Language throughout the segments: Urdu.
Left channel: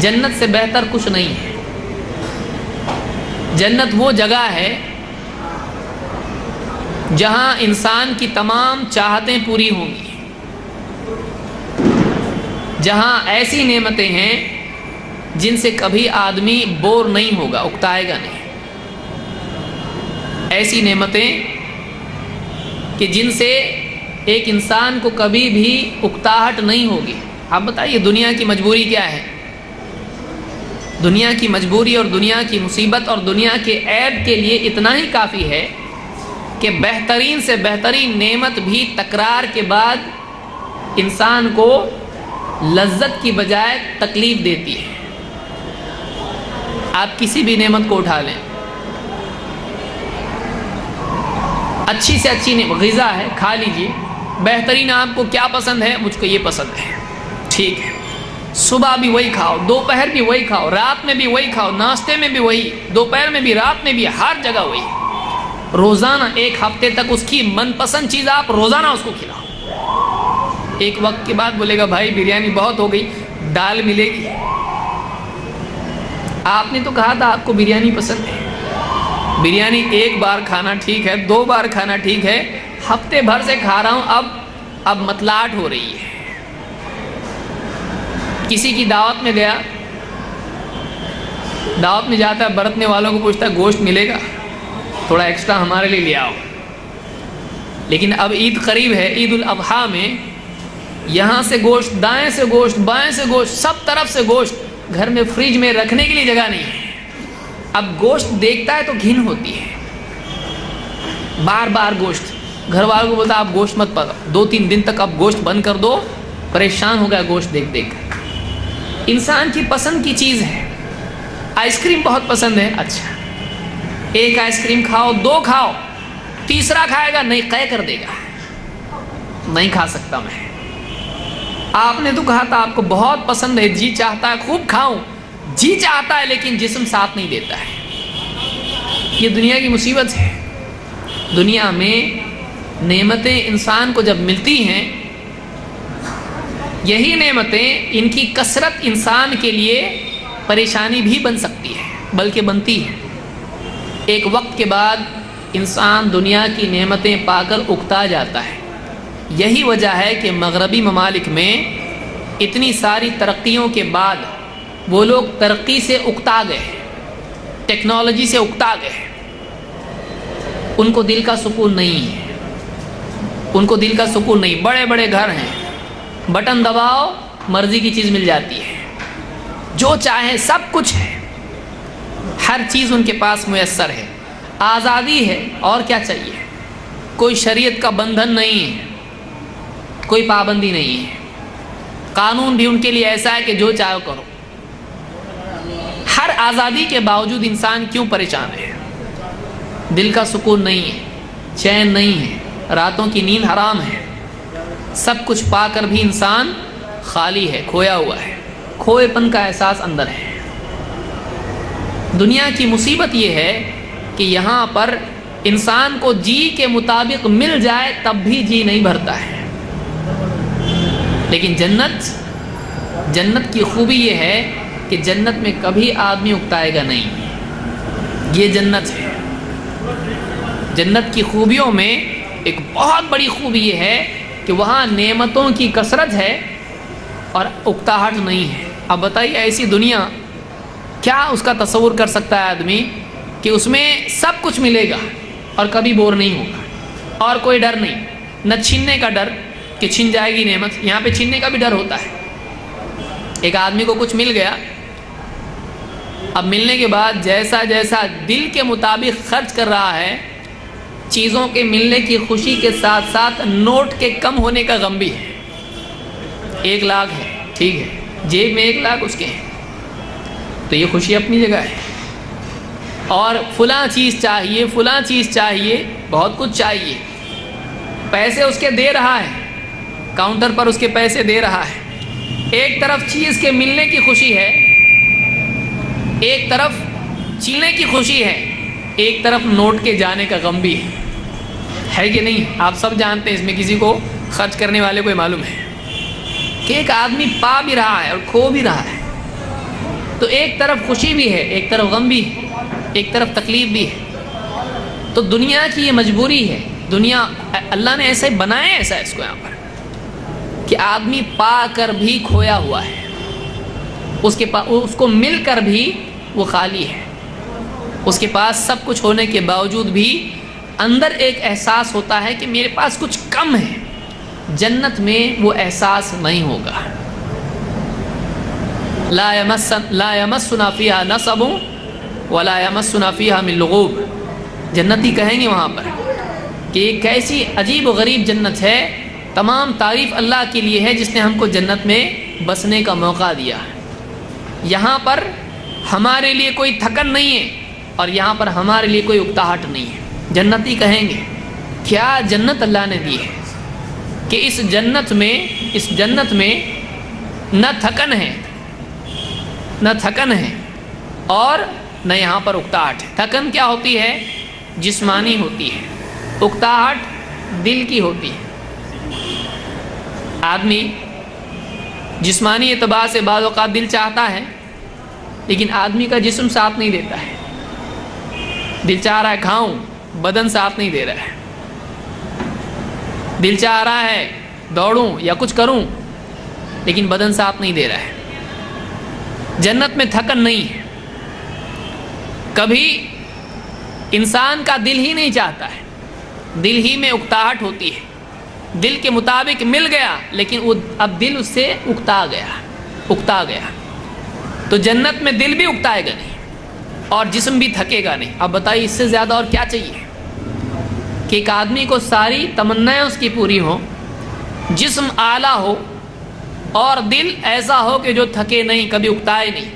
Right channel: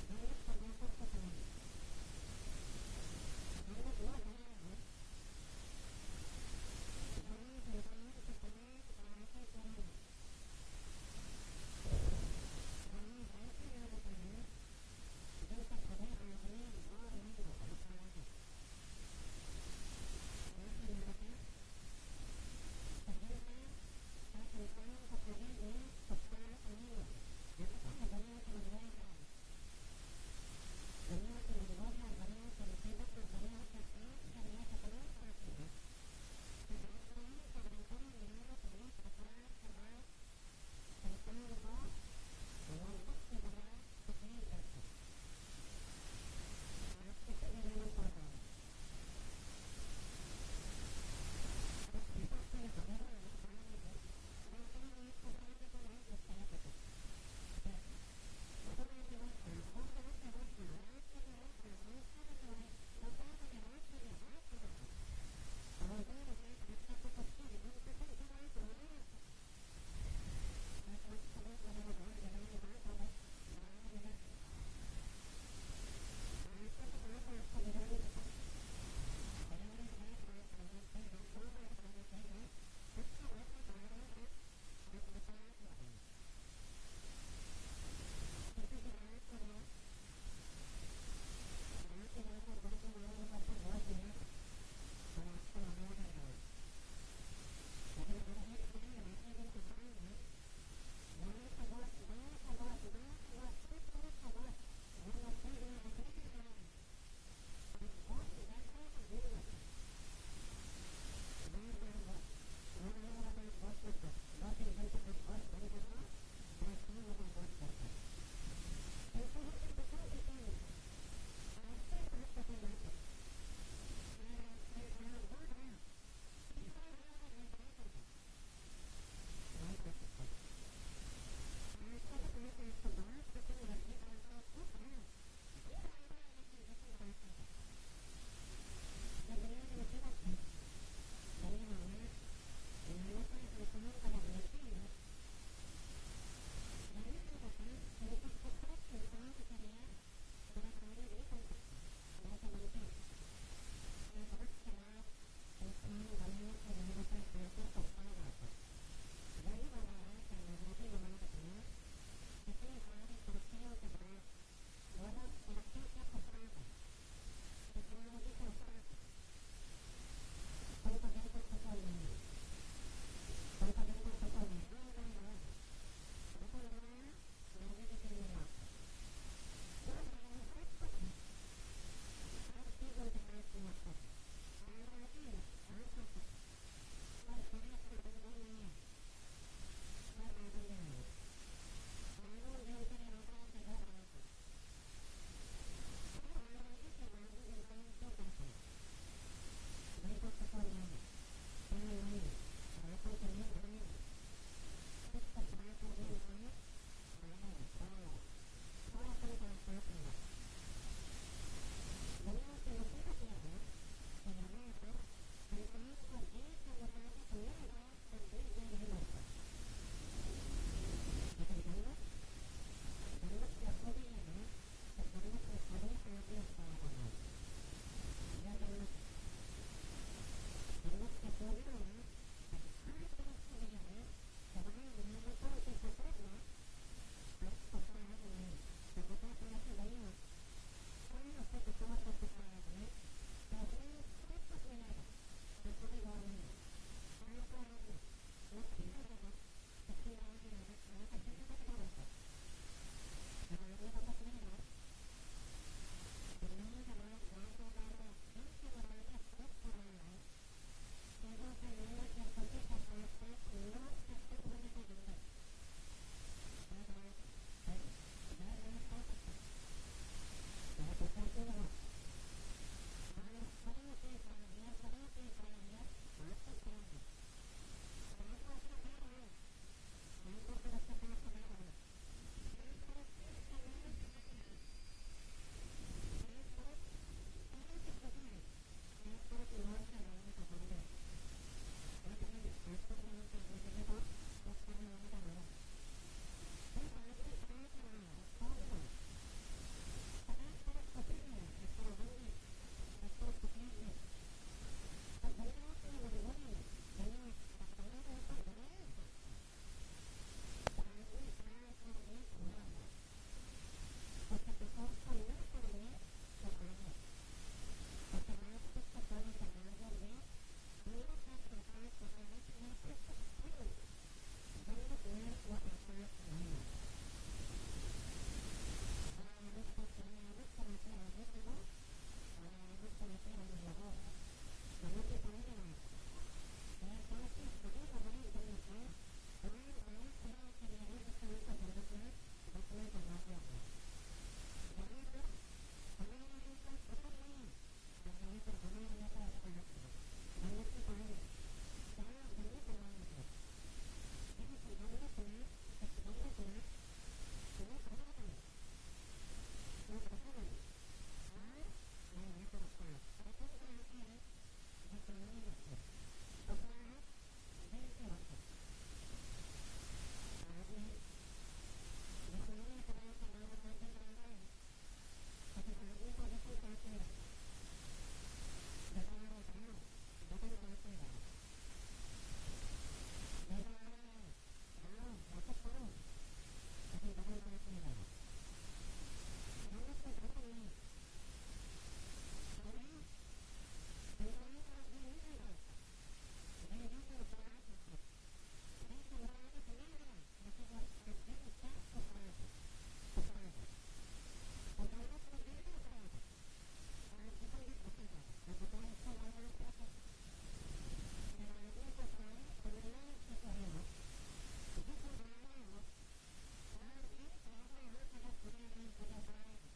جنت سے بہتر کچھ نہیں ہے۔ جنت وہ جگہ ہے جہاں انسان کی تمام چاہتیں پوری ہوں گی، جہاں ایسی نعمتیں ہیں جن سے کبھی آدمی بور نہیں ہوگا، اکتائے گا نہیں۔ ایسی نعمتیں کہ جن سے ایک انسان کو کبھی بھی اکتاہٹ نہیں ہوگی۔ آپ بتائیے دنیا کی مجبوری کیا ہے؟ دنیا کی مجبوری اور دنیا کی مصیبت اور دنیا کے عیب کے لیے اتنا ہی کافی ہے کہ بہترین سے بہترین نعمت بھی تکرار کے بعد انسان کو لذت کی بجائے تکلیف دیتی ہے۔ آپ کسی بھی نعمت کو اٹھا لیں، اچھی سے اچھی غذا ہے، کھا لیجئے۔ بہترین آپ کو کیا پسند ہے؟ مجھ کو یہ پسند ہے، ٹھیک ہے، صبح بھی وہی کھاؤ، دوپہر بھی وہی کھاؤ، رات میں بھی وہی کھاؤ، ناشتے میں بھی وہی، دوپہر میں بھی، رات میں بھی، ہر جگہ وہی، روزانہ ایک ہفتے تک اس کی من پسند چیز آپ روزانہ اس کو کھلاؤ۔ ایک وقت کے بعد بولے گا بھائی بریانی بہت ہو گئی، دال ملے گی۔ آپ نے تو کہا تھا آپ کو بریانی پسند ہے۔ بریانی ایک بار کھانا ٹھیک ہے، 2 بار کھانا ٹھیک ہے، ہفتے بھر سے کھا رہا ہوں، اب متلاٹ ہو رہی ہے۔ کسی کی دعوت میں گیا، دعوت میں جاتا ہے، برتنے والوں کو پوچھتا ہے گوشت ملے گا؟ تھوڑا ایکسٹرا ہمارے لیے لے آؤ۔ لیکن اب عید قریب ہے، عید الاضحیٰ میں یہاں سے گوشت، دائیں سے گوشت، بائیں سے گوشت، سب طرف سے گوشت، گھر میں فریج میں رکھنے کے لیے جگہ نہیں ہے۔ اب گوشت دیکھتا ہے تو گھن ہوتی ہے، بار بار گوشت۔ گھر والوں کو بولتا ہے آپ گوشت مت پکاؤ، 2-3 دن تک اب گوشت بند کر دو، پریشان ہو گیا گوشت دیکھ دیکھ کر۔ انسان کی پسند کی چیز ہے، آئس کریم بہت پسند ہے، اچھا ایک آئس کریم کھاؤ، 2 کھاؤ، تیسرا کھائے گا نہیں، قے کر دے گا، نہیں کھا سکتا میں۔ آپ نے تو کہا تھا آپ کو بہت پسند ہے، جی چاہتا ہے خوب کھاؤں، جی چاہتا ہے لیکن جسم ساتھ نہیں دیتا ہے۔ یہ دنیا کی مصیبت ہے۔ دنیا میں نعمتیں انسان کو جب ملتی ہیں، یہی نعمتیں، ان کی کثرت انسان کے لیے پریشانی بھی بن سکتی ہے، بلکہ بنتی ہے۔ ایک وقت کے بعد انسان دنیا کی نعمتیں پا کر اکتا جاتا ہے۔ یہی وجہ ہے کہ مغربی ممالک میں اتنی ساری ترقیوں کے بعد وہ لوگ ترقی سے اکتا گئے، ٹیکنالوجی سے اکتا گئے۔ ان کو دل کا سکون نہیں ہے، ان کو دل کا سکون نہیں۔ بڑے بڑے گھر ہیں، بٹن دباؤ مرضی کی چیز مل جاتی ہے، جو چاہے سب کچھ ہے، ہر چیز ان کے پاس میسر ہے، آزادی ہے، اور کیا چاہیے؟ کوئی شریعت کا بندھن نہیں ہے، کوئی پابندی نہیں ہے، قانون بھی ان کے لیے ایسا ہے کہ جو چاہو کرو۔ ہر آزادی کے باوجود انسان کیوں پریشان ہے؟ دل کا سکون نہیں ہے، چین نہیں ہے، راتوں کی نیند حرام ہے، سب کچھ پا کر بھی انسان خالی ہے، کھویا ہوا ہے، کھوئے پن کا احساس اندر ہے۔ دنیا کی مصیبت یہ ہے کہ یہاں پر انسان کو جی کے مطابق مل جائے تب بھی جی نہیں بھرتا ہے۔ لیکن جنت کی خوبی یہ ہے کہ جنت میں کبھی آدمی اکتائے گا نہیں۔ یہ جنت ہے۔ جنت کی خوبیوں میں ایک بہت بڑی خوبی یہ ہے کہ وہاں نعمتوں کی کثرت ہے اور اکتاہٹ نہیں ہے۔ اب بتائیے ایسی دنیا کیا اس کا تصور کر سکتا ہے آدمی کہ اس میں سب کچھ ملے گا اور کبھی بور نہیں ہوگا، اور کوئی ڈر نہیں، نہ چھیننے کا ڈر کہ چھن جائے گی نعمت۔ یہاں پہ چھیننے کا بھی ڈر ہوتا ہے۔ ایک آدمی کو کچھ مل گیا، اب ملنے کے بعد جیسا جیسا دل کے مطابق خرچ کر رہا ہے، چیزوں کے ملنے کی خوشی کے ساتھ ساتھ نوٹ کے کم ہونے کا غم بھی ہے۔ 1 لاکھ ہے، ٹھیک ہے، جیب میں 1 لاکھ اس کے ہیں، تو یہ خوشی اپنی جگہ ہے۔ اور فلاں چیز چاہیے، فلاں چیز چاہیے، بہت کچھ چاہیے، پیسے اس کے دے رہا ہے، کاؤنٹر پر اس کے پیسے دے رہا ہے۔ ایک طرف چیز کے ملنے کی خوشی ہے، ایک طرف چینے کی خوشی ہے، ایک طرف نوٹ کے جانے کا غم بھی ہے کہ نہیں؟ آپ سب جانتے ہیں، اس میں کسی کو خرچ کرنے والے کو معلوم ہے کہ ایک آدمی پا بھی رہا ہے اور کھو بھی رہا ہے۔ تو ایک طرف خوشی بھی ہے، ایک طرف غم بھی ہے، ایک طرف تکلیف بھی ہے. تو دنیا کی یہ مجبوری ہے. دنیا اللہ نے ایسے بنایا، ایسا اس کو یہاں پر کہ آدمی پا کر بھی کھویا ہوا ہے، اس کو مل کر بھی وہ خالی ہے. اس کے پاس سب کچھ ہونے کے باوجود بھی اندر ایک احساس ہوتا ہے کہ میرے پاس کچھ کم ہے. جنت میں وہ احساس نہیں ہوگا. لا یمسنا فیہا نصب ولا یمسنا فیہا من لغوب. جنتی کہیں گے وہاں پر کہ یہ کیسی عجیب و غریب جنت ہے. تمام تعریف اللہ کے لیے ہے جس نے ہم کو جنت میں بسنے کا موقع دیا. یہاں پر ہمارے لیے کوئی تھکن نہیں ہے اور یہاں پر ہمارے لیے کوئی اکتاہٹ نہیں ہے. جنتی کہیں گے کیا جنت اللہ نے دی ہے کہ اس جنت میں نہ تھکن ہے اور نہ یہاں پر اکتاہٹ ہے. تھکن کیا ہوتی ہے؟ جسمانی ہوتی ہے. اکتاہٹ دل کی ہوتی ہے. آدمی جسمانی اعتبار سے بعض اوقات دل چاہتا ہے لیکن آدمی کا جسم ساتھ نہیں دیتا ہے. دل چاہ رہا ہے کھاؤں، بدن ساتھ نہیں دے رہا ہے. دل چاہ رہا ہے دوڑوں یا کچھ کروں لیکن بدن ساتھ نہیں دے رہا ہے. جنت میں تھکن نہیں ہے. کبھی انسان کا دل ہی نہیں چاہتا ہے، دل ہی میں اکتاہٹ ہوتی ہے. دل کے مطابق مل گیا لیکن وہ اب دل اس سے اکتا گیا. تو جنت میں دل بھی اکتائے گا نہیں اور جسم بھی تھکے گا نہیں. اب بتائیے اس سے زیادہ اور کیا چاہیے کہ ایک آدمی کو ساری تمنائیں اس کی پوری ہوں، جسم اعلیٰ ہو اور دل ایسا ہو کہ جو تھکے نہیں، کبھی اکتائے نہیں،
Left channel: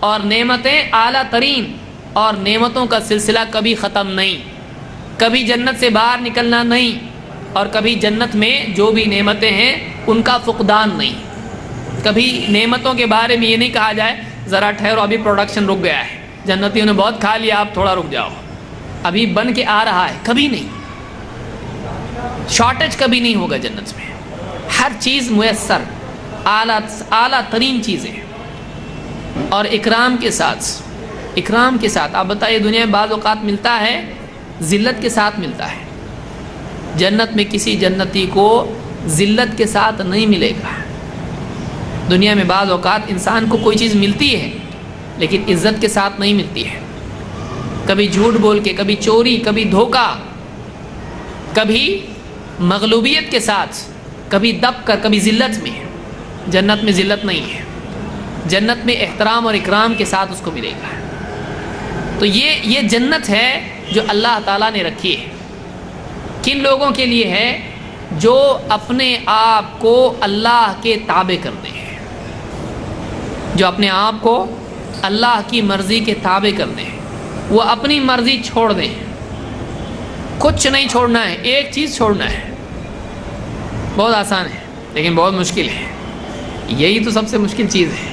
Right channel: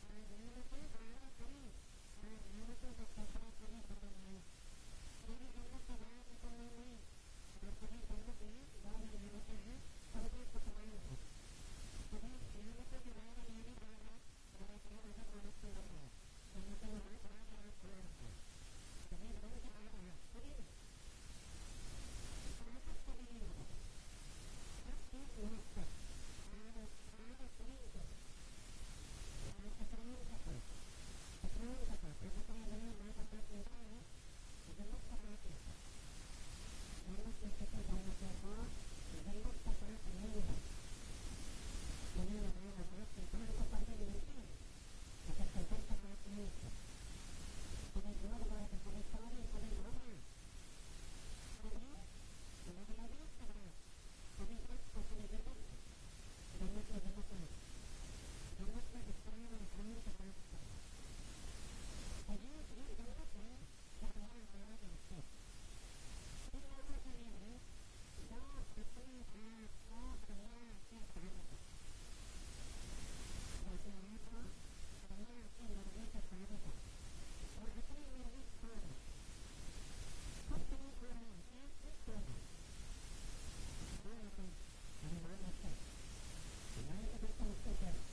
اور نعمتیں اعلیٰ ترین اور نعمتوں کا سلسلہ کبھی ختم نہیں، کبھی جنت سے باہر نکلنا نہیں اور کبھی جنت میں جو بھی نعمتیں ہیں ان کا فقدان نہیں. کبھی نعمتوں کے بارے میں یہ نہیں کہا جائے ذرا ٹھہرو ابھی پروڈکشن رک گیا ہے، جنتیوں نے بہت کھا لیا آپ تھوڑا رک جاؤ، ابھی بن کے آ رہا ہے. کبھی نہیں، شارٹیج کبھی نہیں ہوگا جنت میں. ہر چیز میسر، اعلیٰ ترین چیزیں اور اکرام کے ساتھ. آپ بتائیے دنیا میں بعض اوقات ملتا ہے ذلت کے ساتھ ملتا ہے. جنت میں کسی جنتی کو ذلت کے ساتھ نہیں ملے گا. دنیا میں بعض اوقات انسان کو کوئی چیز ملتی ہے لیکن عزت کے ساتھ نہیں ملتی ہے. کبھی جھوٹ بول کے، کبھی چوری، کبھی دھوکہ، کبھی مغلوبیت کے ساتھ، کبھی دب کر، کبھی ذلت میں. جنت میں ذلت نہیں ہے. جنت میں احترام اور اکرام کے ساتھ اس کو ملے گا. تو یہ جنت ہے جو اللہ تعالیٰ نے رکھی ہے. کن لوگوں کے لیے ہے؟ جو اپنے آپ کو اللہ کے تابع کرتے ہیں، جو اپنے آپ کو اللہ کی مرضی کے تابع کرتے ہیں. وہ اپنی مرضی چھوڑ دیں. کچھ نہیں چھوڑنا ہے، ایک چیز چھوڑنا ہے. بہت آسان ہے لیکن بہت مشکل ہے. یہی تو سب سے مشکل چیز ہے.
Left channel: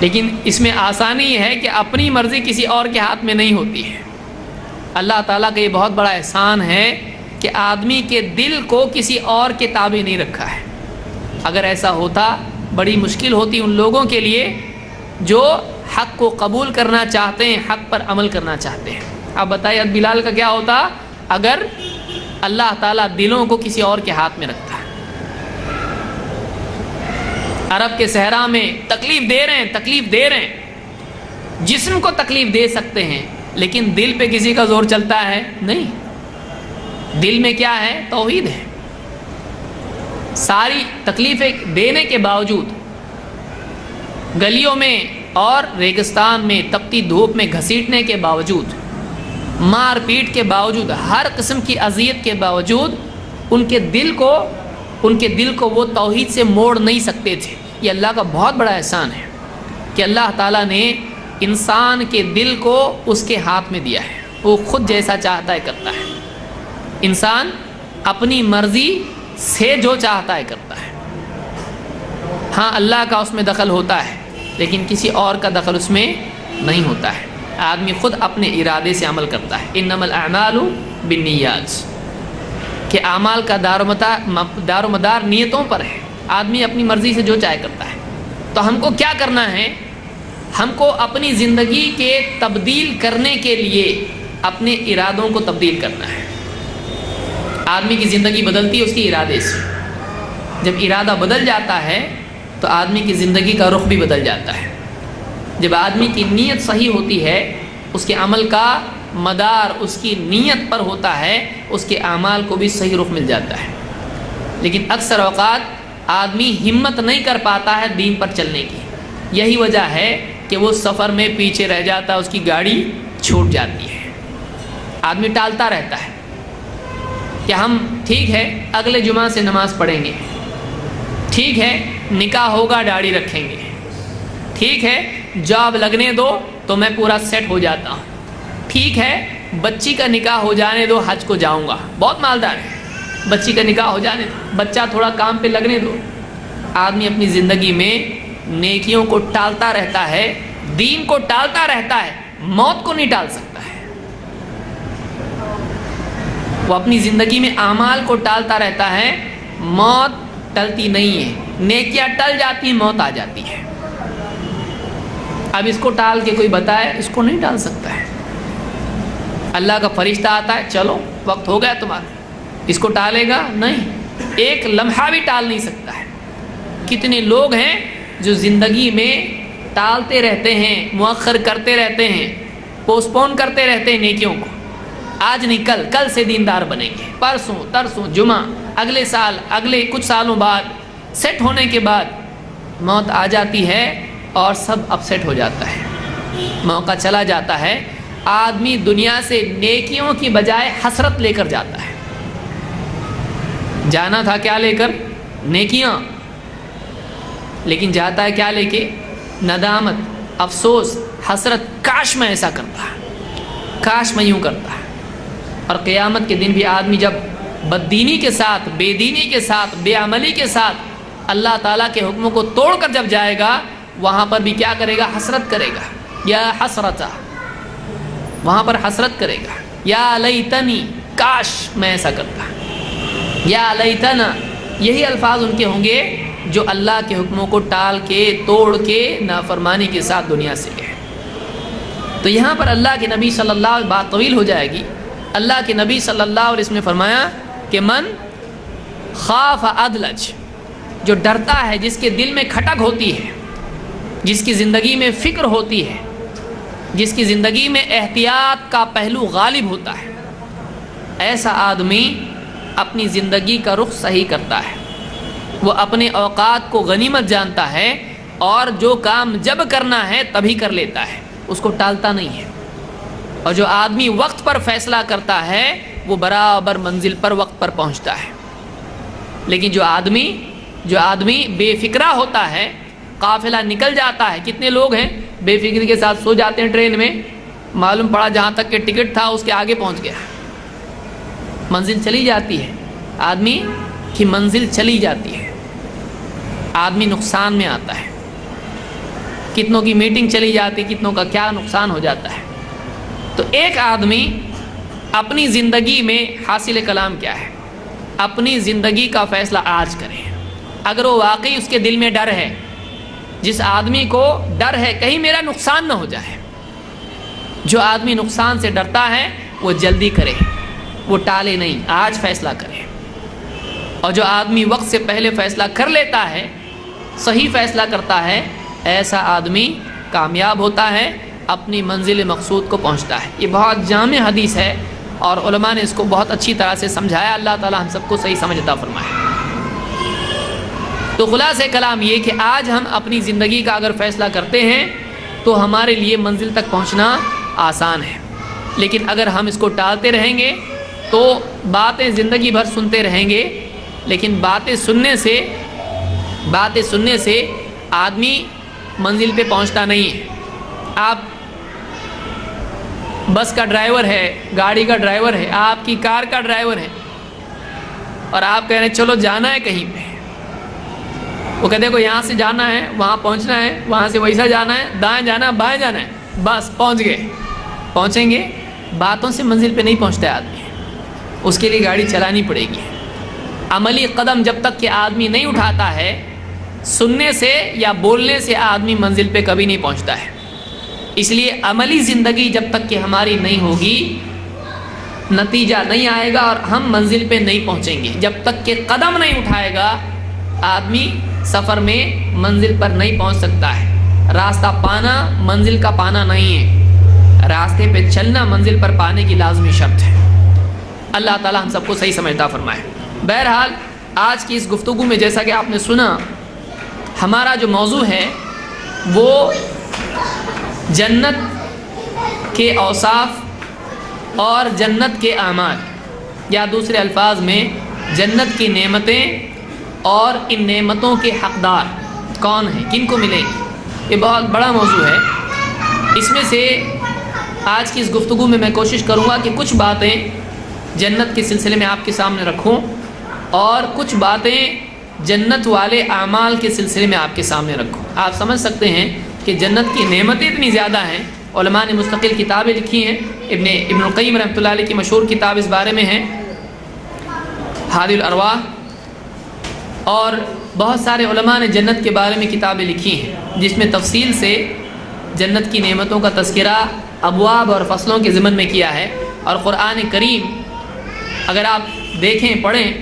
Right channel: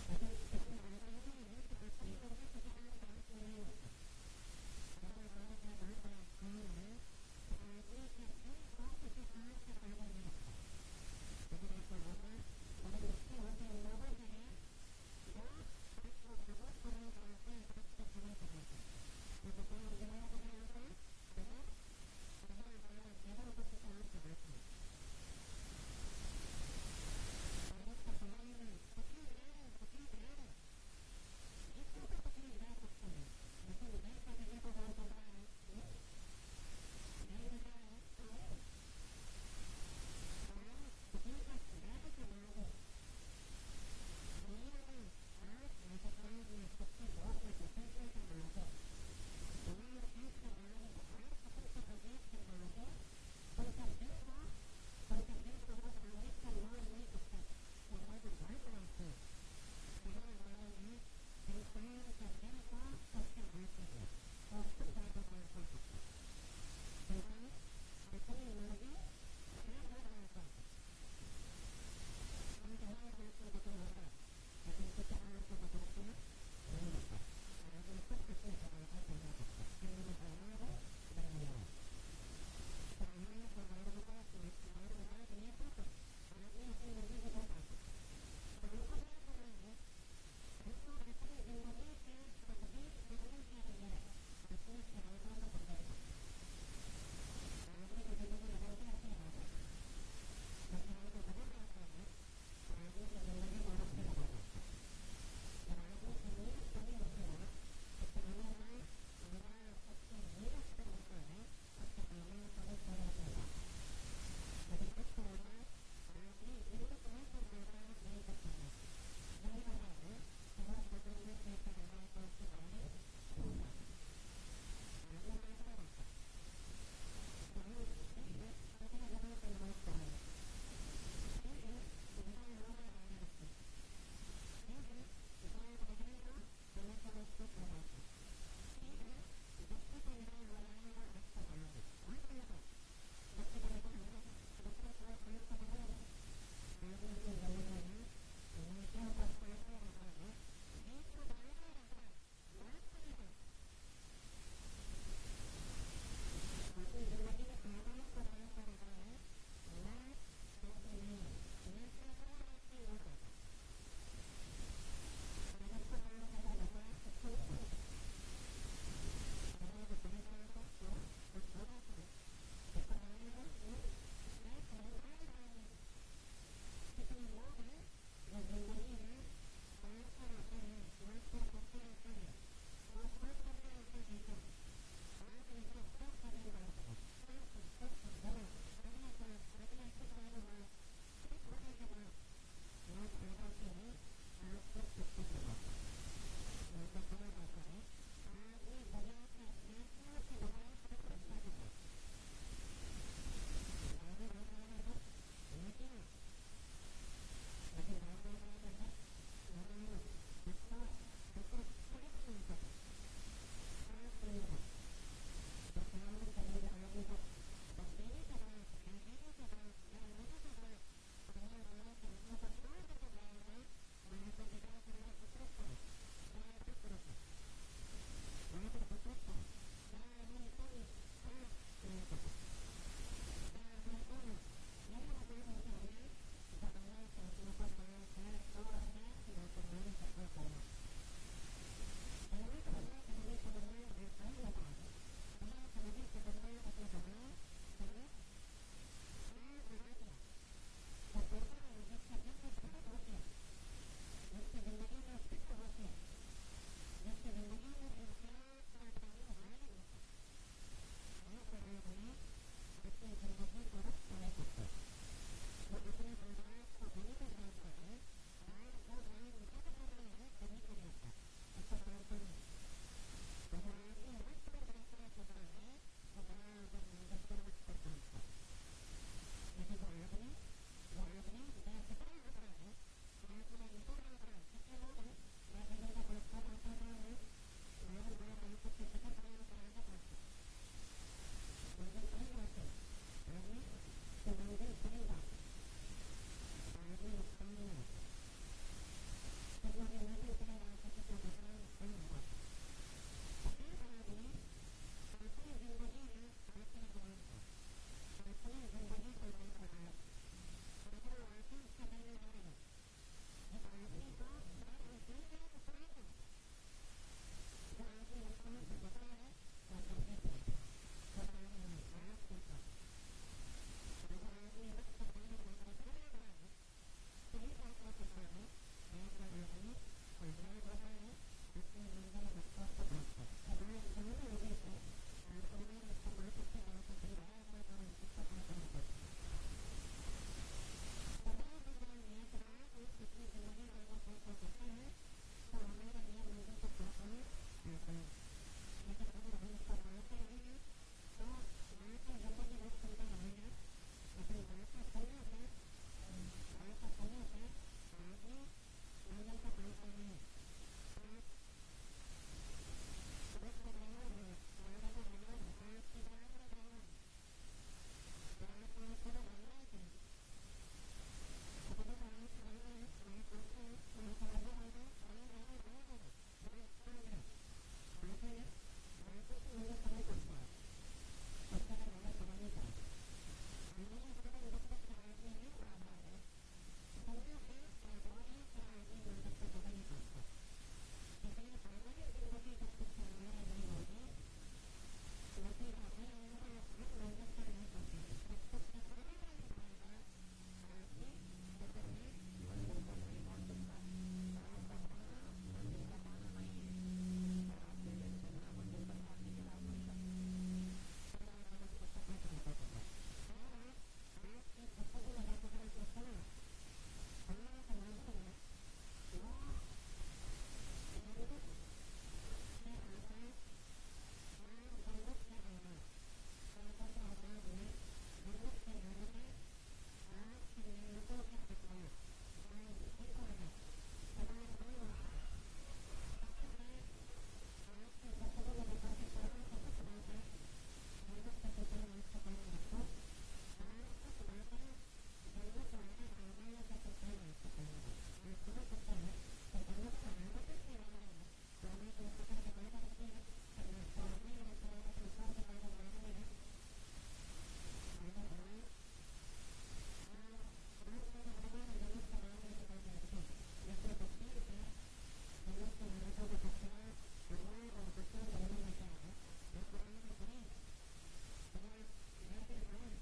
لیکن اس میں آسانی یہ ہے کہ اپنی مرضی کسی اور کے ہاتھ میں نہیں ہوتی ہے. اللہ تعالیٰ کا یہ بہت بڑا احسان ہے کہ آدمی کے دل کو کسی اور کے تابع نہیں رکھا ہے. اگر ایسا ہوتا بڑی مشکل ہوتی ان لوگوں کے لیے جو حق کو قبول کرنا چاہتے ہیں، حق پر عمل کرنا چاہتے ہیں. آپ بتائیے بلال کا کیا ہوتا اگر اللہ تعالیٰ دلوں کو کسی اور کے ہاتھ میں رکھتا ہے. عرب کے صحرا میں تکلیف دے رہے ہیں، جسم کو تکلیف دے سکتے ہیں لیکن دل پہ کسی کا زور چلتا ہے نہیں. دل میں کیا ہے؟ توحید ہے. ساری تکلیفیں دینے کے باوجود، گلیوں میں اور ریگستان میں تپتی دھوپ میں گھسیٹنے کے باوجود، مار پیٹ کے باوجود، ہر قسم کی اذیت کے باوجود ان کے دل کو وہ توحید سے موڑ نہیں سکتے تھے. یہ اللہ کا بہت بڑا احسان ہے کہ اللہ تعالیٰ نے انسان کے دل کو اس کے ہاتھ میں دیا ہے. وہ خود جیسا چاہتا ہے کرتا ہے. انسان اپنی مرضی سے جو چاہتا ہے کرتا ہے. ہاں اللہ کا اس میں دخل ہوتا ہے لیکن کسی اور کا دخل اس میں نہیں ہوتا ہے. آدمی خود اپنے ارادے سے عمل کرتا ہے. انما الاعمال بالنیات، کہ اعمال کا دار و مدار نیتوں پر ہے. آدمی اپنی مرضی سے جو چاہے کرتا ہے. تو ہم کو کیا کرنا ہے؟ ہم کو اپنی زندگی کے تبدیل کرنے کے لیے اپنے ارادوں کو تبدیل کرنا ہے۔ آدمی کی زندگی بدلتی ہے اس کے ارادے سے۔ جب ارادہ بدل جاتا ہے تو آدمی کی زندگی کا رخ بھی بدل جاتا ہے۔ جب آدمی کی نیت صحیح ہوتی ہے، اس کے عمل کا مدار اس کی نیت پر ہوتا ہے، اس کے اعمال کو بھی صحیح رخ مل جاتا ہے۔ لیکن اکثر اوقات آدمی ہمت نہیں کر پاتا ہے دین پر چلنے کی۔ یہی وجہ ہے کہ وہ سفر میں پیچھے رہ جاتا ہے، اس کی گاڑی چھوٹ جاتی ہے۔ آدمی ٹالتا رہتا ہے کہ ہم ٹھیک ہے اگلے جمعہ سے نماز پڑھیں گے، ٹھیک ہے نکاح ہوگا داڑھی رکھیں گے، ٹھیک ہے جاب لگنے دو تو میں پورا سیٹ ہو جاتا ہوں، ٹھیک ہے بچی کا نکاح ہو جانے دو حج کو جاؤں گا، بہت مالدار ہے، بچی کا نکاح ہو جانے دو، بچہ تھوڑا کام پہ لگنے دو۔ آدمی اپنی زندگی میں نیکیوں کو ٹالتا رہتا ہے، دین کو ٹالتا رہتا ہے، موت کو نہیں ٹال سکتا ہے۔ وہ اپنی زندگی میں اعمال کو ٹالتا رہتا ہے، موت ٹلتی نہیں ہے، نیکیاں ٹل جاتی ہیں، موت آ جاتی ہے۔ اب اس کو ٹال کے کوئی بتائے، اس کو نہیں ٹال سکتا ہے۔ اللہ کا فرشتہ آتا ہے، چلو وقت ہو گیا تمہارا، اس کو ٹالے گا نہیں، ایک لمحہ بھی ٹال نہیں سکتا ہے۔ کتنے لوگ ہیں جو زندگی میں ٹالتے رہتے ہیں، مؤخر کرتے رہتے ہیں، پوسٹ پون کرتے رہتے ہیں نیکیوں کو۔ آج نہیں کل سے دیندار بنیں گے، پرسوں ترسوں جمعہ، اگلے سال، اگلے کچھ سالوں بعد، سیٹ ہونے کے بعد موت آ جاتی ہے اور سب اپسیٹ ہو جاتا ہے، موقع چلا جاتا ہے۔ آدمی دنیا سے نیکیوں کی بجائے حسرت لے کر جاتا ہے۔ جانا تھا کیا لے کر؟ نیکیاں، لیکن جاتا ہے کیا لے کے؟ ندامت، افسوس، حسرت، کاش میں ایسا کرتا، کاش میں یوں کرتا۔ اور قیامت کے دن بھی آدمی جب بددینی کے ساتھ، بے دینی کے ساتھ، بے عملی کے ساتھ اللہ تعالیٰ کے حکموں کو توڑ کر جب جائے گا، وہاں پر بھی کیا کرے گا؟ حسرت کرے گا، یا حسرتا، وہاں پر حسرت کرے گا، یا لیتنی، کاش میں ایسا کرتا، یا لیتنا۔ یہی الفاظ ان کے ہوں گے جو اللہ کے حکموں کو ٹال کے، توڑ کے، نافرمانی کے ساتھ دنیا سے گئے۔ تو یہاں پر اللہ کے نبی صلی اللہ علیہ وسلم، بات طویل ہو جائے گی، اللہ کے نبی صلی اللہ علیہ وسلم نے فرمایا کہ من خاف ادلج، جو ڈرتا ہے، جس کے دل میں کھٹک ہوتی ہے، جس کی زندگی میں فکر ہوتی ہے، جس کی زندگی میں احتیاط کا پہلو غالب ہوتا ہے، ایسا آدمی اپنی زندگی کا رخ صحیح کرتا ہے۔ وہ اپنے اوقات کو غنیمت جانتا ہے اور جو کام جب کرنا ہے تبھی کر لیتا ہے، اس کو ٹالتا نہیں ہے۔ اور جو آدمی وقت پر فیصلہ کرتا ہے وہ برابر منزل پر وقت پر پہنچتا ہے۔ لیکن جو آدمی بے فکرہ ہوتا ہے، قافلہ نکل جاتا ہے، کتنے لوگ ہیں بے فکری کے ساتھ سو جاتے ہیں ٹرین میں، معلوم پڑا جہاں تک کہ ٹکٹ تھا اس کے آگے پہنچ گیا، منزل چلی جاتی ہے، آدمی کی منزل چلی جاتی ہے، آدمی نقصان میں آتا ہے، کتنوں کی میٹنگ چلی جاتی، کتنوں کا کیا نقصان ہو جاتا ہے۔ تو ایک آدمی اپنی زندگی میں حاصل کلام کیا ہے؟ اپنی زندگی کا فیصلہ آج کرے۔ اگر وہ واقعی اس کے دل میں ڈر ہے، جس آدمی کو ڈر ہے کہیں میرا نقصان نہ ہو جائے، جو آدمی نقصان سے ڈرتا ہے وہ جلدی کرے، وہ ٹالے نہیں، آج فیصلہ کرے۔ اور جو آدمی وقت سے پہلے فیصلہ کر لیتا ہے، صحیح فیصلہ کرتا ہے، ایسا آدمی کامیاب ہوتا ہے، اپنی منزل مقصود کو پہنچتا ہے۔ یہ بہت جامع حدیث ہے اور علماء نے اس کو بہت اچھی طرح سے سمجھایا۔ اللہ تعالی ہم سب کو صحیح سمجھ عطا فرمائے۔ تو خلاصہ کلام یہ کہ آج ہم اپنی زندگی کا اگر فیصلہ کرتے ہیں تو ہمارے لیے منزل تک پہنچنا آسان ہے، لیکن اگر ہم اس کو ٹالتے رہیں گے تو باتیں زندگی بھر سنتے رہیں گے، لیکن باتیں سننے سے آدمی منزل پہ پہنچتا نہیں ہے۔ آپ بس کا ڈرائیور ہے، گاڑی کا ڈرائیور ہے، آپ کی کار کا ڈرائیور ہے، اور آپ کہہ رہے ہیں چلو جانا ہے کہیں پہ، وہ کہتے ہیں کو یہاں سے جانا ہے، وہاں پہنچنا ہے، وہاں سے ویسا جانا ہے، دائیں جانا ہے، بائیں جانا ہے، بس پہنچ گئے۔ پہنچیں گے؟ باتوں سے منزل پہ نہیں پہنچتا ہے آدمی، اس کے لیے گاڑی چلانی پڑے گی۔ عملی قدم جب تک کہ آدمی نہیں اٹھاتا ہے، سننے سے یا بولنے سے آدمی منزل پہ کبھی نہیں پہنچتا ہے. اس لیے عملی زندگی جب تک کہ ہماری نہیں ہوگی نتیجہ نہیں آئے گا اور ہم منزل پہ نہیں پہنچیں گے. جب تک کہ قدم نہیں اٹھائے گا آدمی سفر میں منزل پر نہیں پہنچ سکتا ہے. راستہ پانا منزل کا پانا نہیں ہے، راستے پہ چلنا منزل پر پانے کی لازمی شرط ہے. اللہ تعالی ہم سب کو صحیح سمجھتا فرمائے. بہرحال آج کی اس گفتگو میں جیسا کہ آپ نے سنا، ہمارا جو موضوع ہے وہ جنت کے اوصاف اور جنت کے اعمال، یا دوسرے الفاظ میں جنت کی نعمتیں اور ان نعمتوں کے حقدار کون ہیں، کن کو ملیں گی. یہ بہت بڑا موضوع ہے. اس میں سے آج کی اس گفتگو میں میں کوشش کروں گا کہ کچھ باتیں جنت کے سلسلے میں آپ کے سامنے رکھوں اور کچھ باتیں جنت والے اعمال کے سلسلے میں آپ کے سامنے رکھوں. آپ سمجھ سکتے ہیں کہ جنت کی نعمتیں اتنی زیادہ ہیں. علماء نے مستقل کتابیں لکھی ہیں. ابن القیم رحمۃ اللہ علیہ کی مشہور کتاب اس بارے میں ہے ہادی الارواح، اور بہت سارے علماء نے جنت کے بارے میں کتابیں لکھی ہیں جس میں تفصیل سے جنت کی نعمتوں کا تذکرہ ابواب اور فصلوں کے ضمن میں کیا ہے. اور قرآن کریم اگر آپ دیکھیں پڑھیں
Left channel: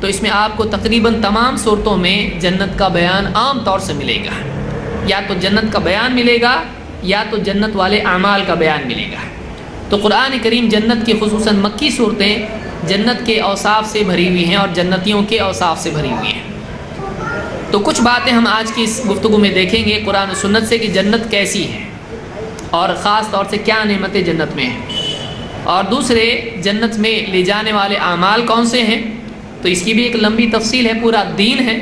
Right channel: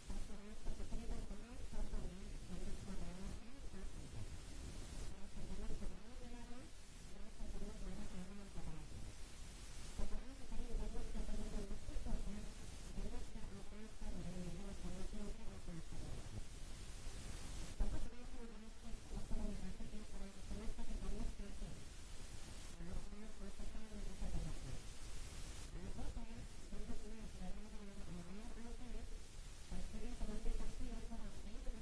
تو اس میں آپ کو تقریباً تمام صورتوں میں جنت کا بیان عام طور سے ملے گا. یا تو جنت کا بیان ملے گا یا تو جنت والے اعمال کا بیان ملے گا. تو قرآن کریم جنت کی خصوصاً مکی صورتیں جنت کے اوصاف سے بھری ہوئی ہیں اور جنتیوں کے اوصاف سے بھری ہوئی ہیں. تو کچھ باتیں ہم آج کی اس گفتگو میں دیکھیں گے قرآن و سنت سے کہ جنت کیسی ہے اور خاص طور سے کیا نعمتیں جنت میں ہیں، اور دوسرے جنت میں لے جانے والے اعمال کون سے ہیں. تو اس کی بھی ایک لمبی تفصیل ہے، پورا دین ہے.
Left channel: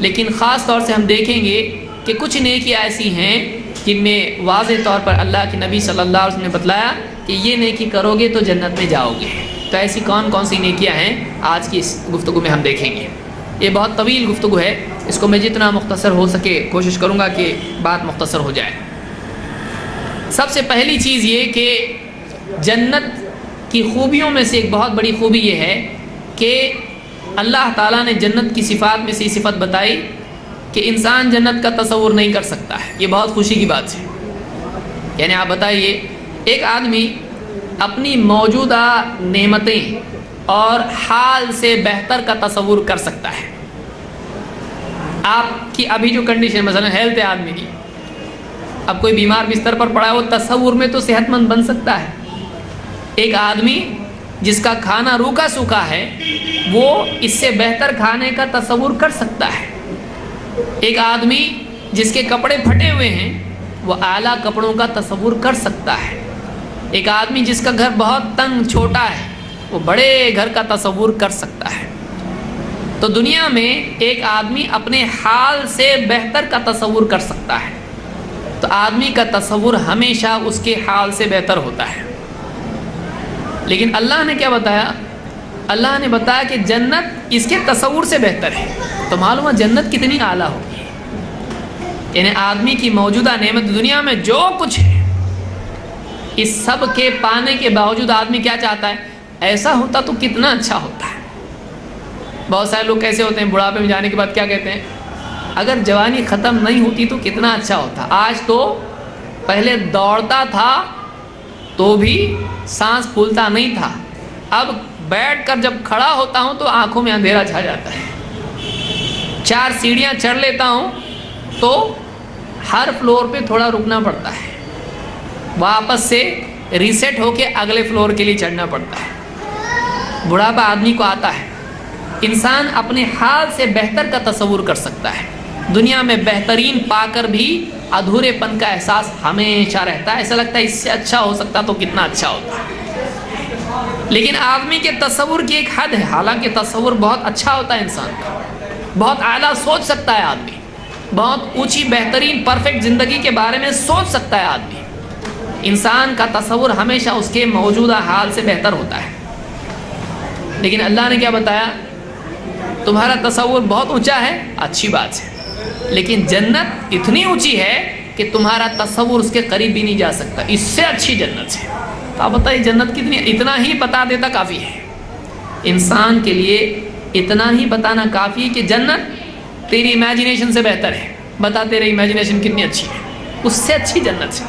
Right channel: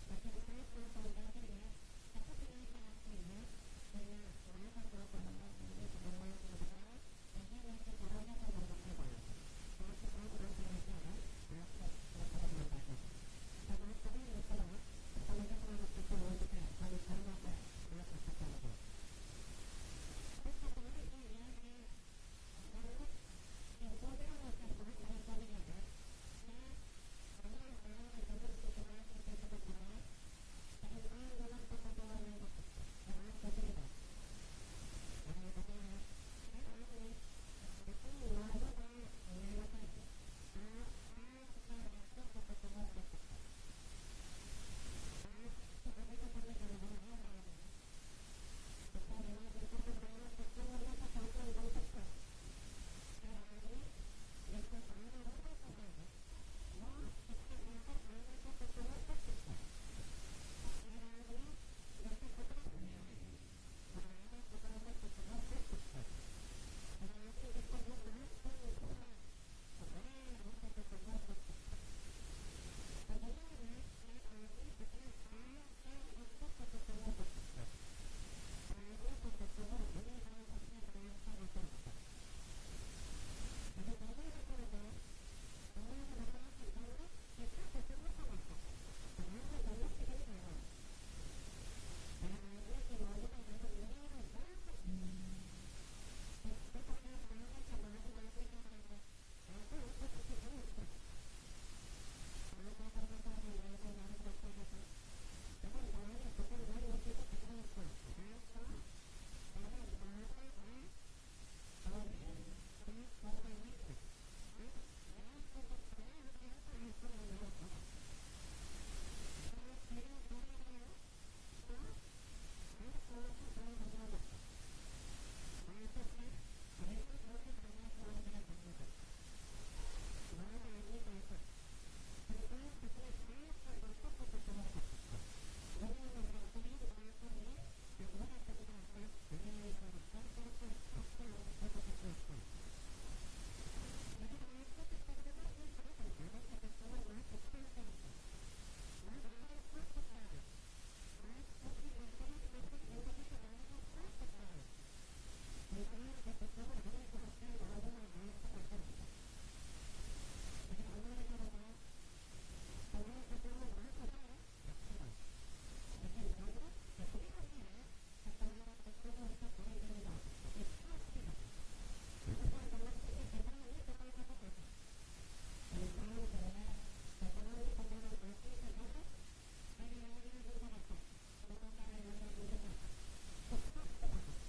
لیکن خاص طور سے ہم دیکھیں گے کہ کچھ نیکیاں ایسی ہیں جن میں واضح طور پر اللہ کے نبی صلی اللہ علیہ وسلم نے بتلایا کہ یہ نیکی کرو گے تو جنت میں جاؤ گے. تو ایسی کون کون سی نیکیاں ہیں آج کی اس گفتگو میں ہم دیکھیں گے. یہ بہت طویل گفتگو ہے، اس کو میں جتنا مختصر ہو سکے کوشش کروں گا کہ بات مختصر ہو جائے. سب سے پہلی چیز یہ کہ جنت کی خوبیوں میں سے ایک بہت بڑی خوبی یہ ہے کہ اللہ تعالیٰ نے جنت کی صفات میں سے یہ صفت بتائی کہ انسان جنت کا تصور نہیں کر سکتا ہے. یہ بہت خوشی کی بات ہے. یعنی آپ بتائیے ایک آدمی اپنی موجودہ نعمتیں اور حال سے بہتر کا تصور کر سکتا ہے. آپ کی ابھی جو کنڈیشن مثلا ہیلتھ ہے آدمی کی، اب کوئی بیمار بستر پر پڑا ہے وہ تصور میں تو صحت مند بن سکتا ہے. ایک آدمی جس کا کھانا روکا سوکھا ہے وہ اس سے بہتر کھانے کا تصور کر سکتا ہے. ایک آدمی جس کے کپڑے پھٹے ہوئے ہیں وہ اعلیٰ کپڑوں کا تصور کر سکتا ہے. ایک آدمی جس کا گھر بہت تنگ چھوٹا ہے وہ بڑے گھر کا تصور کر سکتا ہے. تو دنیا میں ایک آدمی اپنے حال سے بہتر کا تصور کر سکتا ہے. تو آدمی کا تصور ہمیشہ اس کے حال سے بہتر ہوتا ہے. لیکن اللہ نے کیا بتایا؟ اللہ نے بتایا کہ جنت اس کے تصور سے بہتر ہے. تو معلوم ہے جنت کتنی اعلیٰ ہوگی. یعنی آدمی کی موجودہ نعمت دنیا میں جو کچھ ہے اس سب کے پانے کے باوجود آدمی کیا چاہتا ہے؟ ایسا ہوتا تو کتنا اچھا ہوتا ہے. بہت سارے لوگ کیسے ہوتے ہیں بڑھاپے میں جانے کے بعد کیا کہتے ہیں؟ اگر جوانی ختم نہیں ہوتی تو کتنا اچھا ہوتا. آج تو پہلے دوڑتا تھا تو بھی سانس پھولتا نہیں تھا، اب بیٹھ کر جب کھڑا ہوتا ہوں تو آنکھوں میں اندھیرا چھا جاتا ہے. 4 سیڑھیاں چڑھ لیتا ہوں تو ہر فلور پہ تھوڑا رکنا پڑتا ہے، واپس سے ریسیٹ ہو کے اگلے فلور کے لیے چڑھنا پڑتا ہے. بڑھاپا آدمی کو آتا ہے. انسان اپنے حال سے بہتر کا تصور کر سکتا ہے. دنیا میں بہترین پا کر بھی ادھورے پن کا احساس ہمیشہ رہتا ہے. ایسا لگتا ہے اس سے اچھا ہو سکتا تو کتنا اچھا ہوتا. لیکن آدمی کے تصور کی ایک حد ہے. حالانکہ تصور بہت اچھا ہوتا ہے انسان کا، بہت اعلیٰ سوچ سکتا ہے آدمی، بہت اونچی بہترین پرفیکٹ زندگی کے بارے میں سوچ سکتا ہے آدمی. انسان کا تصور ہمیشہ اس کے موجودہ حال سے بہتر ہوتا ہے. لیکن اللہ نے کیا بتایا؟ تمہارا تصور بہت اونچا ہے، اچھی بات ہے، لیکن جنت اتنی اونچی ہے کہ تمہارا تصور اس کے قریب بھی نہیں جا سکتا. اس سے اچھی جنت ہے. تو آپ بتائیے جنت کتنی؟ اتنا ہی بتا دیتا کافی ہے. انسان کے لیے اتنا ہی بتانا کافی ہے کہ جنت تیری امیجنیشن سے بہتر ہے، بتا تیری امیجنیشن کتنی اچھی ہے، اس سے اچھی جنت ہے،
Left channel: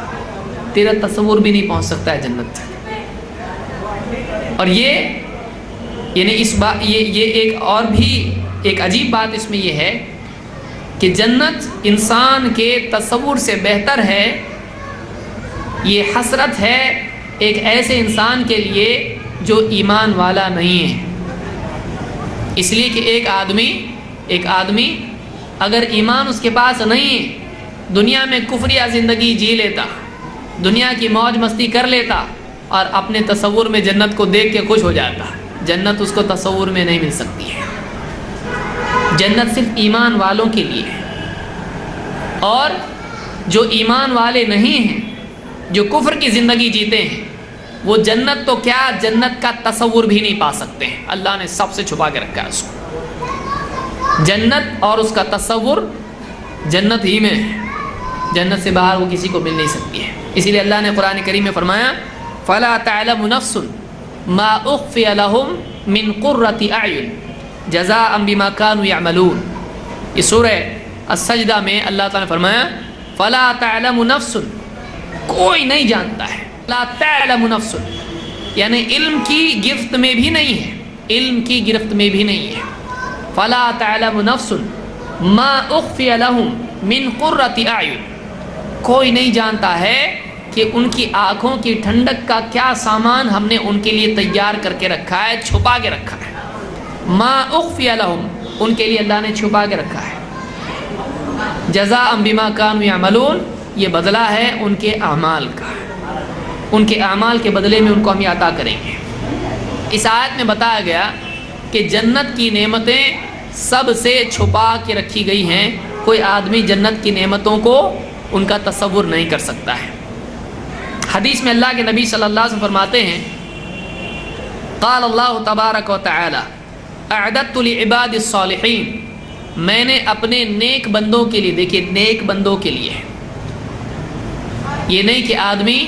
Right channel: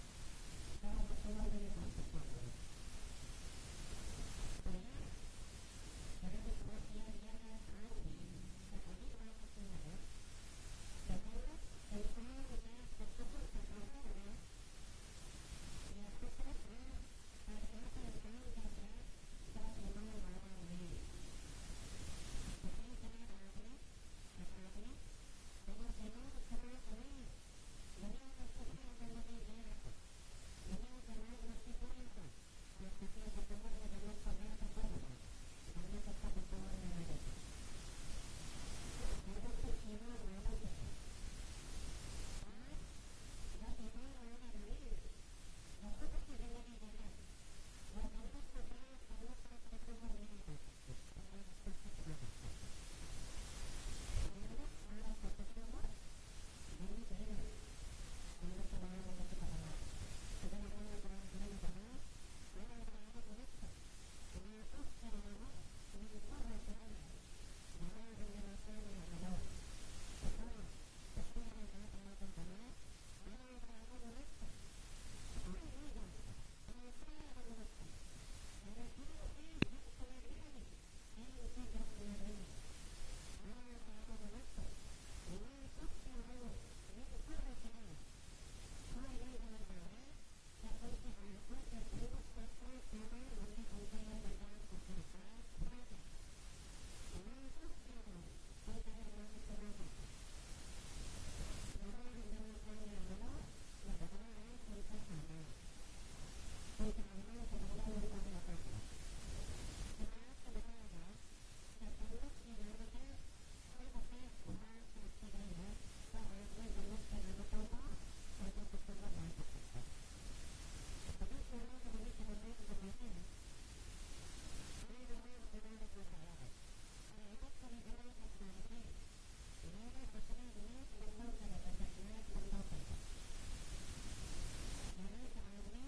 تیرا تصور بھی نہیں پہنچ سکتا ہے جنت تک۔ اور یہ یعنی یہ ایک اور بھی ایک عجیب بات اس میں یہ ہے کہ جنت انسان کے تصور سے بہتر ہے۔ یہ حسرت ہے ایک ایسے انسان کے لیے جو ایمان والا نہیں ہے، اس لیے کہ ایک آدمی اگر ایمان اس کے پاس نہیں ہے، دنیا میں کفریہ زندگی جی لیتا، دنیا کی موج مستی کر لیتا اور اپنے تصور میں جنت کو دیکھ کے خوش ہو جاتا، جنت اس کو تصور میں نہیں مل سکتی ہے۔ جنت صرف ایمان والوں کے لیے ہے، اور جو ایمان والے نہیں ہیں، جو کفر کی زندگی جیتے ہیں، وہ جنت تو کیا جنت کا تصور بھی نہیں پا سکتے ہیں۔ اللہ نے سب سے چھپا کے رکھا ہے اس کو۔ جنت اور اس کا تصور جنت ہی میں ہے، جنت سے باہر وہ کسی کو مل نہیں سکتی ہے۔ اسی لیے اللہ نے قرآن کریم میں فرمایا فَلَا تَعْلَمُ نَفْسٌ مَا أُخْفِيَ لَهُم مِّن قُرَّةِ أَعْيُنٍ جَزَاءً بِمَا كَانُوا يَعْمَلُونَ۔ یہ سورہ السجدہ میں اللہ تعالیٰ نے فرمایا فَلَا تَعْلَمُ نَفْسٌ، کوئی نہیں جانتا ہے، لا تعلم نفس یعنی علم کی گرفت میں بھی نہیں ہے، علم کی گرفت میں بھی نہیں ہے۔ فلا تعلم نفس ما اخفی لهم من قرۃ اعین، کوئی نہیں جانتا ہے کہ ان کی آنکھوں کی ٹھنڈک کا کیا سامان ہم نے ان کے لیے تیار کر کے رکھا ہے، چھپا کے رکھا ہے۔ ما اخفی لهم، ان کے لیے اللہ نے چھپا کے رکھا ہے۔ جزاء بما كانوا يعملون، یہ بدلہ ہے ان کے اعمال کا، ان کے اعمال کے بدلے میں ان کو ہم یہ عطا کریں گے۔ اس آیت میں بتایا گیا کہ جنت کی نعمتیں سب سے چھپا کے رکھی گئی ہیں، کوئی آدمی جنت کی نعمتوں کو ان کا تصور نہیں کر سکتا ہے۔ حدیث میں اللہ کے نبی صلی اللہ علیہ وسلم فرماتے ہیں قال اللہ تبارک و تعالی اعددت لعباد الصالحین، میں نے اپنے نیک بندوں کے لیے، دیکھیے نیک بندوں کے لیے، یہ نہیں کہ آدمی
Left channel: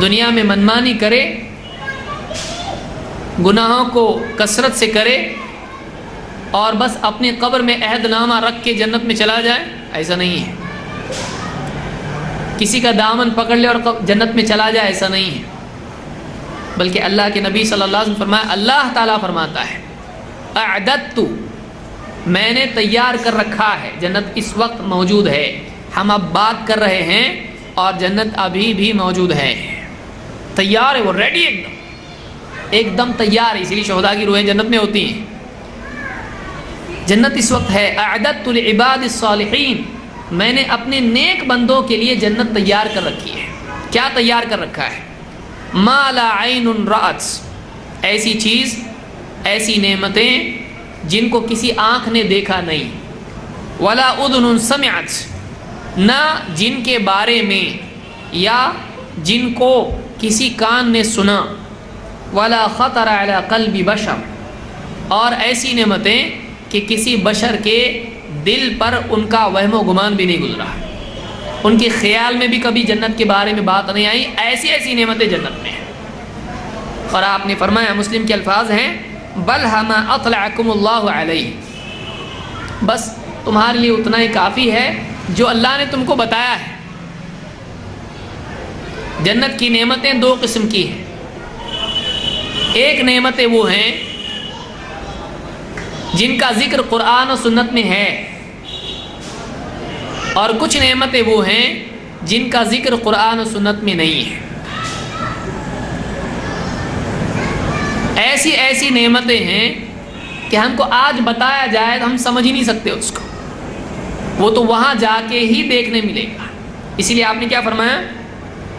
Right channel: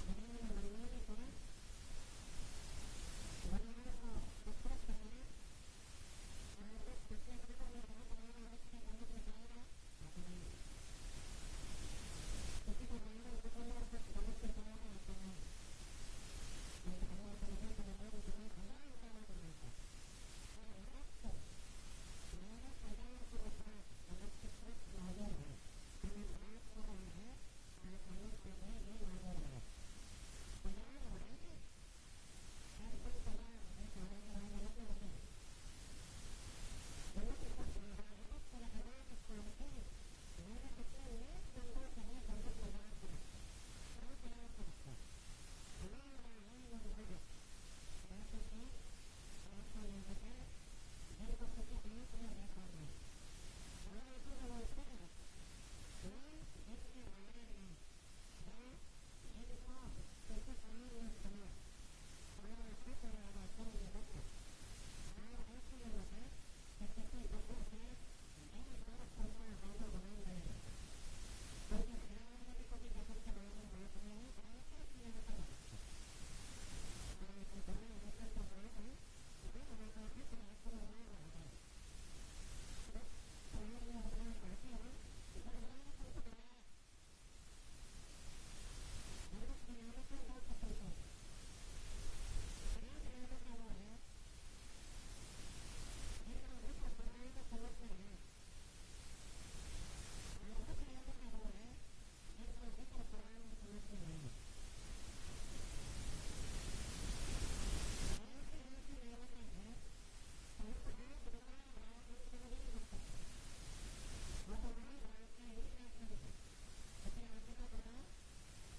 دنیا میں منمانی کرے، گناہوں کو کثرت سے کرے اور بس اپنی قبر میں عہد نامہ رکھ کے جنت میں چلا جائے، ایسا نہیں ہے۔ کسی کا دامن پکڑ لے اور جنت میں چلا جائے، ایسا نہیں ہے، بلکہ اللہ کے نبی صلی اللہ علیہ وسلم فرمایا، اللہ تعالیٰ فرماتا ہے اعددت، میں نے تیار کر رکھا ہے، جنت اس وقت موجود ہے، ہم اب بات کر رہے ہیں اور جنت ابھی بھی موجود ہے، تیار ہے، وہ ریڈی ایک دم تیار ہے، اسی لیے شہداء کی روحیں جنت میں ہوتی ہیں۔ جنت اس وقت ہے۔ اعددت لعباد الصالحین، میں نے اپنے نیک بندوں کے لیے جنت تیار کر رکھی ہے۔ کیا تیار کر رکھا ہے؟ ما لا عین رأت، ایسی چیز، ایسی نعمتیں جن کو کسی آنکھ نے دیکھا نہیں، ولا اذن سمعت، نہ جن کے بارے میں یا جن کو کسی کان نے سنا، ولا خطر علی قلب بشر، اور ایسی نعمتیں کہ کسی بشر کے دل پر ان کا وہم و گمان بھی نہیں گزرا، ان کے خیال میں بھی کبھی جنت کے بارے میں بات نہیں آئی، ایسی ایسی نعمتیں جنت میں ہیں۔ اور آپ نے فرمایا، مسلم کے الفاظ ہیں بل ہما اطلعکم اللہ علیہ، بس تمہارے لیے اتنا ہی کافی ہے جو اللہ نے تم کو بتایا ہے۔ جنت کی نعمتیں دو قسم کی ہیں، ایک نعمتیں وہ ہیں جن کا ذکر قرآن و سنت میں ہے، اور کچھ نعمتیں وہ ہیں جن کا ذکر قرآن و سنت میں نہیں ہے۔ ایسی ایسی نعمتیں ہیں کہ ہم کو آج بتایا جائے تو ہم سمجھ ہی نہیں سکتے اس کو، وہ تو وہاں جا کے ہی دیکھنے ملے گا۔ اسی لیے آپ نے کیا فرمایا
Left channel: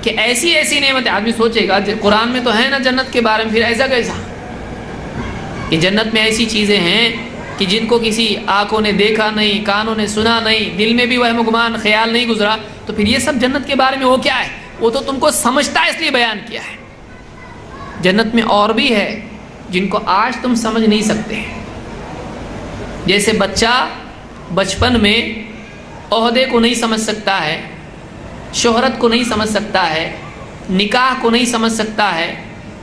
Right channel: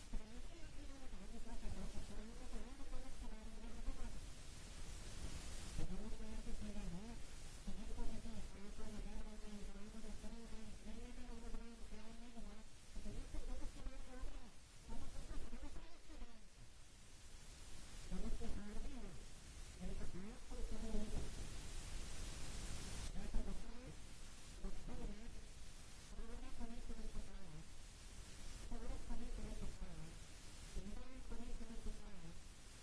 کہ ایسی ایسی نعمتیں، آدمی سوچے گا قرآن میں تو ہے نا جنت کے بارے میں، پھر ایسا کیسا کہ جنت میں ایسی چیزیں ہیں کہ جن کو کسی آنکھوں نے دیکھا نہیں، کانوں نے سنا نہیں، دل میں بھی وہم و گمان خیال نہیں گزرا، تو پھر یہ سب جنت کے بارے میں وہ کیا ہے؟ وہ تو تم کو سمجھتا ہے اس لیے بیان کیا ہے۔ جنت میں اور بھی ہے جن کو آج تم سمجھ نہیں سکتے، جیسے بچہ بچپن میں عہدے کو نہیں سمجھ سکتا ہے، شہرت کو نہیں سمجھ سکتا ہے، نکاح کو نہیں سمجھ سکتا ہے،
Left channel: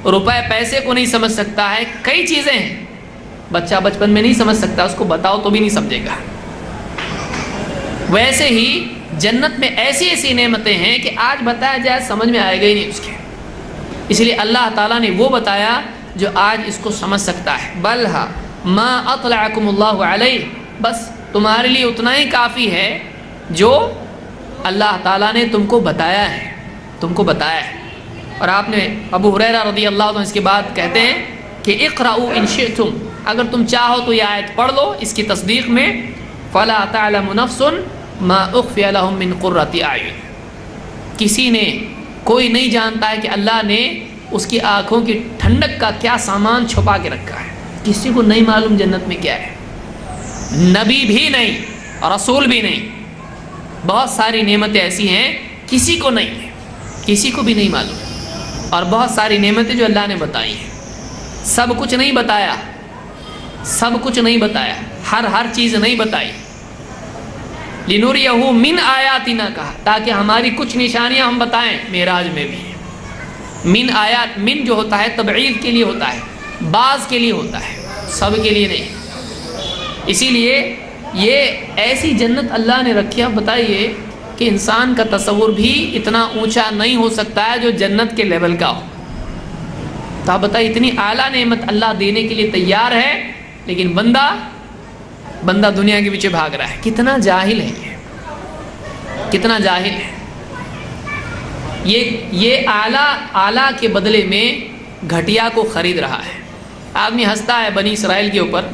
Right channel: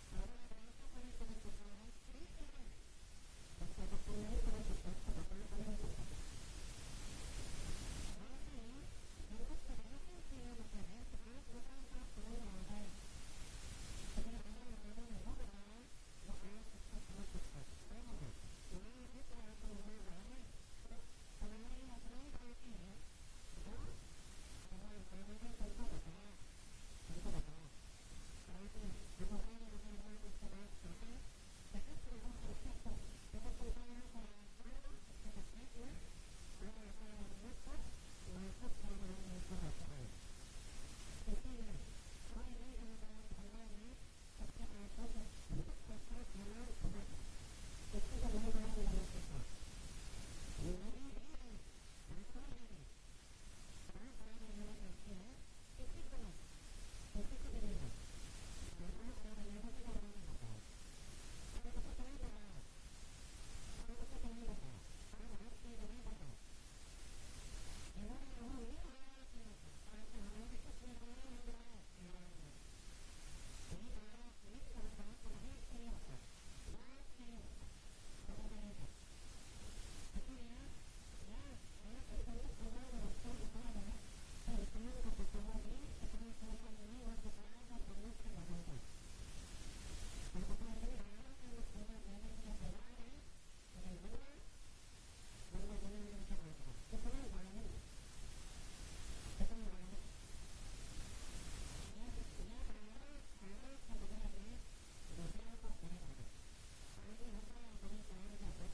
روپے پیسے کو نہیں سمجھ سکتا ہے، کئی چیزیں ہیں بچہ بچپن میں نہیں سمجھ سکتا، اس کو بتاؤ تو بھی نہیں سمجھے گا۔ ویسے ہی جنت میں ایسی ایسی نعمتیں ہیں کہ آج بتایا جائے سمجھ میں آئے گا ہی نہیں اس کے، اس لیے اللہ تعالیٰ نے وہ بتایا جو آج اس کو سمجھ سکتا ہے۔ بلھا ما اطلعکم اللہ علیہ، بس تمہارے لیے اتنا ہی کافی ہے جو اللہ تعالیٰ نے تم کو بتایا ہے، تم کو بتایا ہے۔ اور آپ نے ابو ہریرہ رضی اللہ عنہ اس کے بعد کہتے ہیں کہ اقرؤوا ان شئتم، اگر تم چاہو تو یہ آیت پڑھ لو اس کی تصدیق میں، فلا تعلم نفس ما اخفی لهم من قرۃ اعین، کسی نے کوئی نہیں جانتا ہے کہ اللہ نے اس کی آنکھوں کی ٹھنڈک کا کیا سامان چھپا کے رکھا ہے، کسی کو نہیں معلوم جنت میں کیا ہے، نبی بھی نہیں اور رسول بھی نہیں۔ بہت ساری نعمتیں ایسی ہیں کسی کو نہیں ہے، کسی کو بھی نہیں معلوم، اور بہت ساری نعمتیں جو اللہ نے بتائی ہیں، سب کچھ نہیں بتایا، سب کچھ نہیں بتایا، ہر چیز نہیں بتائی۔ لِنُرِيَهُ مِنْ آیاتنا کہا، تاکہ ہماری کچھ نشانیاں ہم بتائیں۔ معراج میں بھی من آیات، من جو ہوتا ہے تبعید کے لیے ہوتا ہے، بعض کے لیے ہوتا ہے، سب کے لیے نہیں۔ اسی لیے یہ ایسی جنت اللہ نے رکھی ہے، بتائیے کہ انسان کا تصور بھی اتنا اونچا نہیں ہو سکتا ہے جو جنت کے لیول کا ہو۔ تو آپ بتائیے اتنی اعلیٰ نعمت اللہ دینے کے لیے تیار ہے، لیکن بندہ دنیا کے پیچھے بھاگ رہا ہے۔ کتنا جاہل ہے یہ، کتنا جاہل ہے یہ اعلیٰ کے بدلے میں گھٹیا کو خرید رہا ہے۔ آدمی ہنستا ہے بنی اسرائیل کے اوپر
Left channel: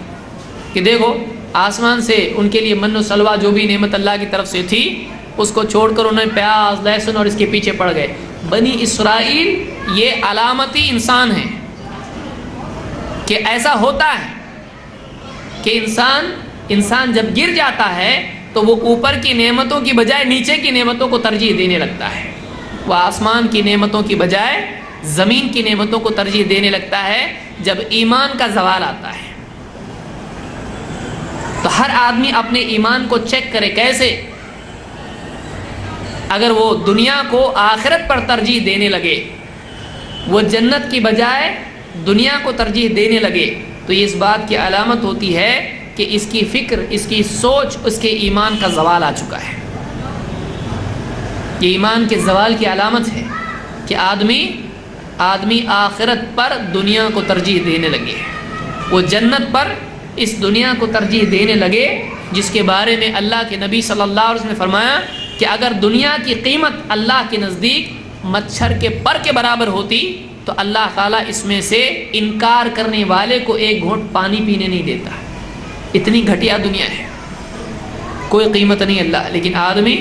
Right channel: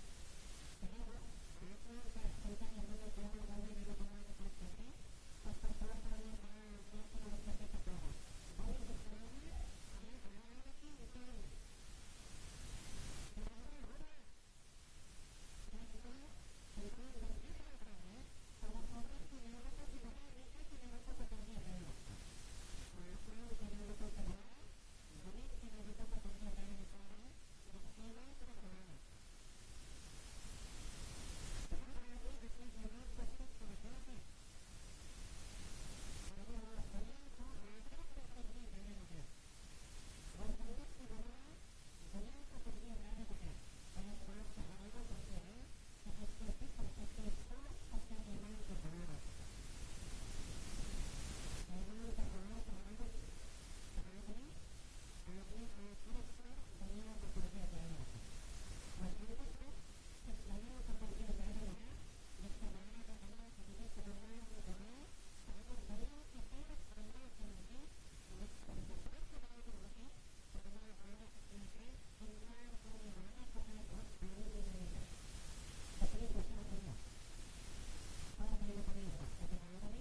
کہ دیکھو آسمان سے ان کے لیے من و سلوہ جو بھی نعمت اللہ کی طرف سے تھی اس کو چھوڑ کر انہیں پیاز لہسن اور اس کے پیچھے پڑ گئے۔ بنی اسرائیل یہ علامتی انسان ہیں کہ ایسا ہوتا ہے کہ انسان جب گر جاتا ہے تو وہ اوپر کی نعمتوں کی بجائے نیچے کی نعمتوں کو ترجیح دینے لگتا ہے، وہ آسمان کی نعمتوں کی بجائے زمین کی نعمتوں کو ترجیح دینے لگتا ہے جب ایمان کا زوال آتا ہے۔ تو ہر آدمی اپنے ایمان کو چیک کرے، کیسے؟ اگر وہ دنیا کو آخرت پر ترجیح دینے لگے، وہ جنت کی بجائے دنیا کو ترجیح دینے لگے، تو یہ اس بات کی علامت ہوتی ہے کہ اس کی فکر، اس کی سوچ، اس کے ایمان کا زوال آ چکا ہے۔ یہ ایمان کے زوال کی علامت ہے کہ آدمی آخرت پر دنیا کو ترجیح دینے لگے، وہ جنت پر اس دنیا کو ترجیح دینے لگے جس کے بارے میں اللہ کے نبی صلی اللہ علیہ وسلم نے فرمایا کہ اگر دنیا کی قیمت اللہ کے نزدیک مچھر کے پر کے برابر ہوتی تو اللہ تعالیٰ اس میں سے انکار کرنے والے کو ایک گھونٹ پانی پینے نہیں دیتا۔ اتنی گھٹیا دنیا ہے، کوئی قیمت نہیں اللہ، لیکن آدمی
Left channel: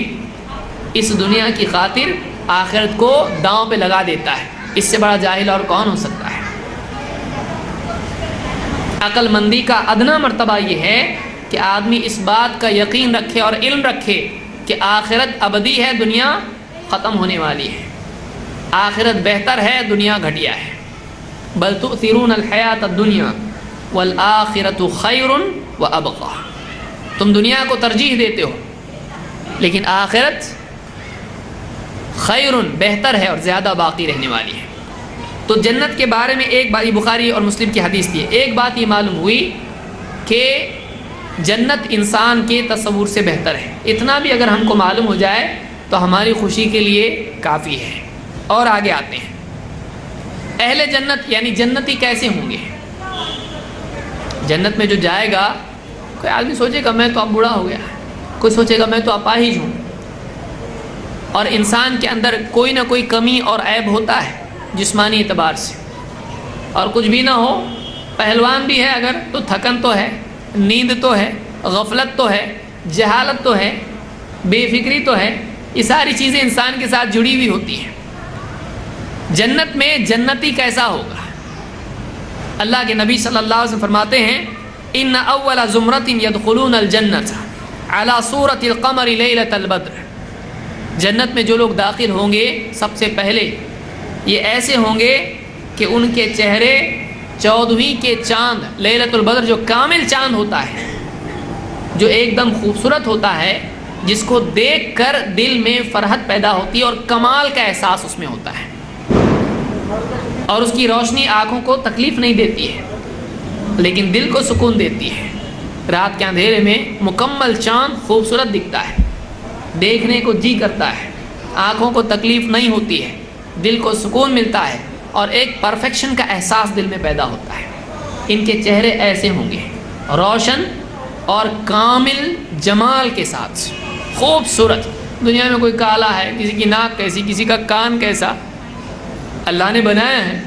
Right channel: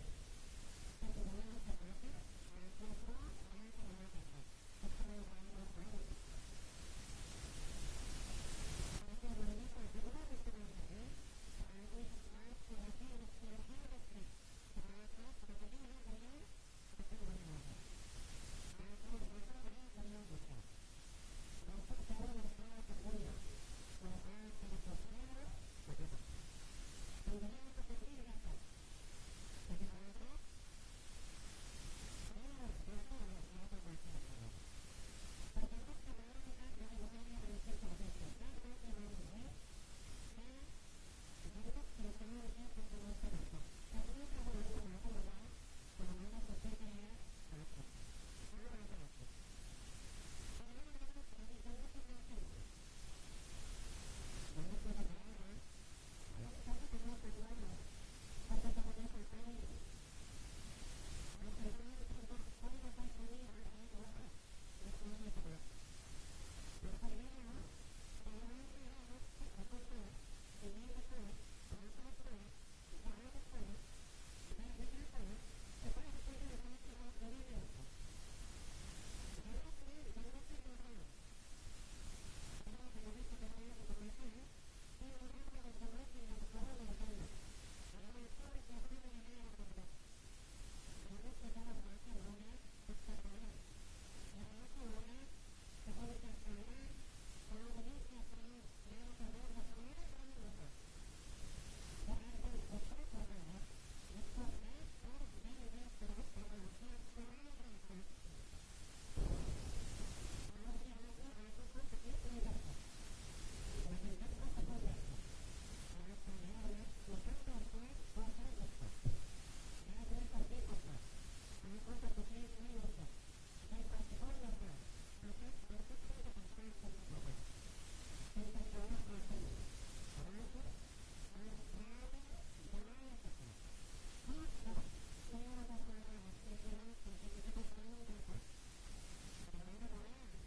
اس دنیا کی خاطر آخرت کو داؤں پہ لگا دیتا ہے۔ اس سے بڑا جاہل اور کون ہو سکتا ہے؟ عقل مندی کا ادنا مرتبہ یہ ہے کہ آدمی اس بات کا یقین رکھے اور علم رکھے کہ آخرت ابدی ہے، دنیا ختم ہونے والی ہے، آخرت بہتر ہے، دنیا گھٹیا ہے۔ بل تؤثرون الحیات الدنیا والآخرۃ خیر وابقی، تم دنیا کو ترجیح دیتے ہو لیکن آخرت خیر، بہتر ہے اور زیادہ باقی رہنے والی ہے۔ تو جنت کے بارے میں ایک بات، بخاری اور مسلم کی حدیث تھی، ایک بات یہ معلوم ہوئی کہ جنت انسان کے تصور سے بہتر ہے۔ اتنا بھی اگر ہم کو معلوم ہو جائے تو ہماری خوشی کے لیے کافی ہے۔ اور آگے آتے ہیں، اہل جنت یعنی جنتی کیسے ہوں گے؟ جنت میں جو جائے گا، کوئی آدمی سوچے گا میں تو اب بوڑھا ہو گیا، کوئی سوچے گا میں تو اپاہج ہوں، اور انسان کے اندر کوئی نہ کوئی کمی اور عیب ہوتا ہے جسمانی اعتبار سے، اور کچھ بھی نہ ہو، پہلوان بھی ہے اگر تو تھکن تو ہے، نیند تو ہے، غفلت تو ہے، جہالت تو ہے، بے فکری تو ہے، یہ ساری چیزیں انسان کے ساتھ جڑی ہوئی ہوتی ہیں۔ جنت میں جنتی کیسا ہوگا؟ اللہ کے نبی صلی اللہ علیہ وسلم فرماتے ہیں ان اول زمرۃ يدخلون الجنۃ علی صورۃ القمر لیلۃ البدر، جنت میں جو لوگ داخل ہوں گے سب سے پہلے یہ ایسے ہوں گے کہ ان کے چہرے 14ویں کے چاند، لیلۃ البدر جو کامل چاند ہوتا ہے، جو ایک دم خوبصورت ہوتا ہے، جس کو دیکھ کر دل میں فرحت پیدا ہوتی ہے اور کمال کا احساس اس میں ہوتا ہے، اور اس کی روشنی آنکھوں کو تکلیف نہیں دیتی ہے۔ لیکن دل کو سکون دیتی ہے۔ رات کے اندھیرے میں مکمل چاند خوبصورت دکھتا ہے، دیکھنے کو جی کرتا ہے، آنکھوں کو تکلیف نہیں ہوتی ہے، دل کو سکون ملتا ہے اور ایک پرفیکشن کا احساس دل میں پیدا ہوتا ہے۔ ان کے چہرے ایسے ہوں گے، روشن اور کامل جمال کے ساتھ، خوبصورت۔ دنیا میں کوئی کالا ہے، کسی کی ناک کیسی، کسی کا کان کیسا، اللہ نے بنایا ہے،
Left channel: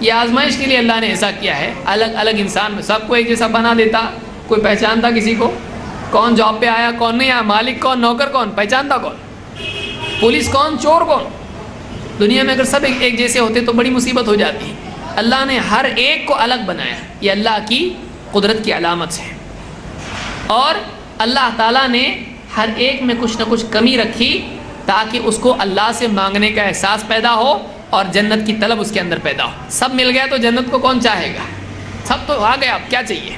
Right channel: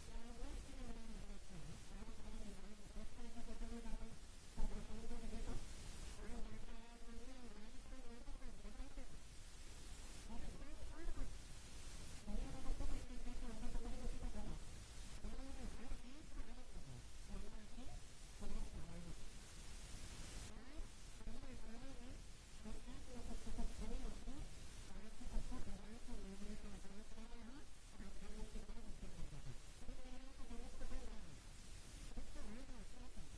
یہ آزمائش کے لیے اللہ نے ایسا کیا ہے۔ الگ الگ انسان میں سب کو ایک جیسا بنا دیتا، کوئی پہچانتا کسی کو؟ کون جاب پہ آیا، کون نہیں آیا، مالک کون، نوکر کون، پہچانتا کون، پولیس کون، چور کون؟ دنیا میں اگر سب ایک جیسے ہوتے تو بڑی مصیبت ہو جاتی ہے۔ اللہ نے ہر ایک کو الگ بنایا، یہ اللہ کی قدرت کی علامت ہے۔ اور اللہ تعالیٰ نے ہر ایک میں کچھ نہ کچھ کمی رکھی تاکہ اس کو اللہ سے مانگنے کا احساس پیدا ہو اور جنت کی طلب اس کے اندر پیدا ہو۔ سب مل گیا تو جنت کو کون چاہے گا؟ سب تو آ گیا، اب کیا چاہیے؟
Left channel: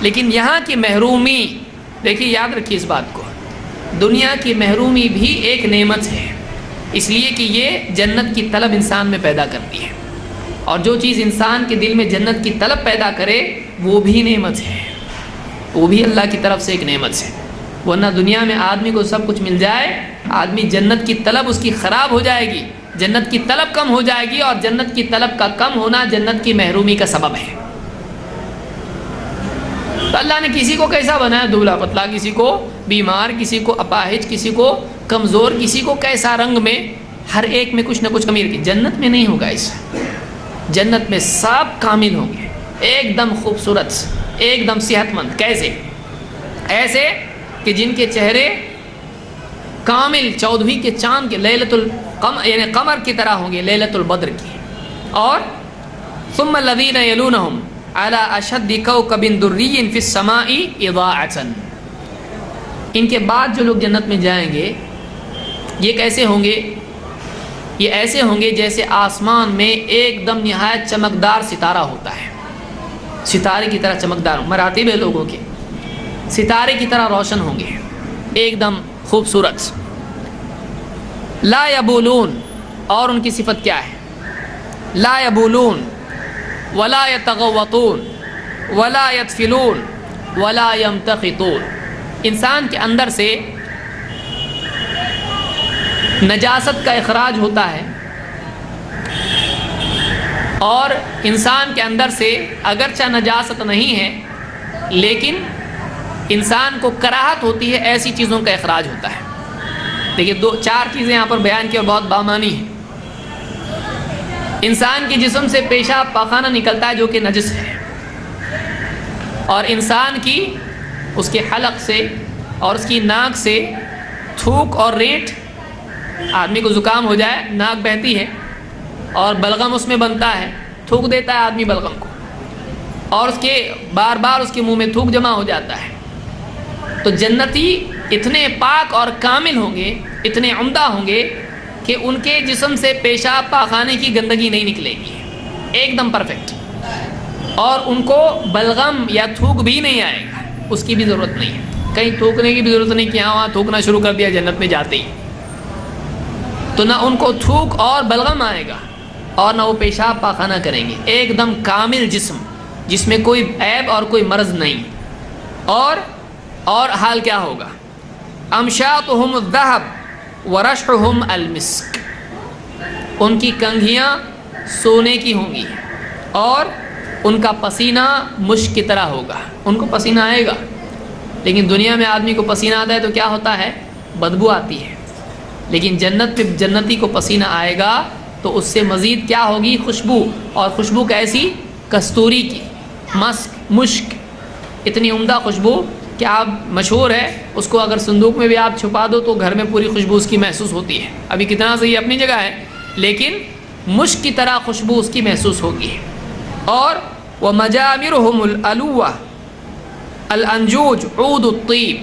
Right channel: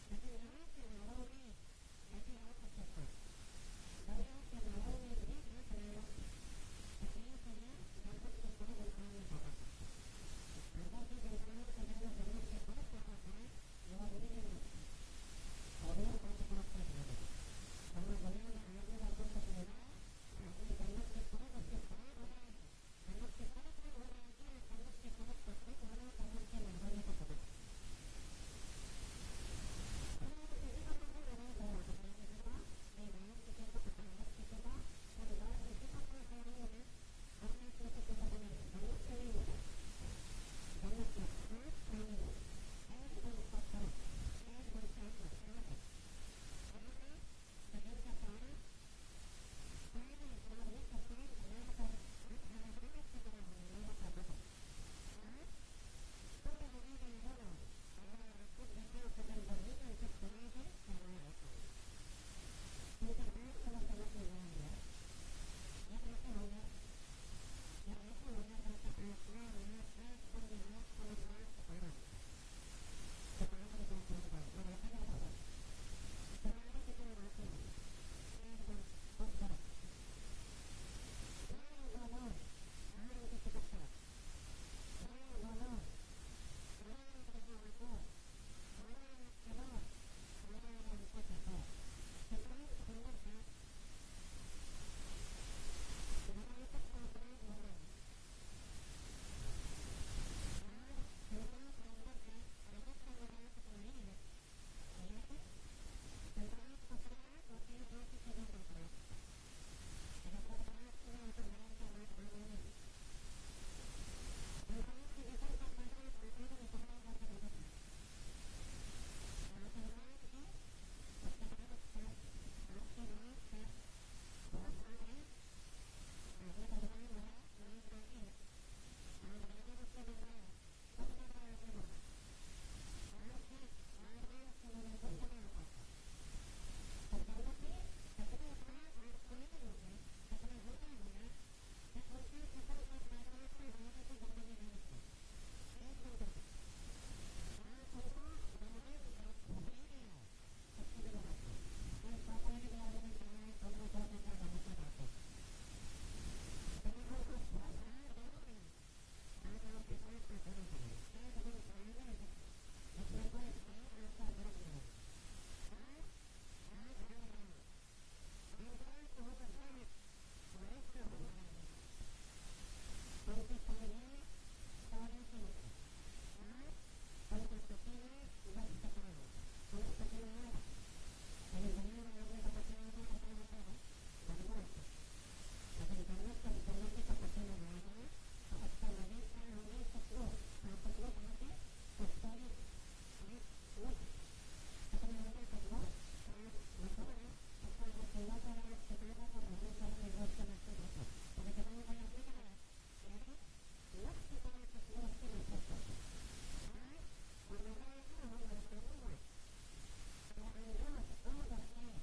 لیکن یہاں کی محرومی، دیکھیے یاد رکھیے اس بات کو، دنیا کی محرومی بھی ایک نعمت ہے، اس لیے کہ یہ جنت کی طلب انسان میں پیدا کرتی ہے، اور جو چیز انسان کے دل میں جنت کی طلب پیدا کرے وہ بھی نعمت ہے، وہ بھی اللہ کی طرف سے ایک نعمت ہے۔ ورنہ دنیا میں آدمی کو سب کچھ مل جائے، آدمی جنت کی طلب اس کی خراب ہو جائے گی، جنت کی طلب کم ہو جائے گی، اور جنت کی طلب کا کم ہونا جنت کی محرومی کا سبب ہے۔ تو اللہ نے کسی کو کیسا بنایا، دبلا پتلا، کسی کو بیمار، کسی کو اپاہج، کسی کو کمزور، کسی کو کیسا رنگ میں، ہر ایک میں کچھ نہ کچھ کمی رکھی۔ جنت میں نہیں ہوگا ایسا، جنت میں سب کامل ہوں گے، ایک دم خوبصورت، ایک دم صحت مند۔ کیسے؟ ایسے کہ جن کے چہرے کامل 14ویں کے چاند کے لیلۃ القمر یعنی قمر کی طرح ہوں گے، لیلۃ البدر کی۔ اور ثم الذین یلونہم علی اشد کوکب دری فی السماء اضاءۃ، ان کے بعد جو لوگ جنت میں جائیں گے یہ کیسے ہوں گے؟ یہ ایسے ہوں گے جیسے آسمان میں ایک دم نہایت چمکدار ستارہ ہوتا ہے، ستارے کی طرح چمکدار، مراتب ہے لوگوں کے، ستارے کی طرح روشن ہوں گے، ایک دم خوبصورت۔ لا یبولون، اور ان کی صفت کیا ہے؟ لا یبولون ولا یتغوطون ولا یتفلون ولا یمتخطون، انسان کے اندر سے نجاست کا اخراج ہوتا ہے، اور انسان کے اندر سے اگرچہ نجاست نہیں ہے لیکن انسان کو کراہت ہوتی ہے، ایسی چیزوں کا اخراج ہوتا ہے۔ دیکھیے 4 چیزیں یہاں پر بیان کی اور بہت بامانی ہیں۔ انسان کے جسم سے پیشاب پاخانہ نکلتا ہے جو کہ نجس ہے، اور انسان کی اس کے حلق سے اور اس کی ناک سے تھوک اور ریٹ، آدمی کو زکام ہو جائے ناک بہتی ہے اور بلغم اس میں بنتا ہے، تھوک دیتا ہے آدمی بلغم کو، اور اس کے بار بار اس کے منہ میں تھوک جمع ہو جاتا ہے۔ تو جنتی اتنے پاک اور کامل ہوں گے، اتنے عمدہ ہوں گے کہ ان کے جسم سے پیشاب پاخانے کی گندگی نہیں نکلے گی، ایک دم پرفیکٹ، اور ان کو بلغم یا تھوک بھی نہیں آئے گا، اس کی بھی ضرورت نہیں ہے، کہیں تھوکنے کی بھی ضرورت نہیں کہ ہاں وہاں تھوکنا شروع کر دیا جنت میں جاتے ہی، تو نہ ان کو تھوک اور بلغم آئے گا اور نہ وہ پیشاب پاخانہ کریں گے، ایک دم کامل جسم جس میں کوئی عیب اور کوئی مرض نہیں۔ اور حال کیا ہوگا؟ امشاطہم الذہب ورشحہم المسک، ان کی کنگھیاں سونے کی ہوں گی اور ان کا پسینہ مشک کی طرح ہوگا۔ ان کو پسینہ آئے گا، لیکن دنیا میں آدمی کو پسینہ آتا ہے تو کیا ہوتا ہے؟ بدبو آتی ہے، لیکن جنت میں جنتی کو پسینہ آئے گا تو اس سے مزید کیا ہوگی؟ خوشبو، اور خوشبو کیسی؟ کستوری کی، مشک، اتنی عمدہ خوشبو کہ آپ مشہور ہے، اس کو اگر صندوق میں بھی آپ چھپا دو تو گھر میں پوری خوشبو اس کی محسوس ہوتی ہے۔ ابھی کتنا صحیح اپنی جگہ ہے، لیکن مشک کی طرح خوشبو اس کی محسوس ہوگی۔ اور وَمَجَامِرُهُمُ الْأَلُوَّةُ الْأَنْجُوجُ عُودُ الطِّيبِ،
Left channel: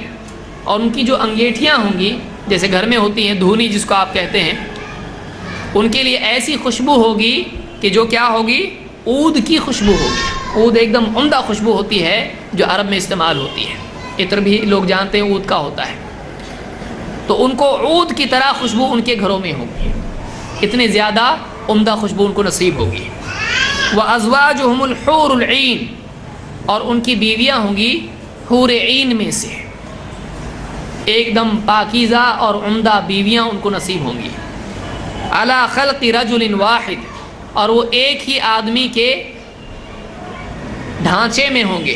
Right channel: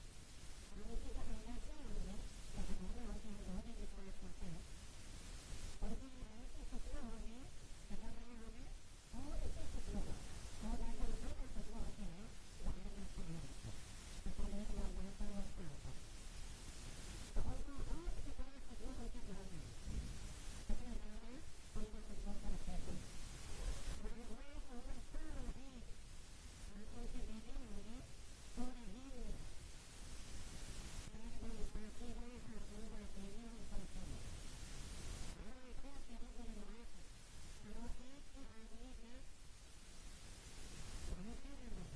اور ان کی جو انگیٹھیاں ہوں گی جیسے گھر میں ہوتی ہیں، دھونی جس کو آپ کہتے ہیں، ان کے لیے ایسی خوشبو ہوگی کہ جو کیا ہوگی؟ عود کی خوشبو ہوگی۔ عود ایک دم عمدہ خوشبو ہوتی ہے جو عرب میں استعمال ہوتی ہے، عطر بھی لوگ جانتے ہیں عود کا ہوتا ہے، تو ان کو عود کی طرح خوشبو ان کے گھروں میں ہوگی، اتنے زیادہ عمدہ خوشبو ان کو نصیب ہوگی۔ وَأَزْوَاجُهُمُ الْحُورُ الْعِينُ اور ان کی بیویاں ہوں گی حور عین میں سے، ایک دم پاکیزہ اور عمدہ بیویاں ان کو نصیب ہوں گی. علی خلق رجل واحد، اور وہ ایک ہی آدمی کے ڈھانچے میں ہوں گے.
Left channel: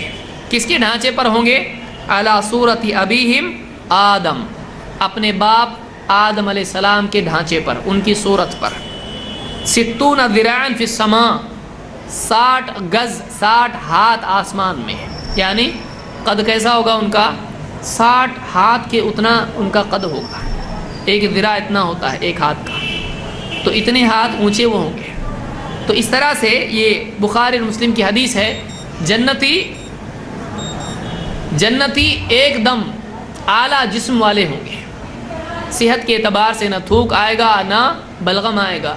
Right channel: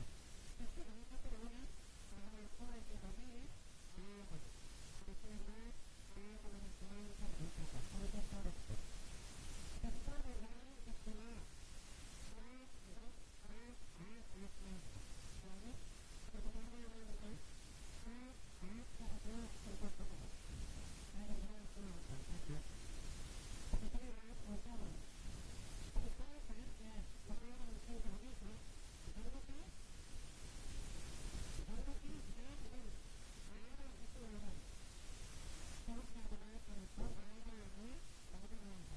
کس کے ڈھانچے پر ہوں گے؟ علی صورت ابیہم آدم، اپنے باپ آدم علیہ السلام کے ڈھانچے پر، ان کی صورت پر. 60 ذراعا فی السماء، 60 گز 60 ہاتھ آسمان میں، یعنی قد کیسا ہوگا ان کا؟ 60 ہاتھ کے اتنا ان کا قد ہوگا. ایک ذراع اتنا ہوتا ہے ایک ہاتھ کا، تو اتنے ہاتھ اونچے وہ ہوں گے. تو اس طرح سے یہ بخاری اور مسلم کی حدیث ہے، جنتی ایک دم اعلیٰ جسم والے ہوں گے، صحت کے اعتبار سے نہ تھوک آئے گا نہ بلغم آئے گا،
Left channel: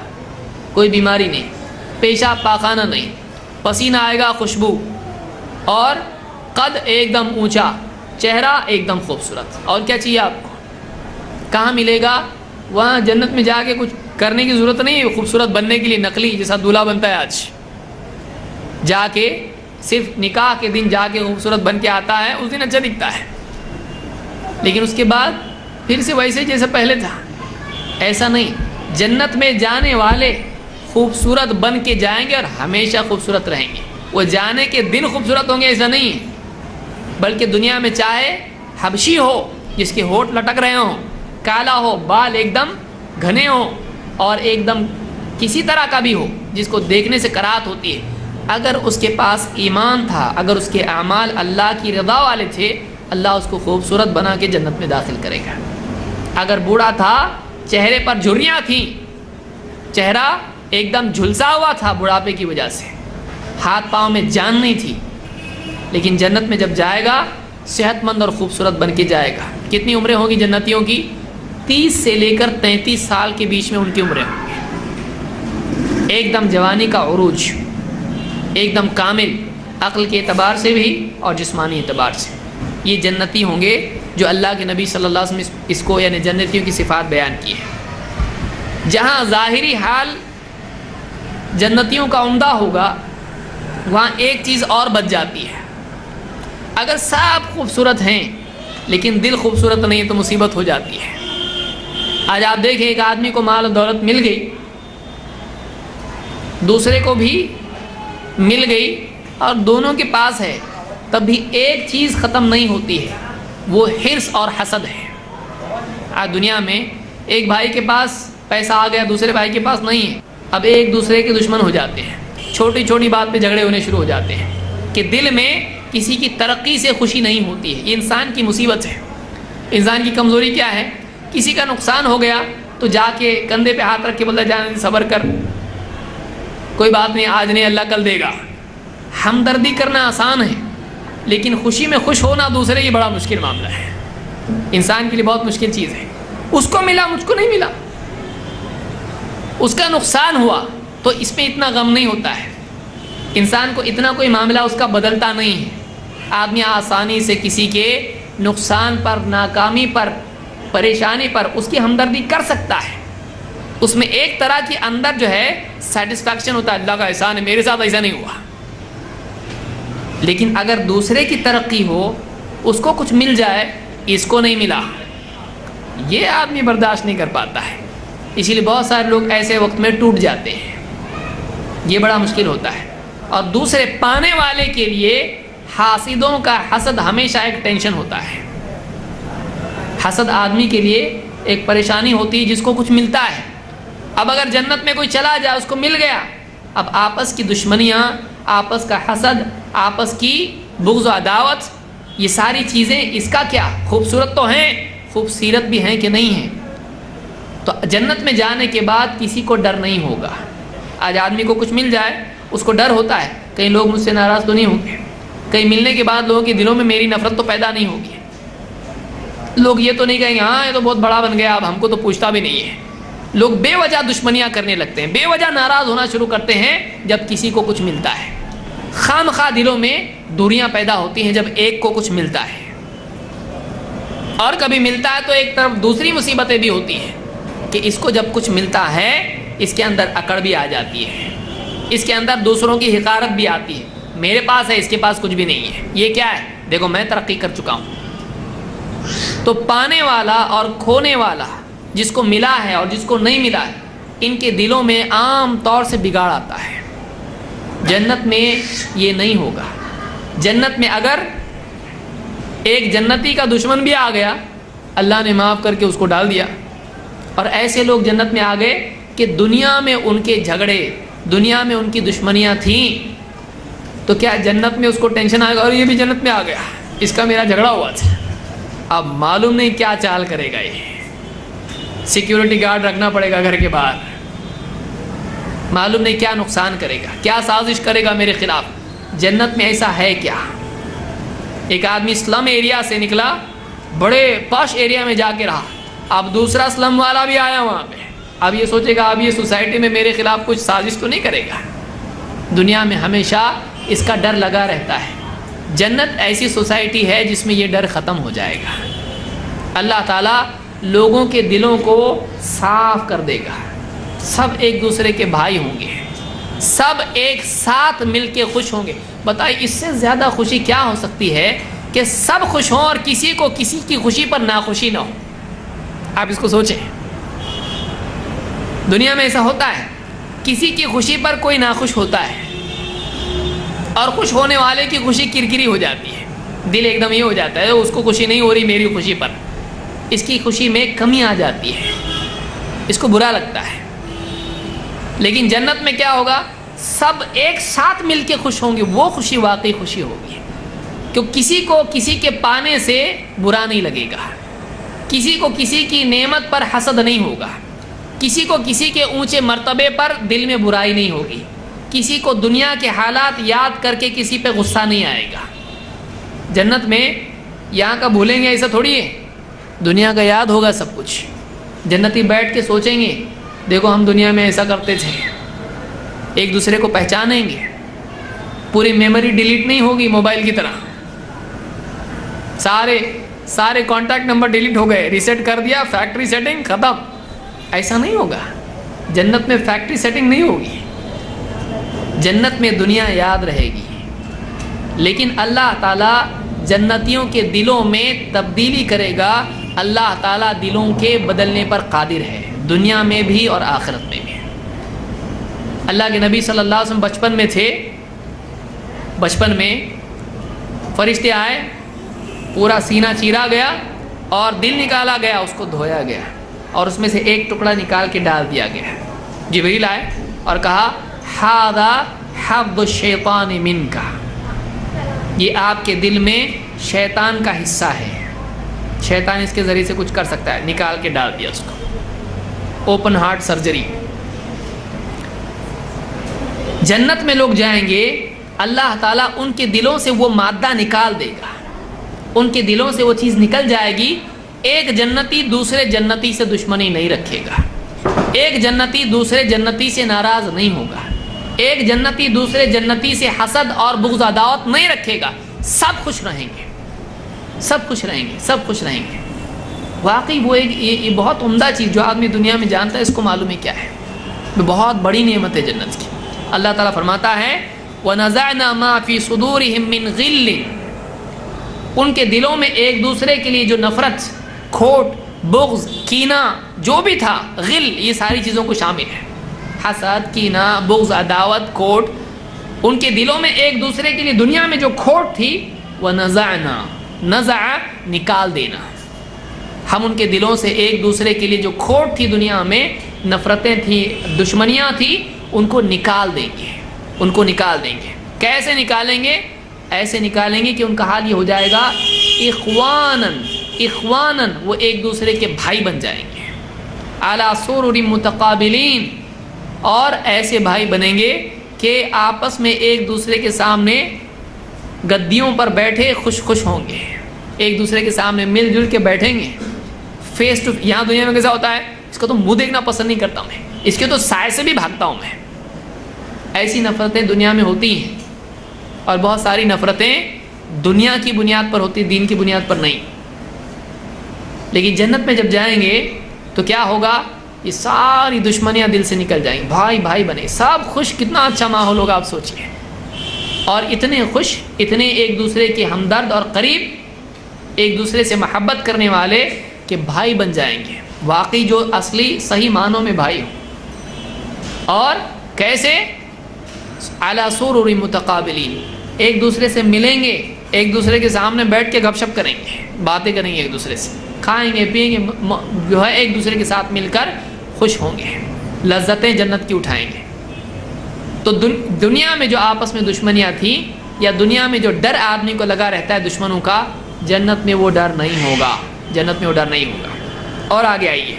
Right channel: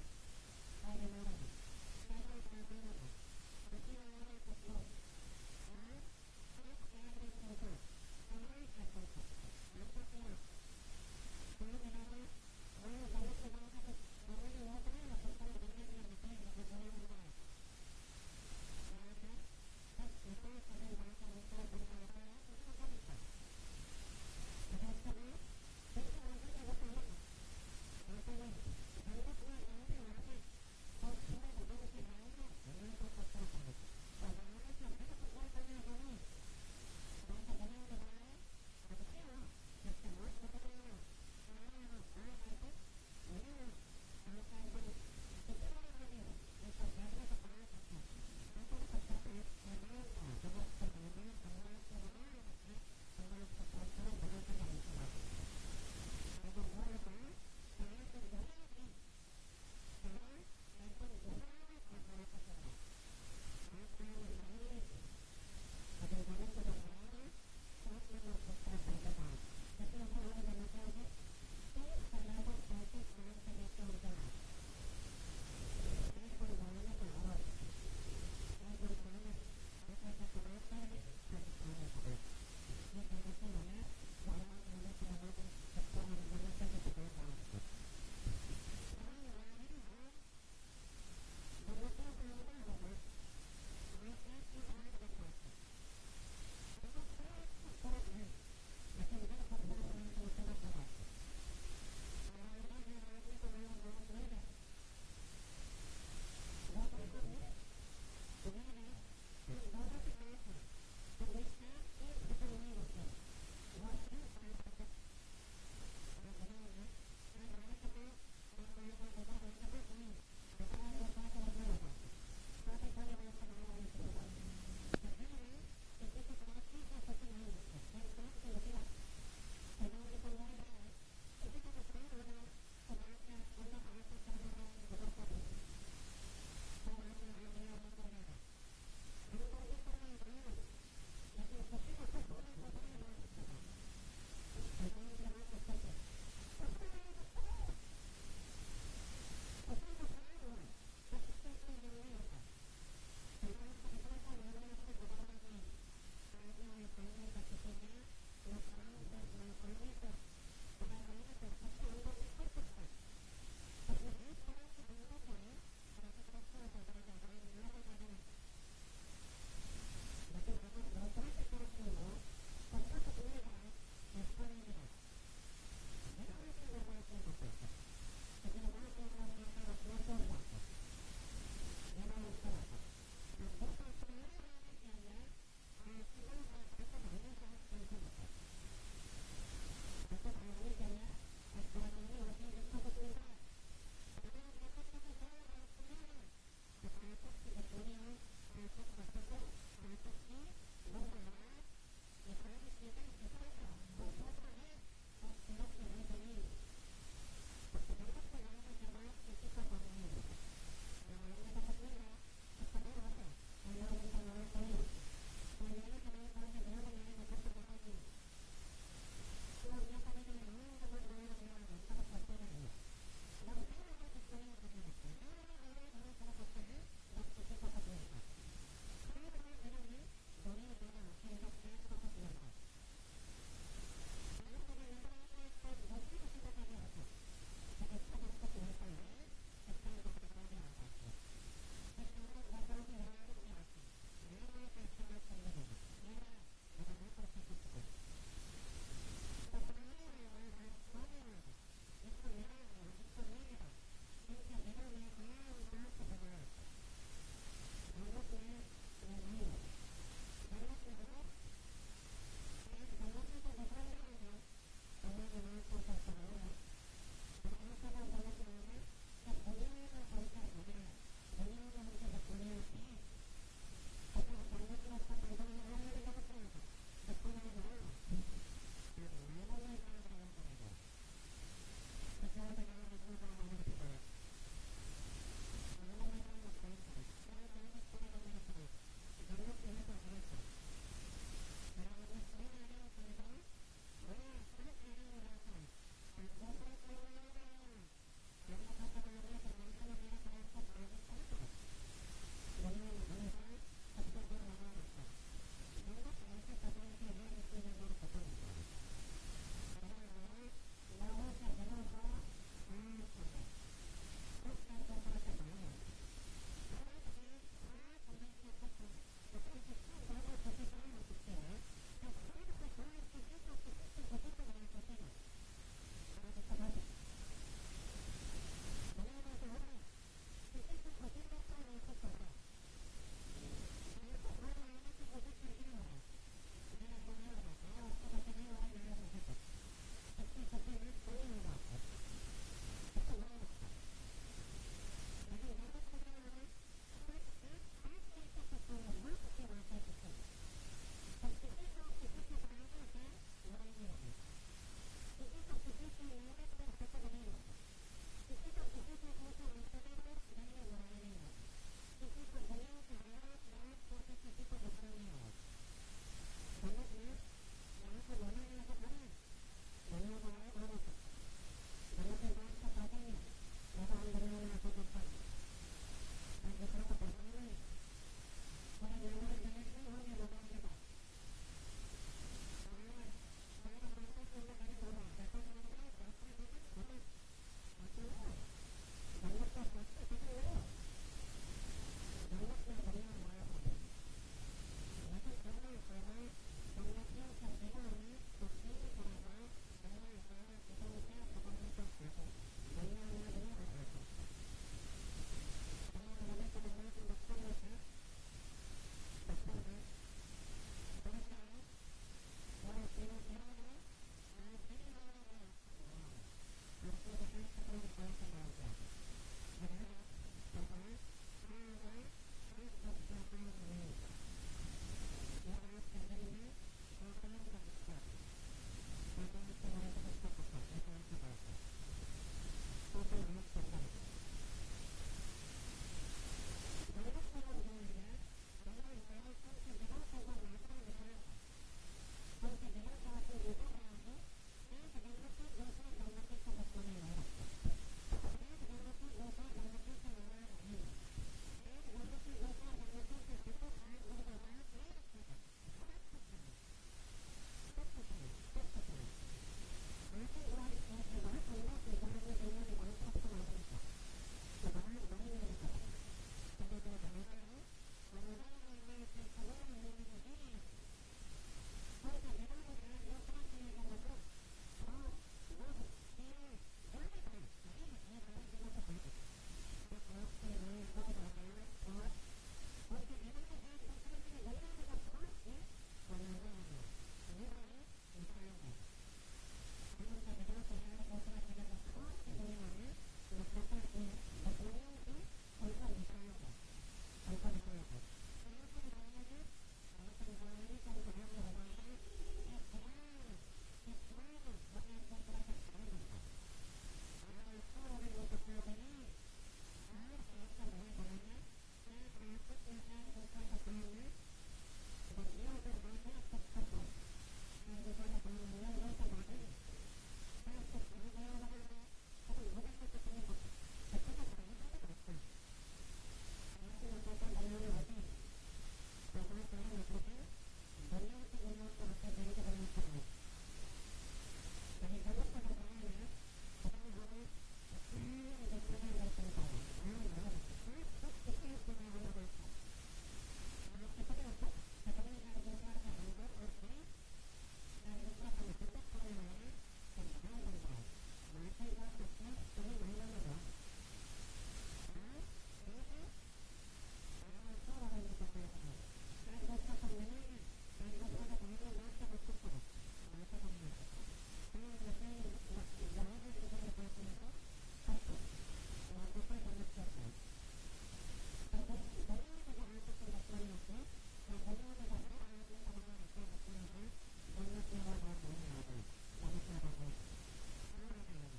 کوئی بیماری نہیں، پیشاب پاخانہ نہیں، پسینہ آئے گا خوشبو، اور قد ایک دم اونچا، چہرہ ایک دم خوبصورت. اور کیا چاہیے آپ کو؟ کہاں ملے گا؟ وہاں جنت میں جا کے کچھ کرنے کی ضرورت نہیں ہے خوبصورت بننے کے لیے، نقلی جیسا دولہا بنتا ہے آج، جا کے صرف نکاح کے دن جا کے خوبصورت بن کے آتا ہے، اس دن اچھا دکھتا ہے، لیکن اس کے بعد پھر سے ویسے جیسے پہلے تھا. ایسا نہیں، جنت میں جانے والے خوبصورت بن کے جائیں گے اور ہمیشہ خوبصورت رہیں گے. وہ جانے کے دن خوبصورت ہوں گے ایسا نہیں ہے، بلکہ دنیا میں چاہے حبشی ہو جس کے ہونٹ لٹک رہے ہوں، کالا ہو، بال ایک دم گھنے ہوں، اور ایک دم کسی طرح کا بھی ہو جس کو دیکھنے سے کراہت ہوتی ہے، اگر اس کے پاس ایمان تھا، اگر اس کے اعمال اللہ کی رضا والے تھے، اللہ اس کو خوبصورت بنا کے جنت میں داخل کرے گا. اگر بوڑھا تھا، چہرے پر جھریاں تھیں، چہرہ ایک دم جھلسا ہوا تھا بڑھاپے کی وجہ سے، ہاتھ پاؤں میں جان نہیں تھی، لیکن جنت میں جب جائے گا صحت مند اور خوبصورت بن کے جائے گا. کتنی عمریں ہوں گی جنتیوں کی؟ 30 سے لے کر 33 سال کے بیچ میں ان کی عمریں ہوں گی. ایک دم جوانی کا عروج، ایک دم کامل، عقل کے اعتبار سے بھی اور جسمانی اعتبار سے. یہ جنتی ہوں گے جو اللہ کے نبی صلی اللہ علیہ وسلم اس کو یعنی جنتیوں کی صفات بیان کی ہے. جہاں ظاہری حال جنتیوں کا عمدہ ہوگا، وہاں ایک چیز اور بچ جاتی ہے. اگر سب خوبصورت ہیں لیکن دل خوبصورت نہیں ہے تو مصیبت ہو جاتی ہے. آج آپ دیکھیں ایک آدمی کو مال و دولت مل گئی، دوسرے کو بھی مل گئی، اور دونوں کے پاس ہے، تب بھی ایک چیز ختم نہیں ہوتی ہے، وہ حرص اور حسد ہے. آج دنیا میں ایک بھائی کے پاس پیسہ آ گیا، دوسرے بھائی کے پاس نہیں ہے، اب ایک دوسرے کے دشمن ہو جاتے ہیں، چھوٹی چھوٹی بات پہ جھگڑے ہونے شروع ہو جاتے ہیں کہ دل میں کسی کی ترقی سے خوشی نہیں ہوتی ہے. یہ انسان کی مصیبت ہے. انسان کی کمزوری کیا ہے؟ کسی کا نقصان ہو گیا تو جا کے کندھے پہ ہاتھ رکھ کے بولتا جان صبر کر، کوئی بات نہیں، آج نہیں اللہ کل دے گا. ہمدردی کرنا آسان ہے، لیکن خوشی میں خوش ہونا دوسرے یہ بڑا مشکل معاملہ ہے. انسان کے لیے بہت مشکل چیز ہے. اس کو ملا، مجھ کو نہیں ملا، اس کا نقصان ہوا تو اس میں اتنا غم نہیں ہوتا ہے. انسان کو اتنا کوئی معاملہ اس کا بدلتا نہیں ہے. آدمی آسانی سے کسی کے نقصان پر، ناکامی پر، پریشانی پر اس کی ہمدردی کر سکتا ہے. اس میں ایک طرح کی اندر جو ہے سیٹسفیکشن ہوتا ہے، اللہ کا احسان ہے میرے ساتھ ایسا نہیں ہوا. لیکن اگر دوسرے کی ترقی ہو، اس کو کچھ مل جائے، اس کو نہیں ملا، یہ آدمی برداشت نہیں کر پاتا ہے. اسی لیے بہت سارے لوگ ایسے وقت میں ٹوٹ جاتے ہیں. یہ بڑا مشکل ہوتا ہے. اور دوسرے پانے والے کے لیے حاسدوں کا حسد ہمیشہ ایک ٹینشن ہوتا ہے. حسد آدمی کے لیے ایک پریشانی ہوتی ہے جس کو کچھ ملتا ہے. اب اگر جنت میں کوئی چلا جائے، اس کو مل گیا، اب آپس کی دشمنیاں، آپس کا حسد، آپس کی بغض و عداوت، یہ ساری چیزیں اس کا کیا؟ خوبصورت تو ہیں، خوبصیرت بھی ہیں کہ نہیں ہیں. تو جنت میں جانے کے بعد کسی کو ڈر نہیں ہوگا. آج آدمی کو کچھ مل جائے اس کو ڈر ہوتا ہے، کہیں لوگ مجھ سے ناراض تو نہیں ہوں گے، کہیں ملنے کے بعد لوگوں کے دلوں میں میری نفرت تو پیدا نہیں ہوگی، لوگ یہ تو نہیں کہیں گے ہاں یہ تو بہت بڑا بن گیا، اب ہم کو تو پوچھتا بھی نہیں ہے. لوگ بے وجہ دشمنیاں کرنے لگتے ہیں، بے وجہ ناراض ہونا شروع کرتے ہیں جب کسی کو کچھ ملتا ہے. خام خواہ دلوں میں دوریاں پیدا ہوتی ہیں جب ایک کو کچھ ملتا ہے. اور کبھی ملتا ہے تو ایک طرف دوسری مصیبتیں بھی ہوتی ہیں کہ اس کو جب کچھ ملتا ہے اس کے اندر اکڑ بھی آ جاتی ہے، اس کے اندر دوسروں کی حقارت بھی آتی ہے. میرے پاس ہے، اس کے پاس کچھ بھی نہیں ہے، یہ کیا ہے؟ دیکھو میں ترقی کر چکا ہوں۔ تو پانے والا اور کھونے والا، جس کو ملا ہے اور جس کو نہیں ملا ہے، ان کے دلوں میں عام طور سے بگاڑ آتا ہے۔ جنت میں یہ نہیں ہوگا۔ جنت میں اگر ایک جنتی کا دشمن بھی آ گیا، اللہ نے معاف کر کے اس کو ڈال دیا، اور ایسے لوگ جنت میں آ گئے کہ دنیا میں ان کے جھگڑے، دنیا میں ان کی دشمنیاں تھیں، تو کیا جنت میں اس کو ٹینشن آئے گا اور یہ بھی جنت میں آ گیا، اس کا میرا جھگڑا ہوا تھا؟ اب معلوم نہیں کیا چال کرے گا، یہ سیکیورٹی گارڈ رکھنا پڑے گا گھر کے باہر، معلوم نہیں کیا نقصان کرے گا، کیا سازش کرے گا میرے خلاف۔ جنت میں ایسا ہے کیا؟ ایک آدمی سلم ایریا سے نکلا، بڑے پاش ایریا میں جا کے رہا، اب دوسرا سلم والا بھی آیا وہاں پہ، اب یہ سوچے گا اب یہ سوسائٹی میں میرے خلاف کچھ سازش تو نہیں کرے گا۔ دنیا میں ہمیشہ اس کا ڈر لگا رہتا ہے۔ جنت ایسی سوسائٹی ہے جس میں یہ ڈر ختم ہو جائے گا۔ اللہ تعالیٰ لوگوں کے دلوں کو صاف کر دے گا، سب ایک دوسرے کے بھائی ہوں گے، سب ایک ساتھ مل کے خوش ہوں گے۔ بتائیے اس سے زیادہ خوشی کیا ہو سکتی ہے کہ سب خوش ہوں اور کسی کو کسی کی خوشی پر ناخوشی نہ ہو؟ آپ اس کو سوچیں، دنیا میں ایسا ہوتا ہے، کسی کی خوشی پر کوئی ناخوش ہوتا ہے اور خوش ہونے والے کی خوشی کرکری ہو جاتی ہے، دل ایک دم یہ ہو جاتا ہے اس کو خوشی نہیں ہو رہی میری خوشی پر، اس کی خوشی میں کمی آ جاتی ہے، اس کو برا لگتا ہے۔ لیکن جنت میں کیا ہوگا؟ سب ایک ساتھ مل کے خوش ہوں گے، وہ خوشی واقعی خوشی ہوگی، کیونکہ کسی کو کسی کے پانے سے برا نہیں لگے گا، کسی کو کسی کی نعمت پر حسد نہیں ہوگا، کسی کو کسی کے اونچے مرتبے پر دل میں برائی نہیں ہوگی، کسی کو دنیا کے حالات یاد کر کے کسی پہ غصہ نہیں آئے گا۔ جنت میں یہاں کا بھولیں گے ایسا تھوڑی ہے، دنیا کا یاد ہوگا سب کچھ۔ جنتی بیٹھ کے سوچیں گے دیکھو ہم دنیا میں ایسا کرتے تھے، ایک دوسرے کو پہچانیں گے، پوری میموری ڈیلیٹ نہیں ہوگی موبائل کی طرح، سارے کانٹیکٹ نمبر ڈیلیٹ ہو گئے، ریسیٹ کر دیا، فیکٹری سیٹنگ ختم، ایسا نہیں ہوگا۔ جنت میں فیکٹری سیٹنگ نہیں ہوگی، جنت میں دنیا یاد رہے گی۔ لیکن اللہ تعالیٰ جنتیوں کے دلوں میں تبدیلی کرے گا، اللہ تعالیٰ دلوں کے بدلنے پر قادر ہے، دنیا میں بھی اور آخرت میں بھی۔ اللہ کے نبی صلی اللہ علیہ وسلم بچپن میں تھے، بچپن میں فرشتے آئے، پورا سینہ چیرا گیا اور دل نکالا گیا، اس کو دھویا گیا اور اس میں سے ایک ٹکڑا نکال کے ڈال دیا گیا۔ جبریل آئے اور کہا ھذا حظ الشیطان منک، یہ آپ کے دل میں شیطان کا حصہ ہے، شیطان اس کے ذریعے سے کچھ کر سکتا ہے، نکال کے ڈال دیا اس کو، اوپن ہارٹ سرجری۔ جنت میں لوگ جائیں گے، اللہ تعالیٰ ان کے دلوں سے وہ مادہ نکال دے گا، ان کے دلوں سے وہ چیز نکل جائے گی۔ ایک جنتی دوسرے جنتی سے دشمنی نہیں رکھے گا، ایک جنتی دوسرے جنتی سے ناراض نہیں ہوگا، ایک جنتی دوسرے جنتی سے حسد اور بغض عداوت نہیں رکھے گا، سب خوش رہیں گے، سب خوش رہیں گے، سب خوش رہیں گے۔ واقعی وہ ایک یہ بہت عمدہ چیز جو آدمی دنیا میں جانتا ہے اس کو معلوم ہے کیا ہے، وہ بہت بڑی نعمت ہے جنت کی۔ اللہ تعالیٰ فرماتا ہے وَنَزَعْنَا مَا فِي صُدُورِهِم مِّن غِلٍّ، ان کے دلوں میں ایک دوسرے کے لیے جو نفرت، کھوٹ، بغض، کینہ جو بھی تھا، غل یہ ساری چیزوں کو شامل ہے، حسد، کینہ، بغض، عداوت، کھوٹ، ان کے دلوں میں ایک دوسرے کے لیے دنیا میں جو کھوٹ تھی، وَنَزَعْنَا، نزع نکال دینا، ہم ان کے دلوں سے ایک دوسرے کے لیے جو کھوٹ تھی دنیا میں، نفرتیں تھیں، دشمنیاں تھیں، ان کو نکال دیں گے، ان کو نکال دیں گے۔ کیسے نکالیں گے؟ ایسے نکالیں گے کہ ان کا حال یہ ہو جائے گا اخواناً، اخواناً، وہ ایک دوسرے کے بھائی بن جائیں گے، علی سرر متقابلین، اور ایسے بھائی بنیں گے کہ آپس میں ایک دوسرے کے سامنے گدیوں پر بیٹھے خوش خوش ہوں گے، ایک دوسرے کے سامنے مل جل کے بیٹھیں گے، فیس ٹو۔ یہاں دنیا میں کیسا ہوتا ہے، اس کا تو منہ دیکھنا پسند نہیں کرتا میں، اس کے تو سائے سے بھی بھاگتا ہوں میں۔ ایسی نفرتیں دنیا میں ہوتی ہیں، اور بہت ساری نفرتیں دنیا کی بنیاد پر ہوتی، دین کی بنیاد پر نہیں۔ لیکن جنت میں جب جائیں گے تو کیا ہوگا؟ یہ ساری دشمنیاں دل سے نکل جائیں گی، بھائی بھائی بنے، سب خوش، کتنا اچھا ماحول ہوگا آپ سوچئے۔ اور اتنے خوش، اتنے ایک دوسرے کے ہمدرد اور قریب، ایک دوسرے سے محبت کرنے والے کہ بھائی بن جائیں گے، واقعی جو اصلی صحیح معنوں میں بھائی ہوں۔ اور کیسے؟ علی سرر متقابلین، ایک دوسرے سے ملیں گے، ایک دوسرے کے سامنے بیٹھ کے گپ شپ کریں گے، باتیں کریں گے، ایک دوسرے سے کھائیں گے پیئیں گے، جو ہے ایک دوسرے کے ساتھ مل کر خوش ہوں گے، لذتیں جنت کی اٹھائیں گے۔ تو دنیا میں جو آپس میں دشمنیاں تھیں، یا دنیا میں جو ڈر آدمی کو لگا رہتا ہے دشمنوں کا، جنت میں وہ ڈر نہیں ہوگا، جنت میں وہ ڈر نہیں ہوگا۔ اور آگے آئیے،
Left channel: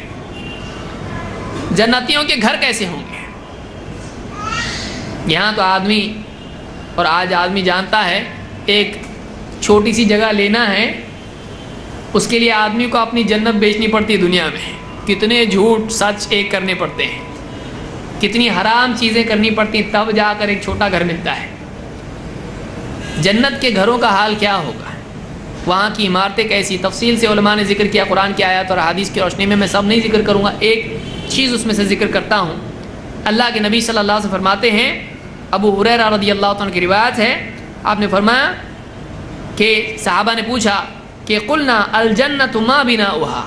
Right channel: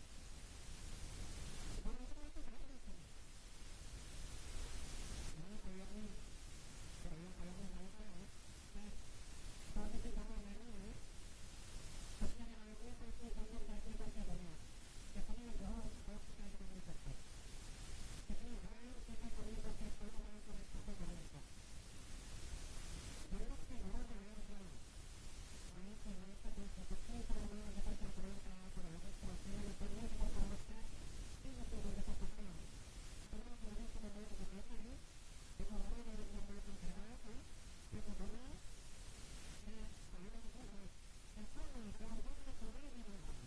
جنتیوں کے گھر کیسے ہوں گے؟ یہاں تو آدمی، اور آج آدمی جانتا ہے، ایک چھوٹی سی جگہ لینا ہے، اس کے لیے آدمی کو اپنی جنت بیچنی پڑتی ہے۔ دنیا میں کتنے جھوٹ سچ ایک کرنے پڑتے ہیں، کتنی حرام چیزیں کرنی پڑتی ہیں، تب جا کر ایک چھوٹا گھر ملتا ہے۔ جنت کے گھروں کا حال کیا ہوگا؟ وہاں کی عمارتیں کیسی؟ تفصیل سے علماء نے ذکر کیا، قرآن کی آیات اور حدیث کی روشنی میں سب نہیں ذکر کروں گا، ایک چیز اس میں سے ذکر کرتا ہوں۔ اللہ کے نبی صلی اللہ علیہ وسلم فرماتے ہیں، ابو ہریرہ رضی اللہ عنہ کی روایت ہے، آپ نے فرمایا کہ صحابہ نے پوچھا کہ قلنا الجنت ما بناؤها،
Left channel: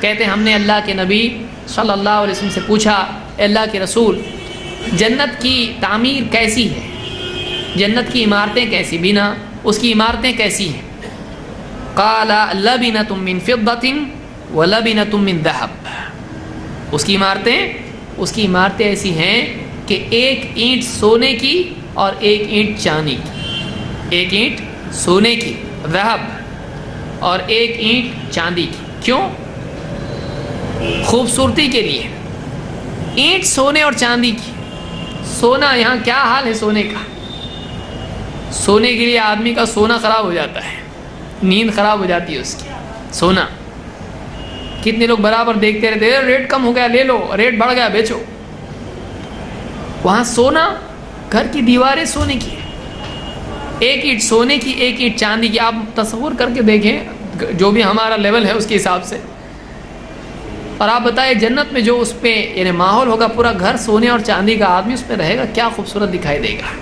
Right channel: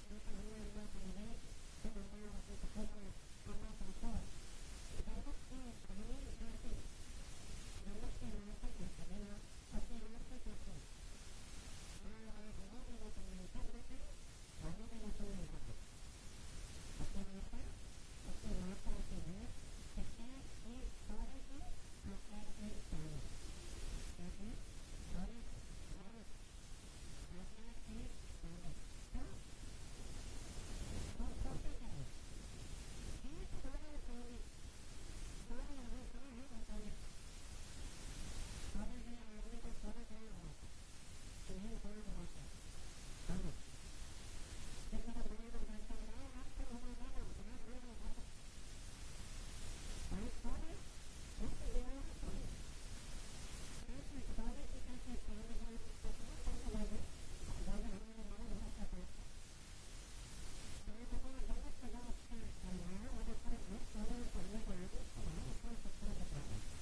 کہتے ہیں ہم نے اللہ کے نبی صلی اللہ علیہ وسلم سے پوچھا، اے اللہ کے رسول، جنت کی تعمیر کیسی ہے، جنت کی عمارتیں کیسی، بنا اس کی عمارتیں کیسی ہیں؟ قال لبنۃ من فضۃ ولبنۃ من ذهب، اس کی عمارتیں ایسی ہیں کہ ایک اینٹ سونے کی اور ایک اینٹ چاندی کی، ایک اینٹ سونے کی ذهب اور ایک اینٹ چاندی کی۔ کیوں؟ خوبصورتی کے لیے، اینٹ سونے اور چاندی کی۔ سونا، یہاں کیا حال ہے سونے کا؟ سونے کے لیے آدمی کا سونا خراب ہو جاتا ہے، نیند خراب ہو جاتی ہے اس کی۔ سونا کتنے لوگ برابر دیکھتے رہتے ہیں، ریٹ کم ہو گیا لے لو، ریٹ بڑھ گیا بیچو۔ وہاں سونا، گھر کی دیواریں سونے کی، ایک اینٹ سونے کی ایک اینٹ چاندی کی۔ آپ تصور کر کے دیکھیں، جو بھی ہمارا لیول ہے اس کے حساب سے، اور آپ بتائیں جنت میں جو اس پہ یعنی ماحول ہوگا، پورا گھر سونے اور چاندی کا، آدمی اس پہ رہے گا، کیا خوبصورت دکھائی دے گا۔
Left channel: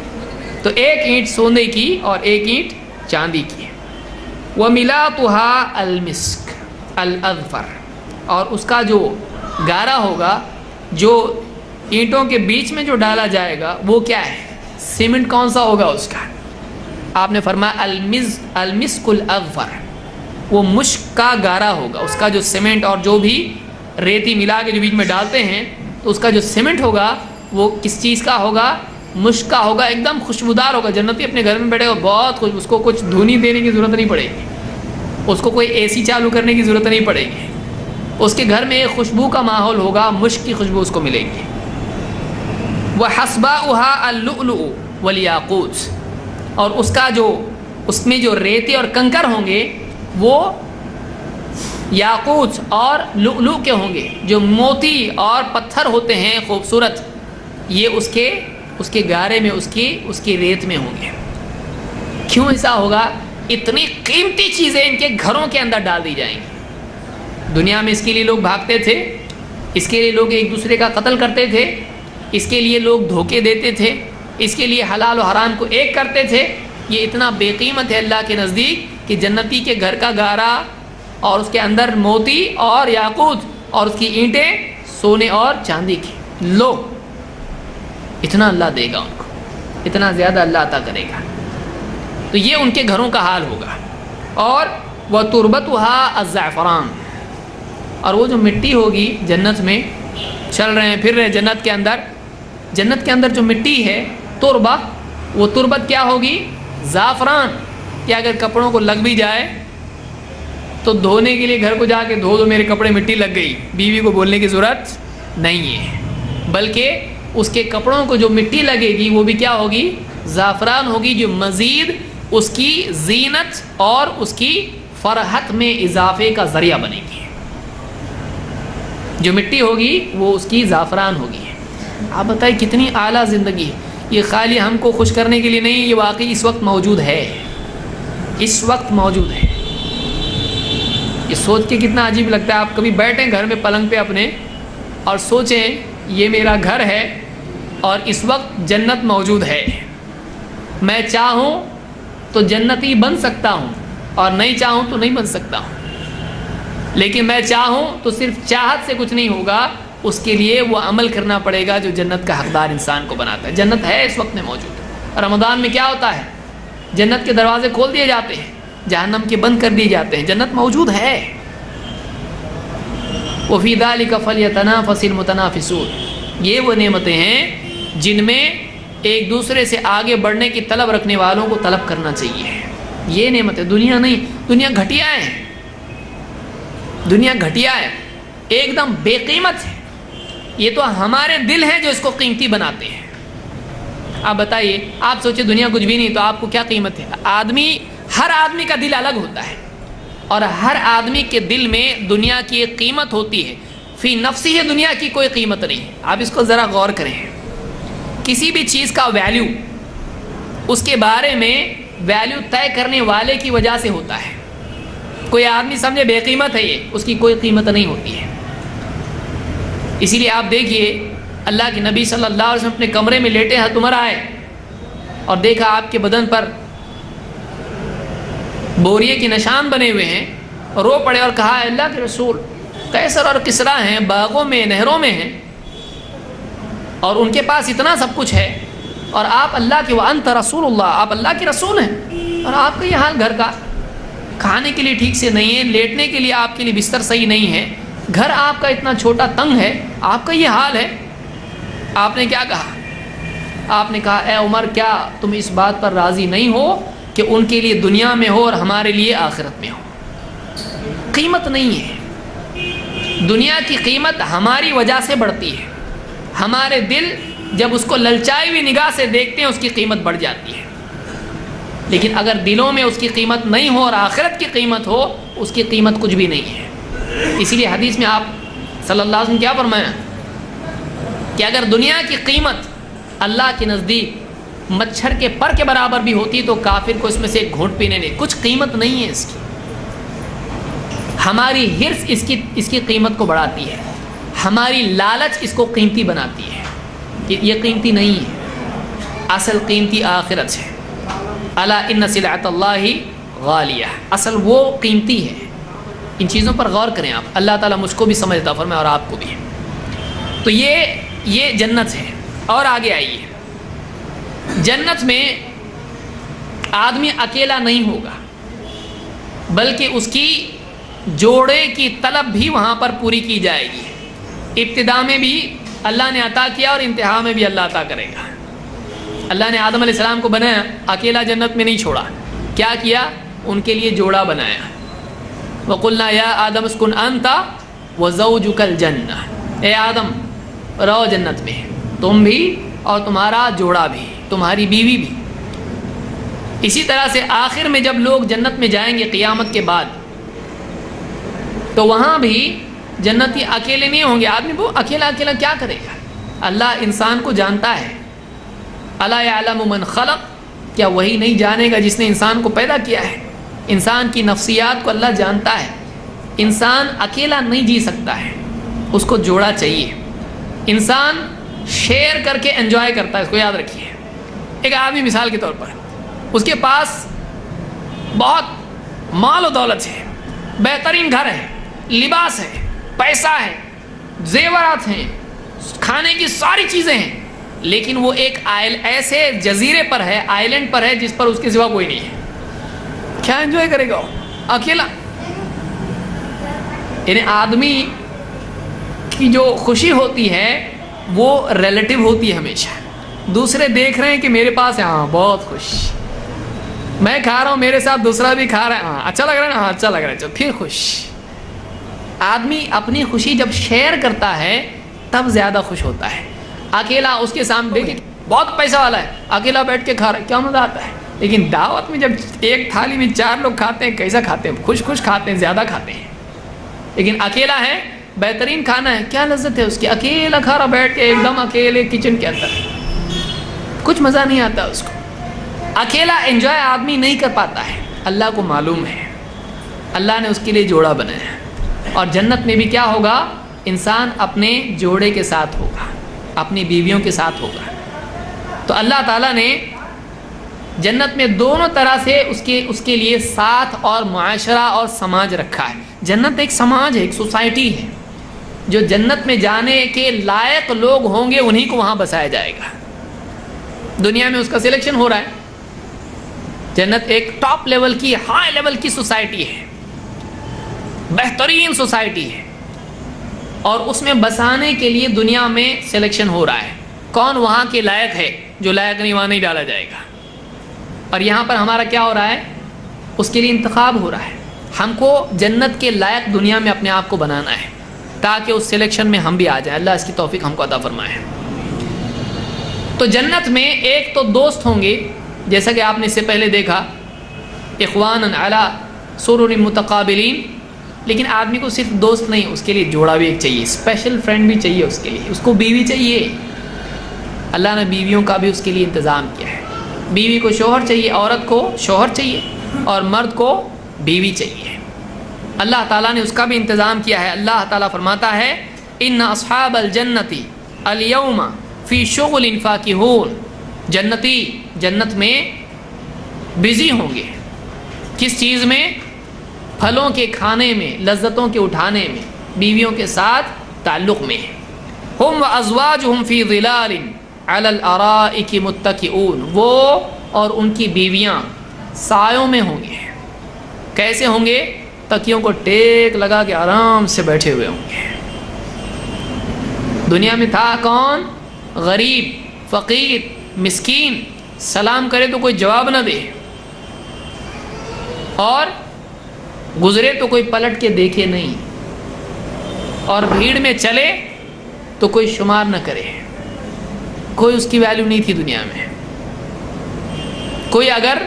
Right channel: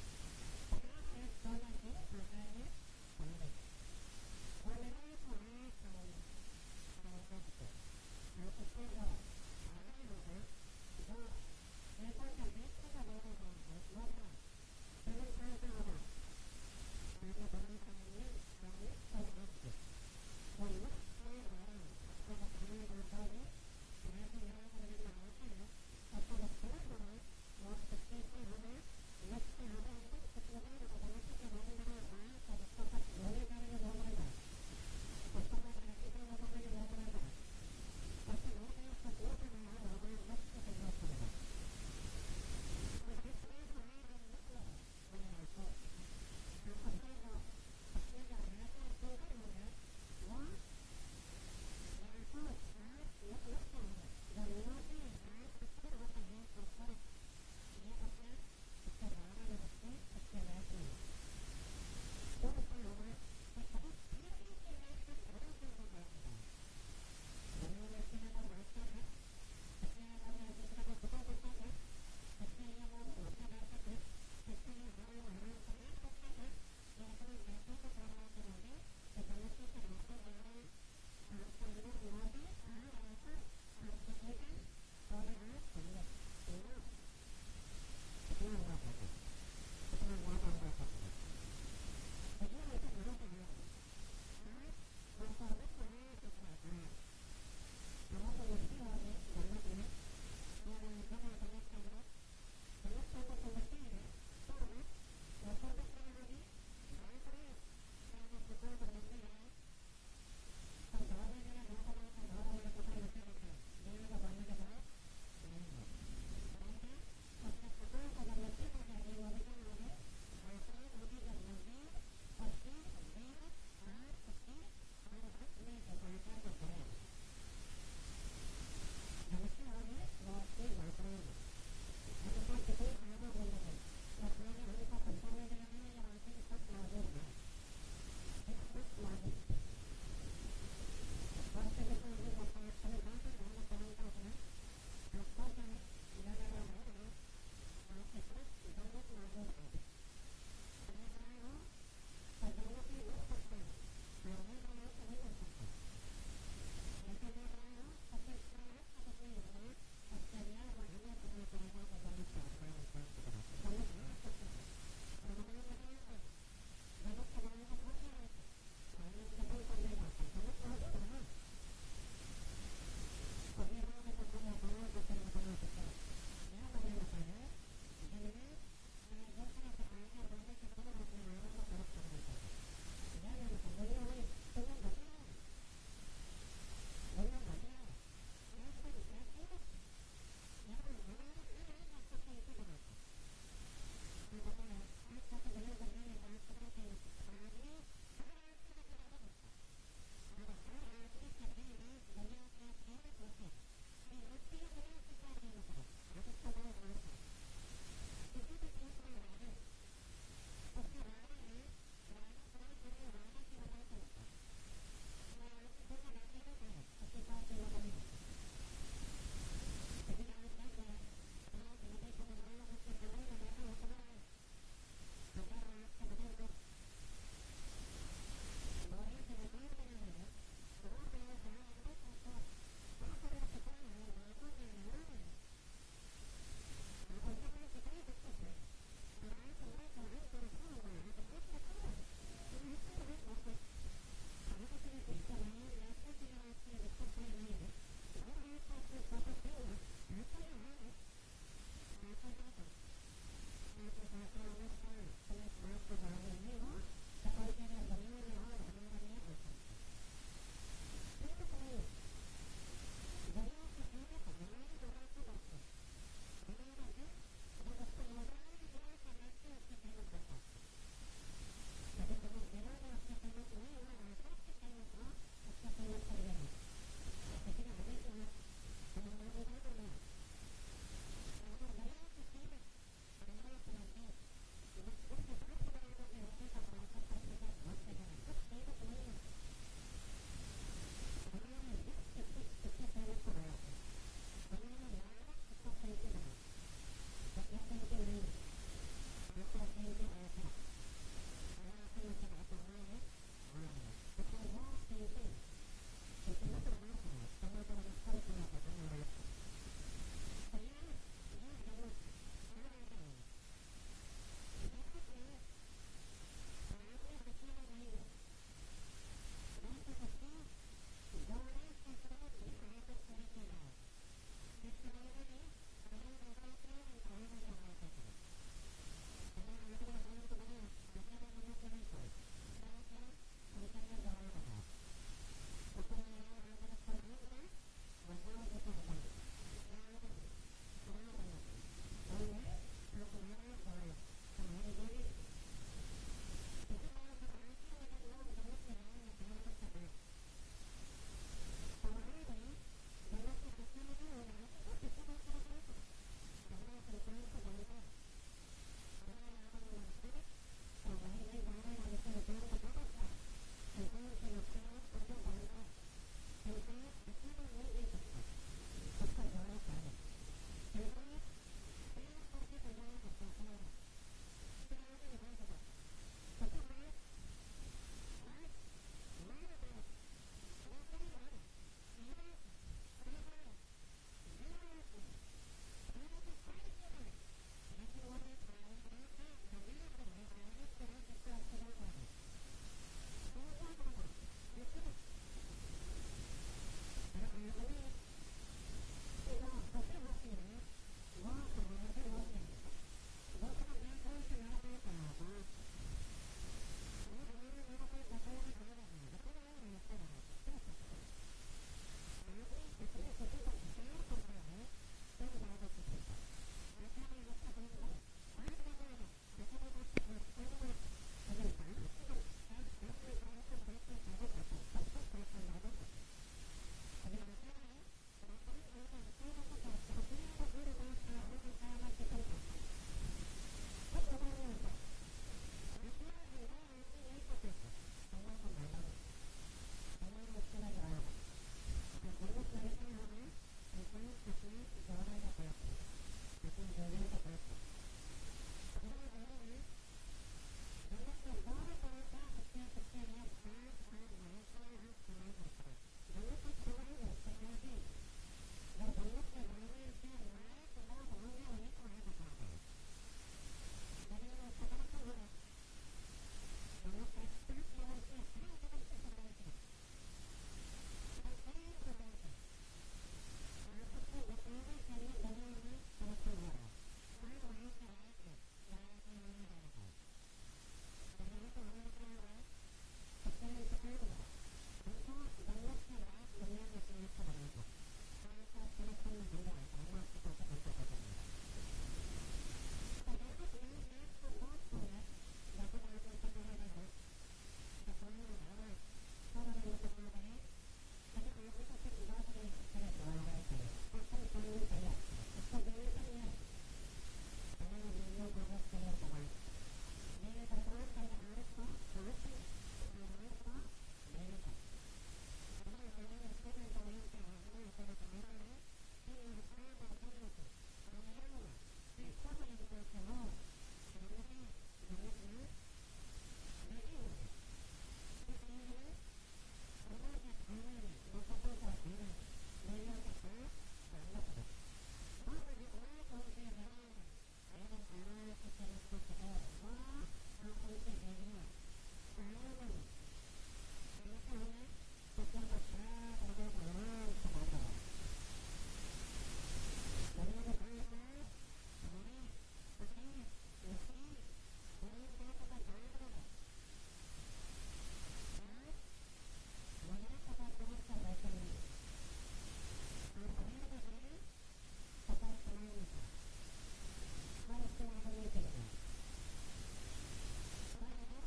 تو ایک اینٹ سونے کی اور ایک اینٹ چاندی کی۔ وَمِلَاتُهَا الْمِسْكَ الْأَظْفَرُ، اور اس کا جو گارا ہوگا، جو اینٹوں کے بیچ میں جو ڈالا جائے گا، وہ کیا ہے؟ سیمنٹ کون سا ہوگا اس کا؟ آپ نے فرمایا المسک الاظفر، وہ مشک کا گارا ہوگا، اس کا جو سیمنٹ اور جو بھی ریتی ملا کے جو بیچ میں ڈالتے ہیں، تو اس کا جو سیمنٹ ہوگا وہ کس چیز کا ہوگا؟ مشک کا ہوگا، ایک دم خوشبودار ہوگا۔ جنتی اپنے گھر میں بیٹھے گا، بہت خوش، اس کو کچھ دھونی دینے کی ضرورت نہیں پڑے گی، اس کو کوئی اے سی چالو کرنے کی ضرورت نہیں پڑے گی، اس کے گھر میں ایک خوشبو کا ماحول ہوگا، مشک کی خوشبو اس کو ملے گی۔ وَحَصْبَاؤُهَا اللُّؤْلُؤُ وَالْيَاقُوتُ، اور اس کا جو اس میں جو ریتے اور کنکر ہوں گے وہ یاقوت اور لؤلؤ کے ہوں گے، جو موتی اور پتھر ہوتے ہیں خوبصورت، یہ اس کے گارے میں، اس کی ریت میں ہوں گے۔ کیوں ایسا ہوگا؟ اتنی قیمتی چیزیں ان کے گھروں کے اندر ڈال دی جائیں گی۔ دنیا میں اس کے لیے لوگ بھاگتے تھے، اس کے لیے لوگ ایک دوسرے کا قتل کرتے تھے، اس کے لیے لوگ دھوکے دیتے تھے، اس کے لیے حلال و حرام کو ایک کرتے تھے۔ یہ اتنا بے قیمت ہے اللہ کے نزدیک کہ جنتی کے گھر کا گارا اور اس کے اندر موتی اور یاقوت اور اس کی اینٹیں سونے اور چاندی کی، لو اتنا اللہ دے گا ان کو، اتنا زیادہ اللہ عطا کرے گا۔ تو یہ ان کے گھروں کا حال ہوگا۔ اور وَتُرْبَتُهَا الزَّعْفَرَانُ، اور وہ جو مٹی ہوگی جنت میں، چل رہے ہیں پھر رہے جنت کے اندر جو مٹی ہے تربہ، وہ تربت کیا ہوگی؟ زعفران، کہ اگر کپڑوں کو لگ بھی جائے تو دھونے کے لیے گھر کو جا کے دھو دو، میرے کپڑے مٹی لگ گئی، بیوی کو بولنے کی ضرورت نہیں ہے، بلکہ اس کے کپڑوں کو جو مٹی لگے گی وہ بھی کیا ہوگی؟ زعفران ہوگی، جو مزید اس کی زینت اور اس کی فرحت میں اضافے کا ذریعہ بنے گی۔ جو مٹی ہوگی وہ اس کی زعفران ہوگی۔ آپ بتائیں کتنی اعلیٰ زندگی ہے یہ، خالی ہم کو خوش کرنے کے لیے نہیں، یہ واقعی اس وقت موجود ہے، اس وقت موجود ہے۔ یہ سوچ کے کتنا عجیب لگتا ہے۔ آپ کبھی بیٹھیں گھر میں پلنگ پہ اپنے اور سوچیں یہ میرا گھر ہے اور اس وقت جنت موجود ہے، میں چاہوں تو جنتی بن سکتا ہوں اور نہیں چاہوں تو نہیں بن سکتا ہوں، لیکن میں چاہوں تو صرف چاہت سے کچھ نہیں ہوگا، اس کے لیے وہ عمل کرنا پڑے گا جو جنت کا حقدار انسان کو بناتا ہے۔ جنت ہے اس وقت میں موجود۔ رمضان میں کیا ہوتا ہے؟ جنت کے دروازے کھول دیے جاتے ہیں، جہنم کے بند کر دیے جاتے ہیں، جنت موجود ہے۔ وَفِي ذَلِكَ فَلْيَتَنَافَسِ الْمُتَنَافِسُونَ، یہ وہ نعمتیں ہیں جن میں ایک دوسرے سے آگے بڑھنے کی طلب رکھنے والوں کو طلب کرنا چاہیے۔ یہ نعمتیں، دنیا نہیں، دنیا گھٹیا ہے، دنیا گھٹیا ہے، ایک دم بے قیمت ہے۔ یہ تو ہمارے دل ہیں جو اس کو قیمتی بناتے ہیں۔ آپ بتائیے، آپ سوچے دنیا کچھ بھی نہیں تو آپ کو کیا قیمت ہے؟ ہر آدمی کا دل الگ ہوتا ہے، اور ہر آدمی کے دل میں دنیا کی ایک قیمت ہوتی ہے۔ فی نفسی ہے، دنیا کی کوئی قیمت نہیں۔ آپ اس کو ذرا غور کریں، کسی بھی چیز کا ویلیو اس کے بارے میں ویلیو طے کرنے والے کی وجہ سے ہوتا ہے۔ کوئی آدمی سمجھے بے قیمت ہے، یہ اس کی کوئی قیمت نہیں ہوتی ہے۔ اسی لیے آپ دیکھیے، اللہ کے نبی صلی اللہ علیہ وسلم اپنے کمرے میں لیٹے ہاتھ عمر آئے اور دیکھا آپ کے بدن پر بوریے کے نشان بنے ہوئے ہیں، رو پڑے اور کہا، اے اللہ کے رسول، قیصر اور کسریٰ ہیں، باغوں میں نہروں میں ہیں، اور ان کے پاس اتنا سب کچھ ہے، اور آپ اللہ کے وَأَنْتَ رسول اللہ، آپ اللہ کے رسول ہیں، اور آپ کا یہ حال گھر کا کھانے کے لیے ٹھیک سے نہیں ہے، لیٹنے کے لیے آپ کے لیے بستر صحیح نہیں ہے، گھر آپ کا اتنا چھوٹا تنگ ہے، آپ کا یہ حال ہے۔ آپ نے کیا کہا؟ آپ نے کہا، اے عمر، کیا تم اس بات پر راضی نہیں ہو کہ ان کے لیے دنیا میں ہو اور ہمارے لیے آخرت میں ہو؟ قیمت نہیں ہے، دنیا کی قیمت ہماری وجہ سے بڑھتی ہے۔ ہمارے دل جب اس کو للچائی ہوئی نگاہ سے دیکھتے ہیں، اس کی قیمت بڑھ جاتی ہے، لیکن اگر دلوں میں اس کی قیمت نہیں ہو اور آخرت کی قیمت ہو، اس کی قیمت کچھ بھی نہیں ہے۔ اسی لیے حدیث میں آپ صلی اللہ علیہ وسلم کیا فرمایا کہ اگر دنیا کی قیمت اللہ کے نزدیک مچھر کے پر کے برابر بھی ہوتی تو کافر کو اس میں سے ایک گھونٹ پینے نہیں، کچھ قیمت نہیں ہے اس کی۔ ہماری ہرس اس کی قیمت کو بڑھاتی ہے، ہماری لالچ اس کو قیمتی بناتی ہے کہ یہ قیمتی نہیں ہے، اصل قیمتی آخرت ہے۔ الا ان سلعۃ اللہ غالیہ، اصل وہ قیمتی ہے۔ ان چیزوں پر غور کریں آپ، اللہ تعالیٰ مجھ کو بھی سمجھ عطا فرمائے اور آپ کو بھی۔ تو یہ جنت ہے۔ اور آگے آئیے، جنت میں آدمی اکیلا نہیں ہوگا، بلکہ اس کی جوڑے کی طلب بھی وہاں پر پوری کی جائے گی۔ ابتدا میں بھی اللہ نے عطا کیا اور انتہا میں بھی اللہ عطا کرے گا۔ اللہ نے آدم علیہ السلام کو بنایا، اکیلا جنت میں نہیں چھوڑا، کیا کیا؟ ان کے لیے جوڑا بنایا۔ وَقُلْنَا يَا آدَمُ اسْكُنْ أَنْتَ وَزَوْجُكَ الْجَنَّةَ، اے آدم رہو جنت میں، تم بھی اور تمہارا جوڑا بھی، تمہاری بیوی بھی۔ اسی طرح سے آخر میں جب لوگ جنت میں جائیں گے قیامت کے بعد، تو وہاں بھی جنتی اکیلے نہیں ہوں گے۔ آدمی وہ اکیلا کیا کرے گا؟ اللہ انسان کو جانتا ہے۔ الا یعلم من خلق، کیا وہی نہیں جانے گا جس نے انسان کو پیدا کیا ہے؟ انسان کی نفسیات کو اللہ جانتا ہے۔ انسان اکیلا نہیں جی سکتا ہے، اس کو جوڑا چاہیے۔ انسان شیئر کر کے انجوائے کرتا ہے، اس کو یاد رکھیے۔ ایک آدمی مثال کے طور پر، اس کے پاس بہت مال و دولت ہے، بہترین گھر ہے، لباس ہے، پیسہ ہے، زیورات ہیں، کھانے کی ساری چیزیں ہیں، لیکن وہ ایک ایسے جزیرے پر ہے، آئیلینڈ پر ہے جس پر اس کے سوا کوئی نہیں ہے۔ کیا انجوائے کرے گا وہ اکیلا؟ یعنی آدمی کی جو خوشی ہوتی ہے وہ ریلیٹو ہوتی ہے ہمیشہ۔ دوسرے دیکھ رہے ہیں کہ میرے پاس ہے، ہاں بہت خوش، میں کھا رہا ہوں، میرے ساتھ دوسرا بھی کھا رہا ہے، ہاں اچھا لگ رہا ہے نا، ہاں اچھا لگ رہا ہے، چل پھر خوش۔ آدمی اپنی خوشی جب شیئر کرتا ہے تب زیادہ خوش ہوتا ہے۔ اکیلا اس کے سامنے دیکھیں بہت پیسہ والا ہے، اکیلا بیٹھ کے کھا رہا ہے، کیا مزہ آتا ہے؟ لیکن دعوت میں جب ایک تھالی میں 4 لوگ کھاتے ہیں، کیسا کھاتے ہیں؟ خوش کھاتے ہیں، زیادہ کھاتے ہیں۔ لیکن اکیلا ہے، بہترین کھانا ہے، کیا لذت ہے اس کی؟ اکیلا کھا رہا بیٹھ کے، ایک دم اکیلے کچن کے اندر، کچھ مزہ نہیں آتا اس کو۔ اکیلا انجوائے آدمی نہیں کر پاتا ہے، اللہ کو معلوم ہے، اللہ نے اس کے لیے جوڑا بنایا۔ اور جنت میں بھی کیا ہوگا؟ انسان اپنے جوڑے کے ساتھ ہوگا، اپنی بیویوں کے ساتھ ہوگا۔ تو اللہ تعالیٰ نے جنت میں دونوں طرح سے اس کے لیے ساتھ اور معاشرہ اور سماج رکھا ہے. جنت ایک سماج ہے, ایک سوسائٹی ہے. جو جنت میں جانے کے لائق لوگ ہوں گے انہی کو وہاں بسایا جائے گا. دنیا میں اس کا سلیکشن ہو رہا ہے. جنت ایک ٹاپ لیول کی, ہائی لیول کی سوسائٹی ہے, بہترین سوسائٹی ہے, اور اس میں بسانے کے لیے دنیا میں سلیکشن ہو رہا ہے. کون وہاں کے لائق ہے, جو لائق نہیں وہاں نہیں ڈالا جائے گا. اور یہاں پر ہمارا کیا ہو رہا ہے, اس کے لیے انتخاب ہو رہا ہے. ہم کو جنت کے لائق دنیا میں اپنے آپ کو بنانا ہے تاکہ اس سلیکشن میں ہم بھی آ جائیں. اللہ اس کی توفیق ہم کو عطا فرمائے. تو جنت میں ایک تو دوست ہوں گے, جیسا کہ آپ نے اس سے پہلے دیکھا, اخوانا علی سرر متقابلین. لیکن آدمی کو صرف دوست نہیں, اس کے لیے جوڑا بھی ایک چاہیے, اسپیشل فرینڈ بھی چاہیے اس کے لیے. اس کو بیوی چاہیے. اللہ نے بیویوں کا بھی اس کے لیے انتظام کیا ہے. بیوی کو شوہر چاہیے, عورت کو شوہر چاہیے, اور مرد کو بیوی چاہیے. اللہ تعالیٰ نے اس کا بھی انتظام کیا ہے. اللہ تعالیٰ فرماتا ہے ان اصحاب الجنت الیوم فی شغل فاکہون. جنتی جنت میں بزی ہوں گے. کس چیز میں؟ پھلوں کے کھانے میں, لذتوں کے اٹھانے میں, بیویوں کے ساتھ تعلق میں. ہم وازواجہم فی ظلال علی الارائک متکئون. وہ اور ان کی بیویاں سایوں میں ہوں گے. کیسے ہوں گے؟ تکیوں کو ٹیک لگا کے آرام سے بیٹھے ہوئے ہوں گے. دنیا میں تھا کون؟ غریب, فقیر, مسکین, سلام کرے تو کوئی جواب نہ دے, اور گزرے تو کوئی پلٹ کے دیکھے نہیں, اور بھیڑ میں چلے تو کوئی شمار نہ کرے. کوئی اس کی ویلیو نہیں تھی دنیا میں. کوئی اگر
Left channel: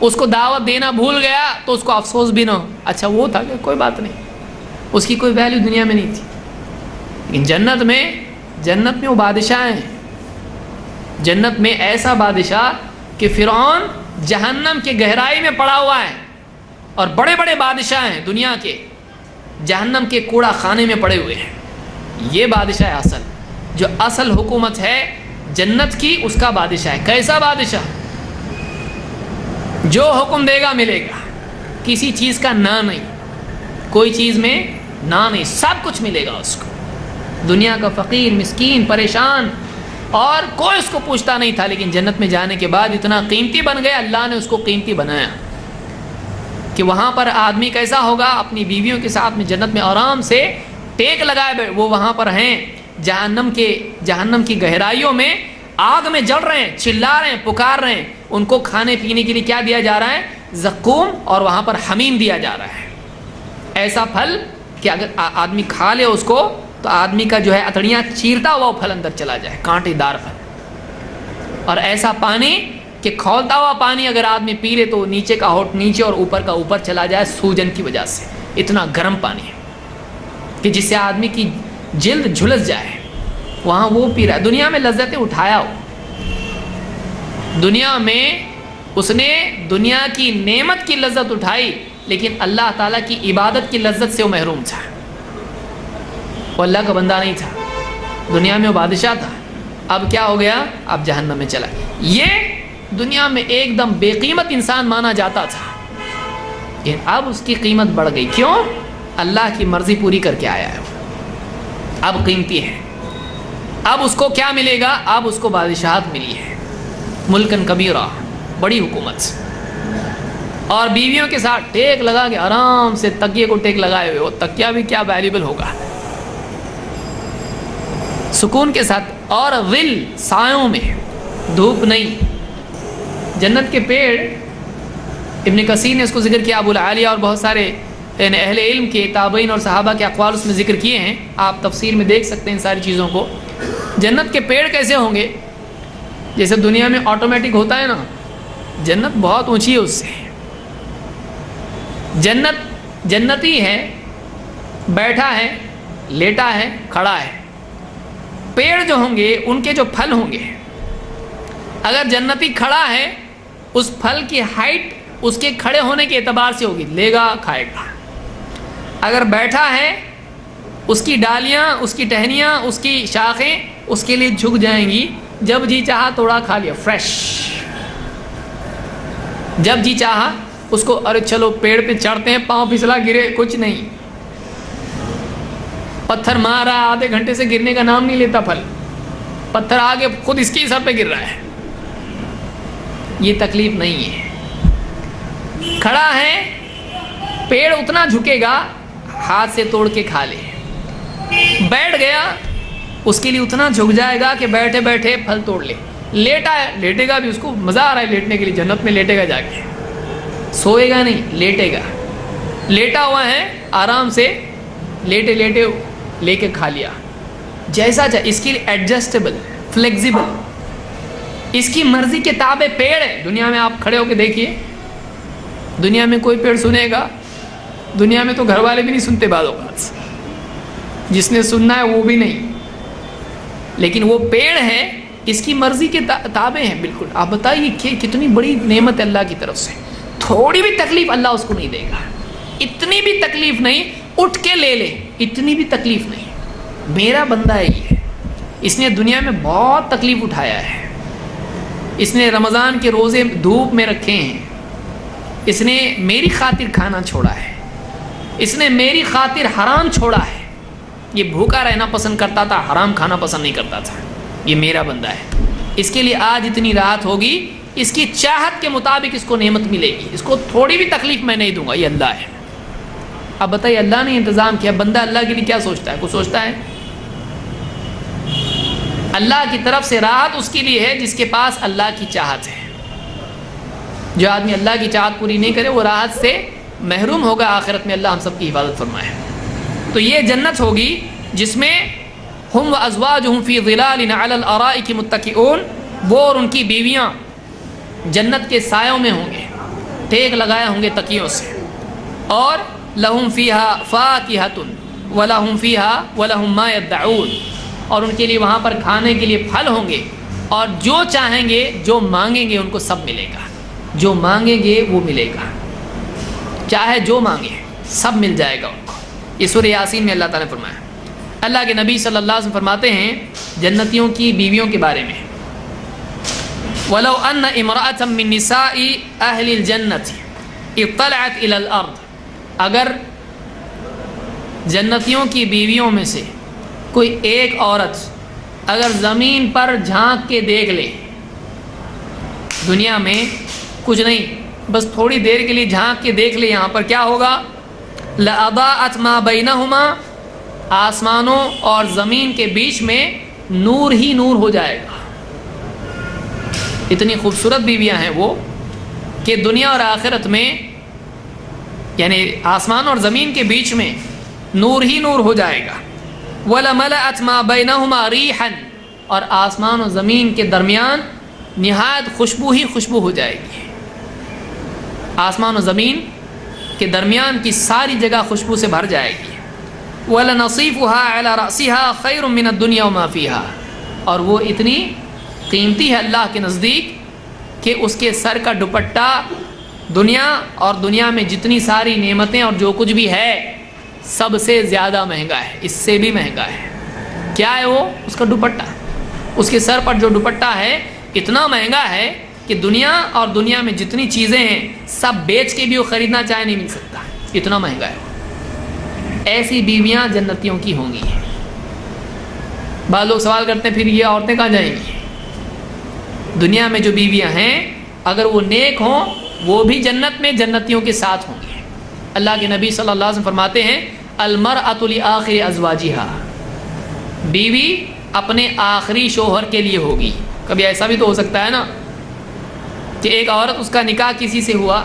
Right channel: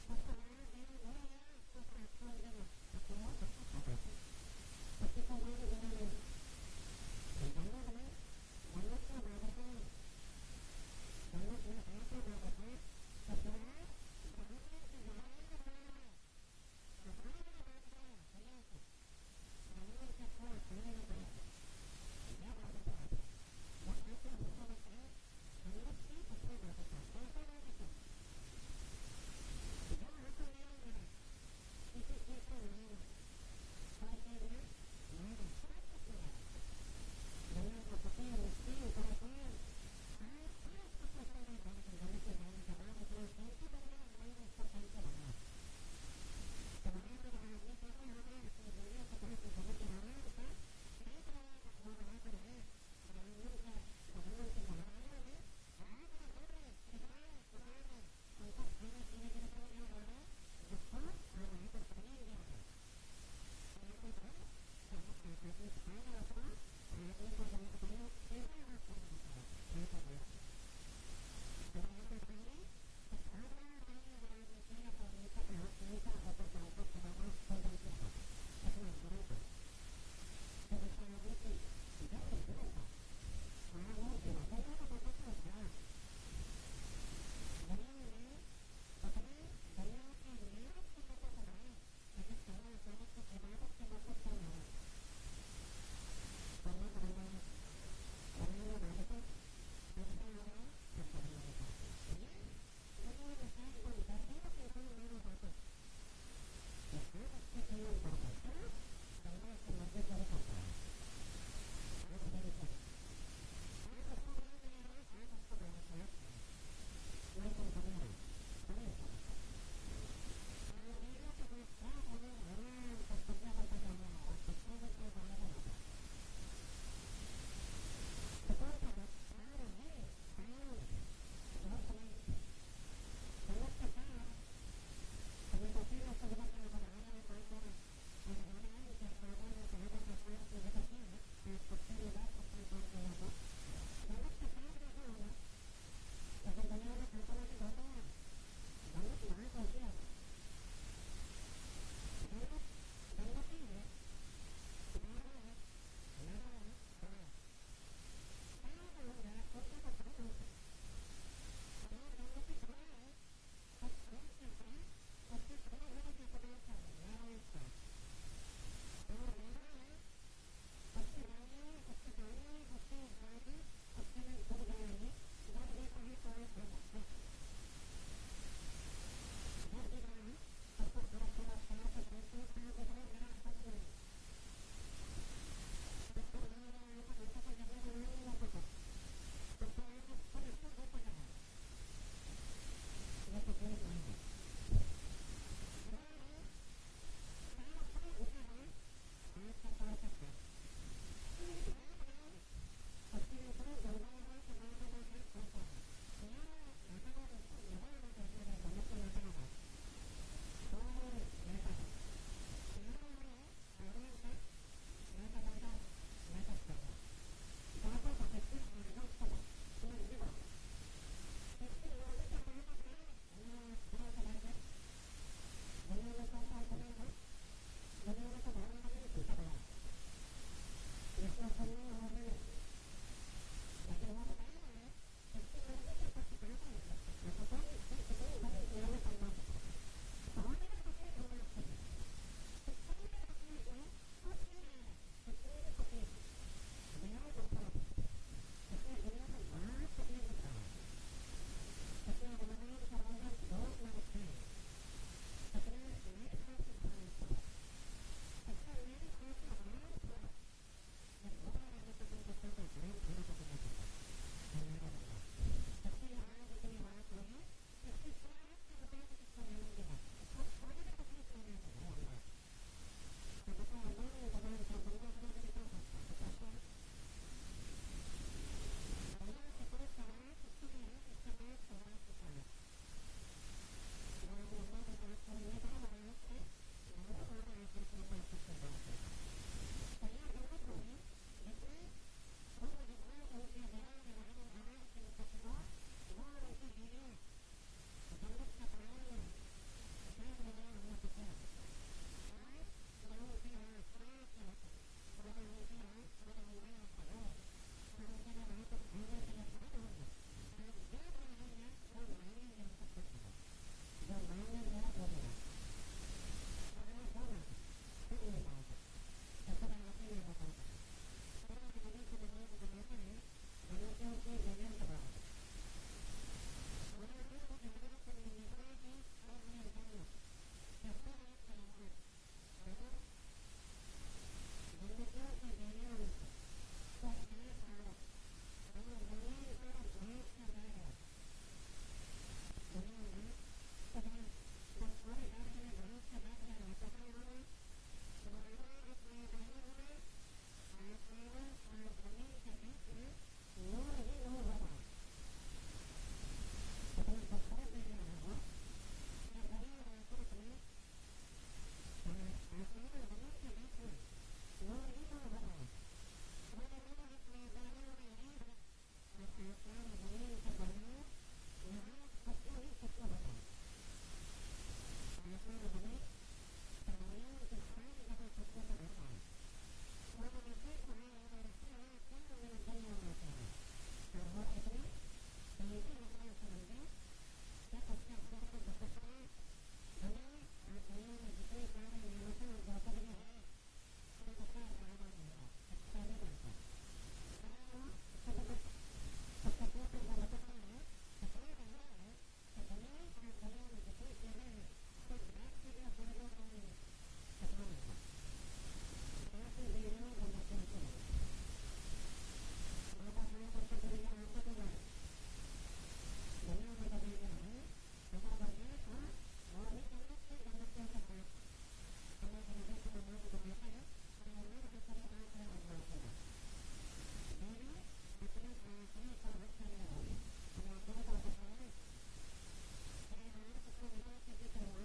اس کو دعوت دینا بھول گیا تو اس کو افسوس بھی نہ ہو, اچھا وہ تھا کہ کوئی بات نہیں, اس کی کوئی ویلیو دنیا میں نہیں تھی. لیکن جنت میں وہ بادشاہ ہیں. جنت میں ایسا بادشاہ کہ فرعون جہنم کے گہرائی میں پڑا ہوا ہے, اور بڑے بڑے بادشاہ ہیں دنیا کے جہنم کے کوڑا خانے میں پڑے ہوئے ہیں. یہ بادشاہ ہے اصل, جو اصل حکومت ہے جنت کی, اس کا بادشاہ ہے. کیسا بادشاہ؟ جو حکم دے گا ملے گا, کسی چیز کا نہ نہیں, کوئی چیز میں نہ نہیں, سب کچھ ملے گا اس کو. دنیا کا فقیر, مسکین, پریشان, اور کوئی اس کو پوچھتا نہیں تھا. لیکن جنت میں جانے کے بعد اتنا قیمتی بن گیا, اللہ نے اس کو قیمتی بنایا کہ وہاں پر آدمی کیسا ہوگا, اپنی بیویوں کے ساتھ میں جنت میں آرام سے ٹیک لگائے. وہ وہاں پر ہیں جہنم کی گہرائیوں میں, آگ میں جل رہے ہیں, چلا رہے ہیں, پکار رہے ہیں. ان کو کھانے پینے کے لیے کیا دیا جا رہا ہے؟ زقوم, اور وہاں پر حمیم دیا جا رہا ہے. ایسا پھل کہ اگر آدمی کھا لے اس کو تو آدمی کا جو ہے اتڑیاں چیرتا ہوا پھل اندر چلا جائے, کانٹے دار پھل. اور ایسا پانی کہ کھولتا ہوا پانی اگر آدمی پی لے تو نیچے کا ہوٹ نیچے اور اوپر کا اوپر چلا جائے سوجن کی وجہ سے. اتنا گرم پانی ہے کہ جس سے آدمی کی جلد جھلس جائے. وہاں وہ پی رہا ہے. دنیا میں لذتیں اٹھایا ہو, دنیا میں اس نے دنیا کی نعمت کی لذت اٹھائی, لیکن اللہ تعالیٰ کی عبادت کی لذت سے وہ محروم تھا. وہ اللہ کا بندہ نہیں تھا. دنیا میں وہ بادشاہ تھا, اب کیا ہو گیا؟ اب جہنم میں چلا. یہ دنیا میں ایک دم بے قیمت انسان مانا جاتا تھا, لیکن اب اس کی قیمت بڑھ گئی. کیوں؟ اللہ کی مرضی پوری کر کے آیا ہے, اب قیمتی ہے. اب اس کو کیا ملے گا؟ اب اس کو بادشاہت ملی ہے, ملکن کبیرہ, بڑی حکومت, اور بیویوں کے ساتھ ٹیک لگا کے آرام سے تکیے کو ٹیک لگائے ہوئے. وہ تکیہ بھی کیا ویلیبل ہوگا, سکون کے ساتھ, اور ظل, سایوں میں, دھوپ نہیں. جنت کے پیڑ, ابن کثیر نے اس کو ذکر کیا, ابو العالیہ اور بہت سارے اہل علم کے تابعین اور صحابہ کے اقوال اس میں ذکر کیے ہیں. آپ تفسیر میں دیکھ سکتے ہیں ان ساری چیزوں کو. جنت کے پیڑ کیسے ہوں گے؟ جیسے دنیا میں آٹومیٹک ہوتا ہے نا, جنت بہت اونچی ہے اس سے. جنتی ہے, بیٹھا ہے, لیٹا ہے, کھڑا ہے. پیڑ جو ہوں گے ان کے جو پھل ہوں گے, اگر جنتی کھڑا ہے اس پھل کی ہائٹ اس کے کھڑے ہونے کے اعتبار سے ہوگی, لے گا, کھائے گا. اگر بیٹھا ہے اس کی ڈالیاں, اس کی ٹہنیاں, اس کی شاخیں اس کے لیے جھک جائیں گی, جب جی چاہا توڑا کھا لیا, فریش. جب جی چاہا اس کو ارے چلو پیڑ پہ چڑھتے ہیں، پاؤں پھسلا گرے، کچھ نہیں، پتھر مارا آدھے گھنٹے سے گرنے کا نام نہیں لیتا پھل، پتھر آگے خود اس کی سر پہ گر رہا ہے. یہ تکلیف نہیں ہے. کھڑا ہے، پیڑ اتنا جھکے گا ہاتھ سے توڑ کے کھا لے. بیٹھ گیا، اس کے لیے اتنا جھک جائے گا کہ بیٹھے بیٹھے پھل توڑ لے. لیٹا ہے، لیٹے گا بھی، اس کو مزہ آ رہا ہے لیٹنے کے لیے، جنت میں لیٹے گا جا کے. سوئے گا نہیں، لیٹے گا. لیٹا ہوا ہے، آرام سے لیٹے لیٹے لے کے کھا لیا. جیسا چاہے، اس کے لیے ایڈجسٹیبل، فلیکزیبل، اس کی مرضی کے تابع پیڑ ہے. دنیا میں آپ کھڑے ہو کے دیکھیے، دنیا میں کوئی پیڑ سنے گا؟ دنیا میں تو گھر والے بھی نہیں سنتے بعض اوقات، جس نے سننا ہے وہ بھی نہیں. لیکن وہ پیڑ ہے، اس کی مرضی کے تابع ہے بالکل. آپ بتائیے کہ کتنی بڑی نعمت ہے اللہ کی طرف سے. تھوڑی بھی تکلیف اللہ اس کو نہیں دے گا، اتنی بھی تکلیف نہیں، اٹھ کے لے لے، اتنی بھی تکلیف نہیں. میرا بندہ ہے یہ، اس نے دنیا میں بہت تکلیف اٹھایا ہے. اس نے رمضان کے روزے دھوپ میں رکھے ہیں، اس نے میری خاطر کھانا چھوڑا ہے، اس نے میری خاطر حرام چھوڑا ہے. یہ بھوکا رہنا پسند کرتا تھا، حرام کھانا پسند نہیں کرتا تھا. یہ میرا بندہ ہے. اس کے لیے آج اتنی راحت ہوگی، اس کی چاہت کے مطابق اس کو نعمت ملے گی. اس کو تھوڑی بھی تکلیف میں نہیں دوں گا. یہ اللہ ہے. اب بتائیے، اللہ نے انتظام کیا، بندہ اللہ کے لیے کیا سوچتا ہے؟ کچھ سوچتا ہے؟ اللہ کی طرف سے راحت اس کے لیے ہے جس کے پاس اللہ کی چاہت ہے. جو آدمی اللہ کی چاہت پوری نہیں کرے وہ راحت سے محروم ہوگا آخرت میں. اللہ ہم سب کی حفاظت فرمائے. تو یہ جنت ہوگی جس میں ہم وازواجہم فی ظلال علی الارائک متکئون، وہ اور ان کی بیویاں جنت کے سایوں میں ہوں گے، ٹیک لگائے ہوں گے تکیوں سے. اور لہم فیہا فاکہۃ ولہم فیہا ولہم ما یدعون، اور ان کے لیے وہاں پر کھانے کے لیے پھل ہوں گے، اور جو چاہیں گے، جو مانگیں گے ان کو سب ملے گا. جو مانگیں گے وہ ملے گا، چاہے جو مانگے سب مل جائے گا ان کو. یہ سورہ یاسین میں اللہ تعالیٰ نے فرمایا. اللہ کے نبی صلی اللہ علیہ وسلم فرماتے ہیں جنتیوں کی بیویوں کے بارے میں، وَلَوْ أَنَّ امْرَأَةً مِّن نِّسَاءِ أَهْلِ الْجَنَّةِ اطَّلَعَتْ إِلَى الْأَرْضِ، اگر جنتیوں کی بیویوں میں سے کوئی ایک عورت اگر زمین پر جھانک کے دیکھ لے، دنیا میں کچھ نہیں، بس تھوڑی دیر کے لیے جھانک کے دیکھ لے، یہاں پر کیا ہوگا؟ لَأَضَاءَتْ مَا بَيْنَهُمَا، آسمانوں اور زمین کے بیچ میں نور ہی نور ہو جائے گا. اتنی خوبصورت بیویاں ہیں وہ کہ دنیا اور آخرت میں، یعنی آسمان اور زمین کے بیچ میں نور ہی نور ہو جائے گا. وَلَمَلَأَتْ مَا بَيْنَهُمَا رِيحًا، اور آسمان اور زمین کے درمیان نہایت خوشبو ہی خوشبو ہو جائے گی. آسمان و زمین کے درمیان کی ساری جگہ خوشبو سے بھر جائے گی. وَلَنَصِيفُهَا عَلَى رَأْسِهَا خَيْرٌ مِّنَ الدُّنْيَا وَمَا فِيهَا، اور وہ اتنی قیمتی ہے اللہ کے نزدیک کہ اس کے سر کا دوپٹہ دنیا اور دنیا میں جتنی ساری نعمتیں اور جو کچھ بھی ہے سب سے زیادہ مہنگا ہے، اس سے بھی مہنگا ہے. کیا ہے وہ؟ اس کا دوپٹہ. اس کے سر پر جو دوپٹہ ہے اتنا مہنگا ہے کہ دنیا اور دنیا میں جتنی چیزیں ہیں سب بیچ کے بھی وہ خریدنا چاہے نہیں مل سکتا، اتنا مہنگا ہے. ایسی بیویاں جنتیوں کی ہوں گی. بعض لوگ سوال کرتے ہیں پھر یہ عورتیں کہاں جائیں گی؟ دنیا میں جو بیویاں ہیں اگر وہ نیک ہوں وہ بھی جنت میں جنتیوں کے ساتھ ہوں گی. اللہ کے نبی صلی اللہ علیہ وسلم فرماتے ہیں المرأۃ لآخر ازواجها، بیوی اپنے آخری شوہر کے لیے ہوگی. کبھی ایسا بھی تو ہو سکتا ہے نا کہ ایک عورت، اس کا نکاح کسی سے ہوا،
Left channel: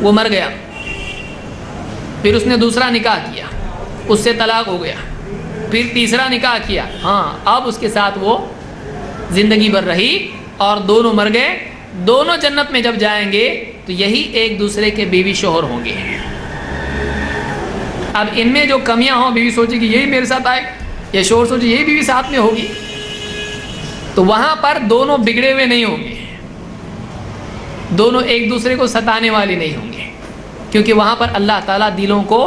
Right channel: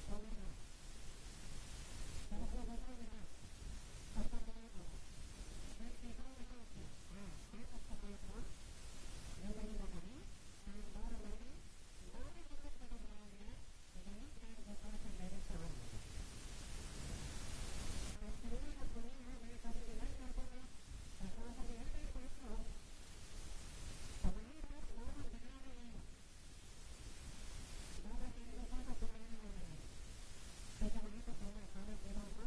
وہ مر گیا، پھر اس نے دوسرا نکاح کیا، اس سے طلاق ہو گیا، پھر تیسرا نکاح کیا، ہاں اب اس کے ساتھ وہ زندگی بھر رہی اور دونوں مر گئے. دونوں جنت میں جب جائیں گے تو یہی ایک دوسرے کے بیوی شوہر ہوں گے. اب ان میں جو کمیاں ہوں، بیوی سوچے کہ یہی میرے ساتھ آئے، یا شوہر سوچے یہی بیوی ساتھ میں ہوگی، تو وہاں پر دونوں بگڑے ہوئے نہیں ہوں گے، دونوں ایک دوسرے کو ستانے والے نہیں ہوں گے، کیونکہ وہاں پر اللہ تعالیٰ دلوں کو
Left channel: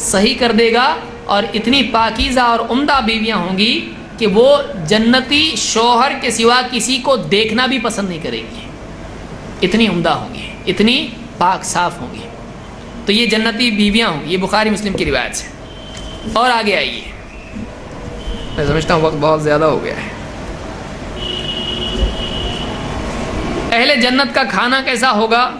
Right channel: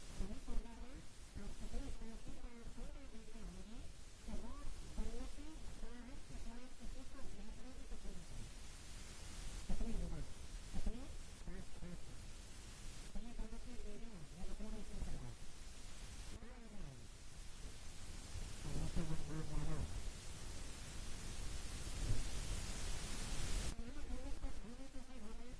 صحیح کر دے گا. اور اتنی پاکیزہ اور عمدہ بیویاں ہوں گی کہ وہ جنتی شوہر کے سوا کسی کو دیکھنا بھی پسند نہیں کرے گی، اتنی عمدہ ہوں گی. اتنی پاک صاف ہوں گی. تو یہ جنتی بیویاں ہوں گی. یہ بخاری مسلم کی روایت ہے. اور آگے آئیے, میں سمجھتا ہوں وقت بہت زیادہ ہو گیا ہے. اہل جنت کا کھانا کیسا ہوگا؟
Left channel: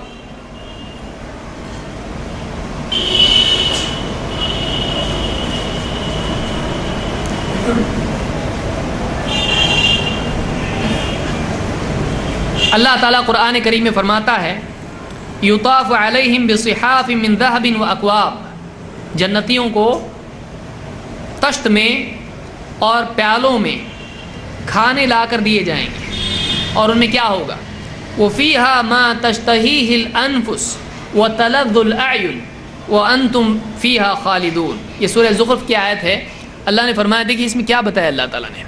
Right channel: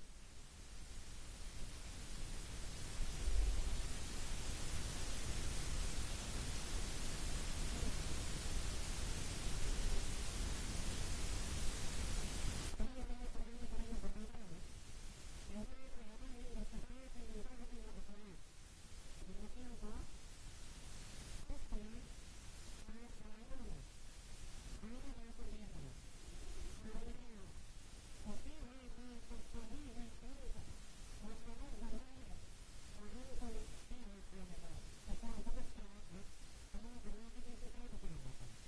اللہ تعالیٰ قرآن کریم میں فرماتا ہے یطاف علیہم بصحاف من ذہب واکواب. جنتیوں کو طشت میں اور پیالوں میں کھانے لا کر دیے جائیں گے, اور ان میں کیا ہوگا؟ وفیہا ما تشتہیہ الانفس وتلذ الاعین وانتم فیہا خالدون. یہ سورہ زخرف کی آیت ہے. اللہ نے فرمایا, دیکھیے اس میں کیا بتایا اللہ تعالیٰ نے,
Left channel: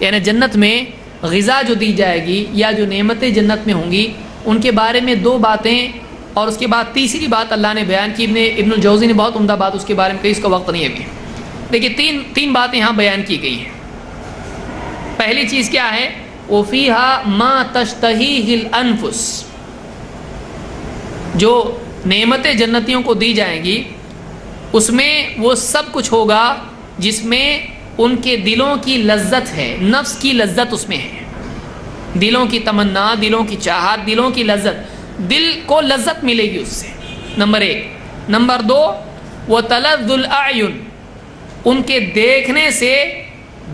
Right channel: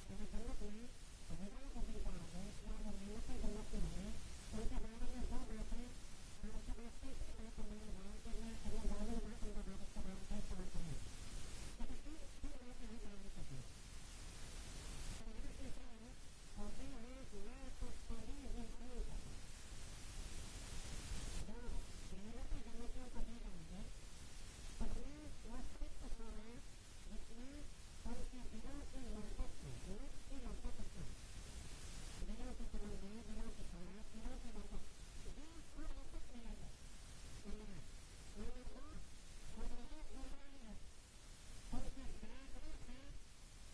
یعنی جنت میں غذا جو دی جائے گی یا جو نعمتیں جنت میں ہوں گی ان کے بارے میں دو باتیں, اور اس کے بعد تیسری بات اللہ نے بیان کی. ابن الجوزی نے بہت عمدہ بات اس کے بارے میں کہی, اس کا وقت نہیں ہے ابھی. دیکھیے تین باتیں یہاں بیان کی گئی ہیں. پہلی چیز کیا ہے؟ وَفِيهَا مَا تَشْتَهِيهِ الْأَنفُسُ. جو نعمتیں جنتیوں کو دی جائیں گی اس میں وہ سب کچھ ہوگا جس میں ان کے دلوں کی لذت ہے, نفس کی لذت اس میں ہے. دلوں کی تمنا, دلوں کی چاہت, دلوں کی لذت, دل کو لذت ملے گی اس سے. نمبر 1. نمبر 2, وَتَلَذُّ الْأَعْيُنِ. ان کے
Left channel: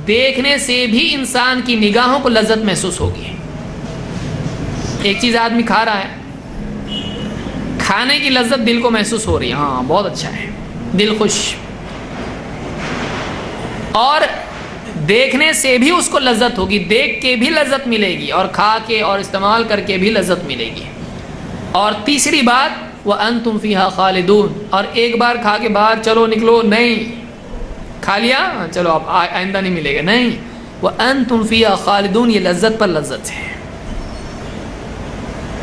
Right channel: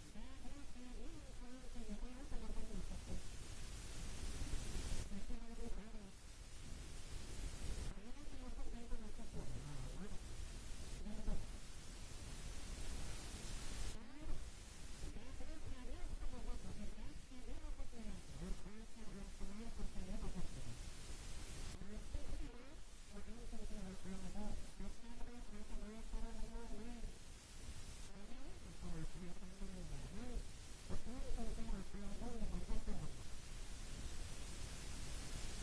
دیکھنے سے بھی انسان کی نگاہوں کو لذت محسوس ہوگی. ایک چیز آدمی کھا رہا ہے, کھانے کی لذت دل کو محسوس ہو رہی ہے, ہاں بہت اچھا ہے, دل خوش. اور دیکھنے سے بھی اس کو لذت ہوگی, دیکھ کے بھی لذت ملے گی, اور کھا کے اور استعمال کر کے بھی لذت ملے گی. اور تیسری بات, وَأَنْتُمْ فِيهَا خَالِدُونَ. اور ایک بار کھا کے باہر چلو نکلو نہیں, کھا لیا چلو اب آئندہ نہیں ملے گا, نہیں. وَأَنْتُمْ فِيهَا خَالِدُونَ. یہ لذت پر لذت ہے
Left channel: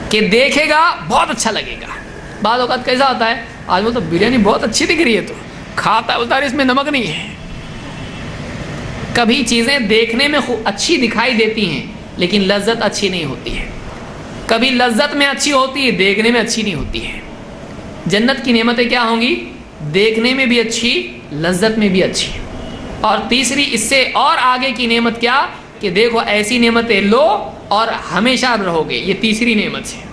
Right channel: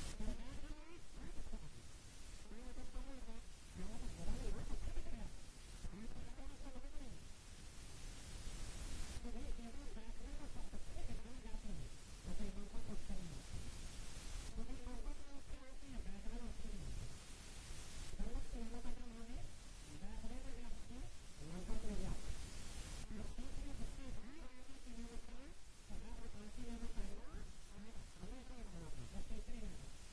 کہ دیکھے گا بہت اچھا لگے گا. بعض اوقات کیسا ہوتا ہے, آج وہ تو بریانی بہت اچھی دکھ رہی ہے, تو کھاتا ہے بتا رہے اس میں نمک نہیں ہے. کبھی چیزیں دیکھنے میں اچھی دکھائی دیتی ہیں لیکن لذت اچھی نہیں ہوتی ہے. کبھی لذت میں اچھی ہوتی ہے, دیکھنے میں اچھی نہیں ہوتی ہے. جنت کی نعمتیں کیا ہوں گی؟ دیکھنے میں بھی اچھی, لذت میں بھی اچھی. اور تیسری اس سے اور آگے کی نعمت کیا کہ دیکھو ایسی نعمتیں لو اور ہمیشہ رہو گے. یہ تیسری نعمت ہے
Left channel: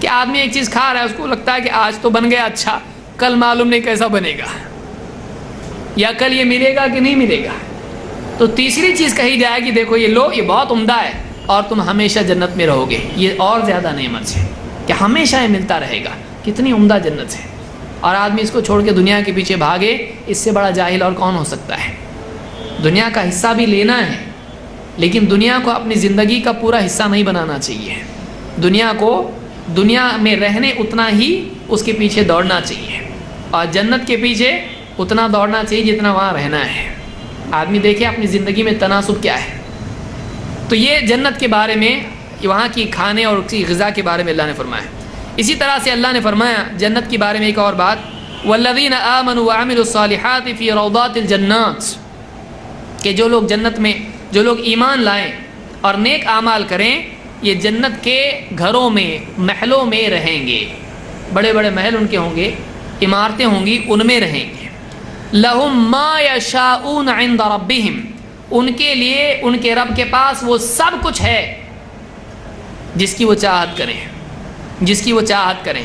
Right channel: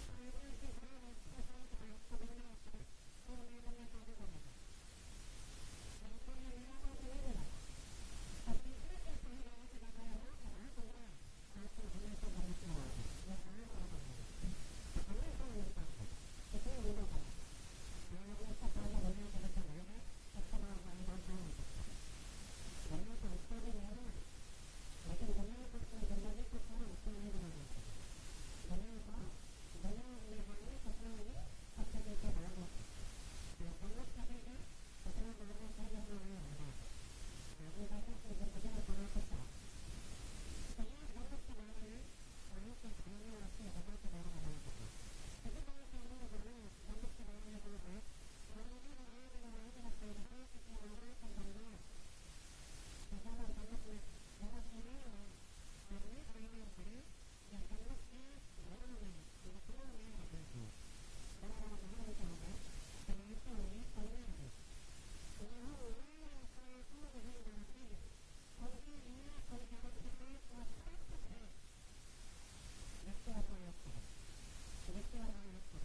کہ آدمی ایک چیز کھا رہا ہے, اس کو لگتا ہے کہ آج تو بن گیا اچھا, کل معلوم نہیں کیسا بنے گا, یا کل یہ ملے گا کہ نہیں ملے گا. تو تیسری چیز کہی جائے کہ دیکھو یہ لو, یہ بہت عمدہ ہے اور تم ہمیشہ جنت میں رہو گے. یہ اور زیادہ نعمت ہے کہ ہمیشہ یہ ملتا رہے گا. کتنی عمدہ جنت ہے, اور آدمی اس کو چھوڑ کے دنیا کے پیچھے بھاگے, اس سے بڑا جاہل اور کون ہو سکتا ہے. دنیا کا حصہ بھی لینا ہے لیکن دنیا کو اپنی زندگی کا پورا حصہ نہیں بنانا چاہیے. دنیا کو دنیا میں رہنے اتنا ہی اس کے پیچھے دوڑنا چاہیے, اور جنت کے پیچھے اتنا دوڑنا چاہیے جتنا وہاں رہنا ہے. آدمی دیکھے اپنی زندگی میں تناسب کیا ہے. تو یہ جنت کے بارے میں, وہاں کی کھانے اور اس کی غذا کے بارے میں اللہ نے فرمایا. اسی طرح سے اللہ نے فرمایا جنت کے بارے میں ایک اور بات, والذین آمنوا وعملوا الصالحات فی روضات الجنات. کہ جو لوگ جنت میں, جو لوگ ایمان لائیں اور نیک اعمال کریں, یہ جنت کے گھروں میں, محلوں میں رہیں گے. بڑے بڑے محل ان کے ہوں گے, عمارتیں ہوں گی, ان میں رہیں گے. لہم ما یشاؤون عند ربہم. ان کے لیے ان کے رب کے پاس وہ سب کچھ ہے جس کی وہ چاہت کریں, جس کی وہ چاہت کریں.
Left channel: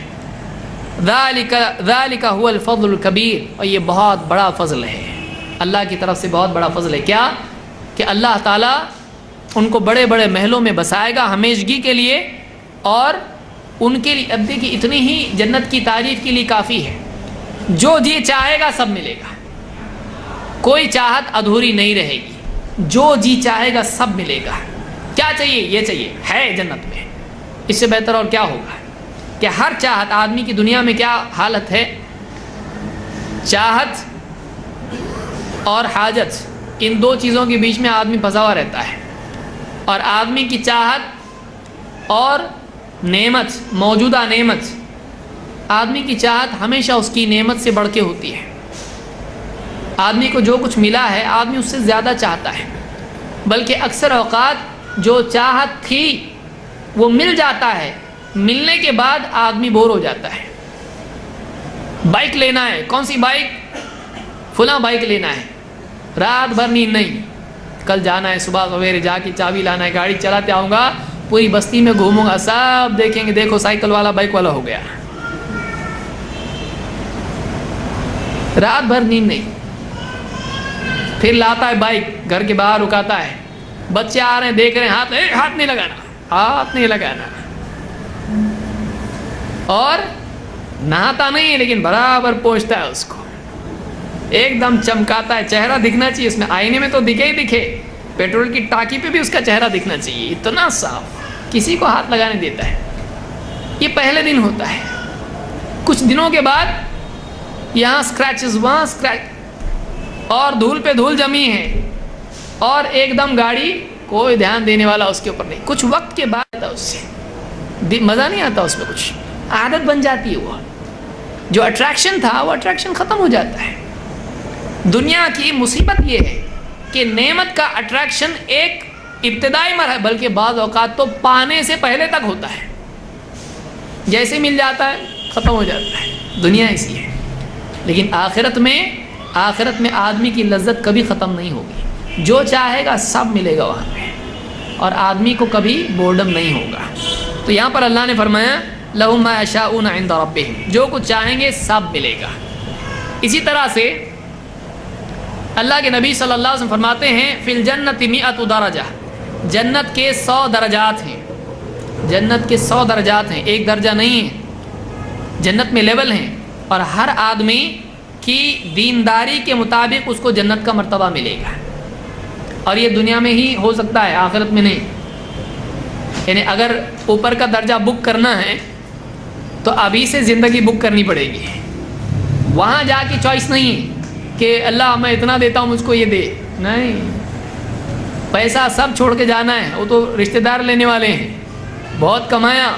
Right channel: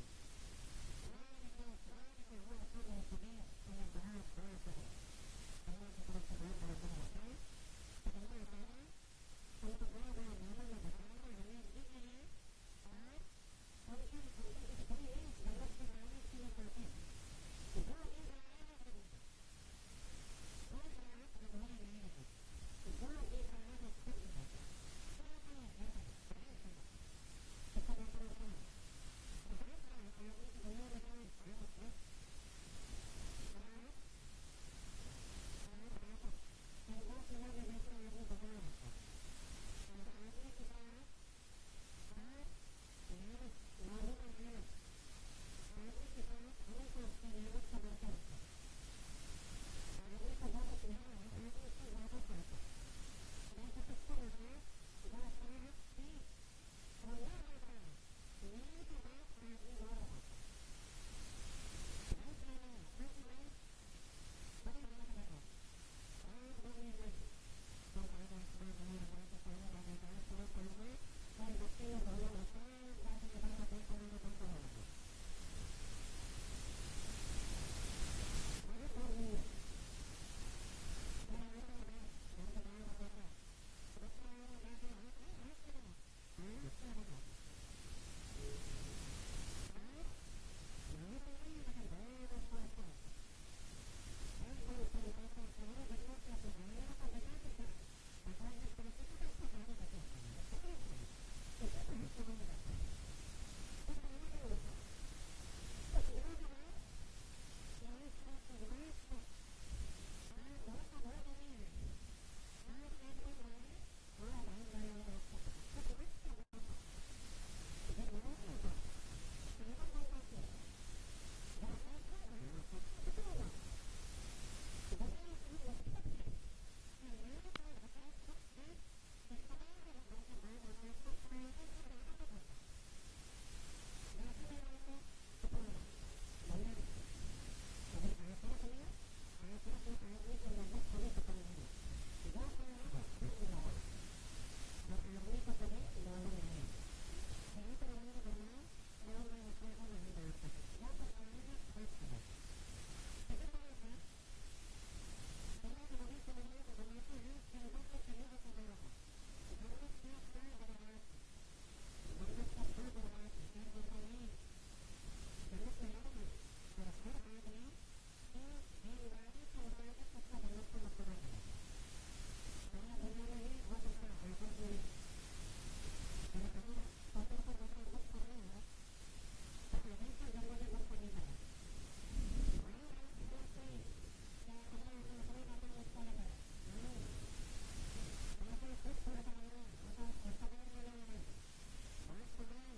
ذالک هو الفضل الکبیر. اور یہ بہت بڑا فضل ہے, اللہ کی طرف سے بہت بڑا فضل ہے. کیا کہ اللہ تعالیٰ ان کو بڑے بڑے محلوں میں بسائے گا ہمیشگی کے لیے, اور ان کے لیے اب دیکھیے اتنی ہی جنت کی تعریف کے لیے کافی ہے. جو جی چاہے گا سب ملے گا, کوئی چاہت ادھوری نہیں رہے گی, جو جی چاہے گا سب ملے گا. کیا چاہیے؟ یہ چاہیے ہے جنت میں. اس سے بہتر اور کیا ہوگا کہ ہر چاہت, آدمی کی دنیا میں کیا حالت ہے, چاہت اور حاجت, ان دو چیزوں کے بیچ میں آدمی پھنسا ہوا رہتا ہے. اور آدمی کی چاہت اور نعمت, موجودہ نعمت, آدمی کی چاہت ہمیشہ اس کی نعمت سے بڑھ کے ہوتی ہے. آدمی کو جو کچھ ملا ہے آدمی اس سے زیادہ چاہتا ہے, بلکہ اکثر اوقات جو چاہت تھی وہ مل جاتا ہے ملنے کے بعد آدمی بور ہو جاتا ہے. بائک لینا ہے, کون سی بائک؟ فلاں بائک لینا ہے. رات بھر نیند نہیں, کل جانا ہے, صبح سویرے جا کے چابی لانا ہے, گاڑی چلاتے آؤں گا, پوری بستی میں گھوموں گا, سب دیکھیں گے دیکھو سائیکل والا بائک والا ہو گیا. رات بھر نیند نہیں. پھر لاتا ہے بائک, گھر کے باہر رکاتا ہے, بچے آ رہے ہیں دیکھ رہے ہیں, ہاتھ نہیں لگانا, ہاتھ نہیں لگانا. اور نہاتا نہیں ہے لیکن برابر پوچھتا ہے اس کو, ایک دم چمکاتا ہے, چہرہ دکھنا چاہیے اس میں, آئینے میں تو دکھے ہی دکھے, پیٹرول کی ٹانکی پہ بھی اس کا چہرہ دکھنا چاہیے, اتنا صاف, کسی کو ہاتھ لگانے دیتا ہے. یہ پہلے دن ہوتا ہے. کچھ دنوں کے بعد یہاں اسکریچز, وہاں اسکریچ, اور دھول پہ دھول جمی ہے, اور ایک دم گاڑی کوئی دھیان دینے والا اس کے اوپر نہیں. کچھ وقت کے بعد اس سے مزہ نہیں آتا, اس میں کچھ عادت بن جاتی ہے. وہ جو اٹریکشن تھا وہ اٹریکشن ختم ہو جاتا ہے. دنیا کی مصیبت یہ ہے کہ نعمت کا اٹریکشن ایک ابتدائی مرحلہ, بلکہ بعض اوقات تو پانے سے پہلے تک ہوتا ہے. جیسے مل جاتا ہے ختم ہو جاتا ہے. دنیا ایسی ہے. لیکن آخرت میں آدمی کی لذت کبھی ختم نہیں ہوگی. جو چاہے گا سب ملے گا وہاں پہ, اور آدمی کو کبھی بورڈم نہیں ہوگا. تو یہاں پر اللہ نے فرمایا لَهُم مَا يَشَاءُونَ عِندَ رَبِّهِمْ, جو کچھ چاہیں گے سب ملے گا. اسی طرح سے اللہ کے نبی صلی اللہ علیہ وسلم فرماتے ہیں فی الجنت 100 درجہ, جنت کے 100 درجات ہیں. جنت کے 100 درجات ہیں, ایک درجہ نہیں ہے. جنت میں لیول ہیں, اور ہر آدمی کی دینداری کے مطابق اس کو جنت کا مرتبہ ملے گا. اور یہ دنیا میں ہی ہو سکتا ہے, آخرت میں نہیں. یعنی اگر اوپر کا درجہ بک کرنا ہے تو ابھی سے زندگی بک کرنی پڑے گی. وہاں جا کے چوائس نہیں ہے کہ اللہ میں اتنا دیتا ہوں مجھ کو یہ دے, نہیں. پیسہ سب چھوڑ کے جانا ہے. وہ تو رشتہ دار لینے والے ہیں, بہت کمایا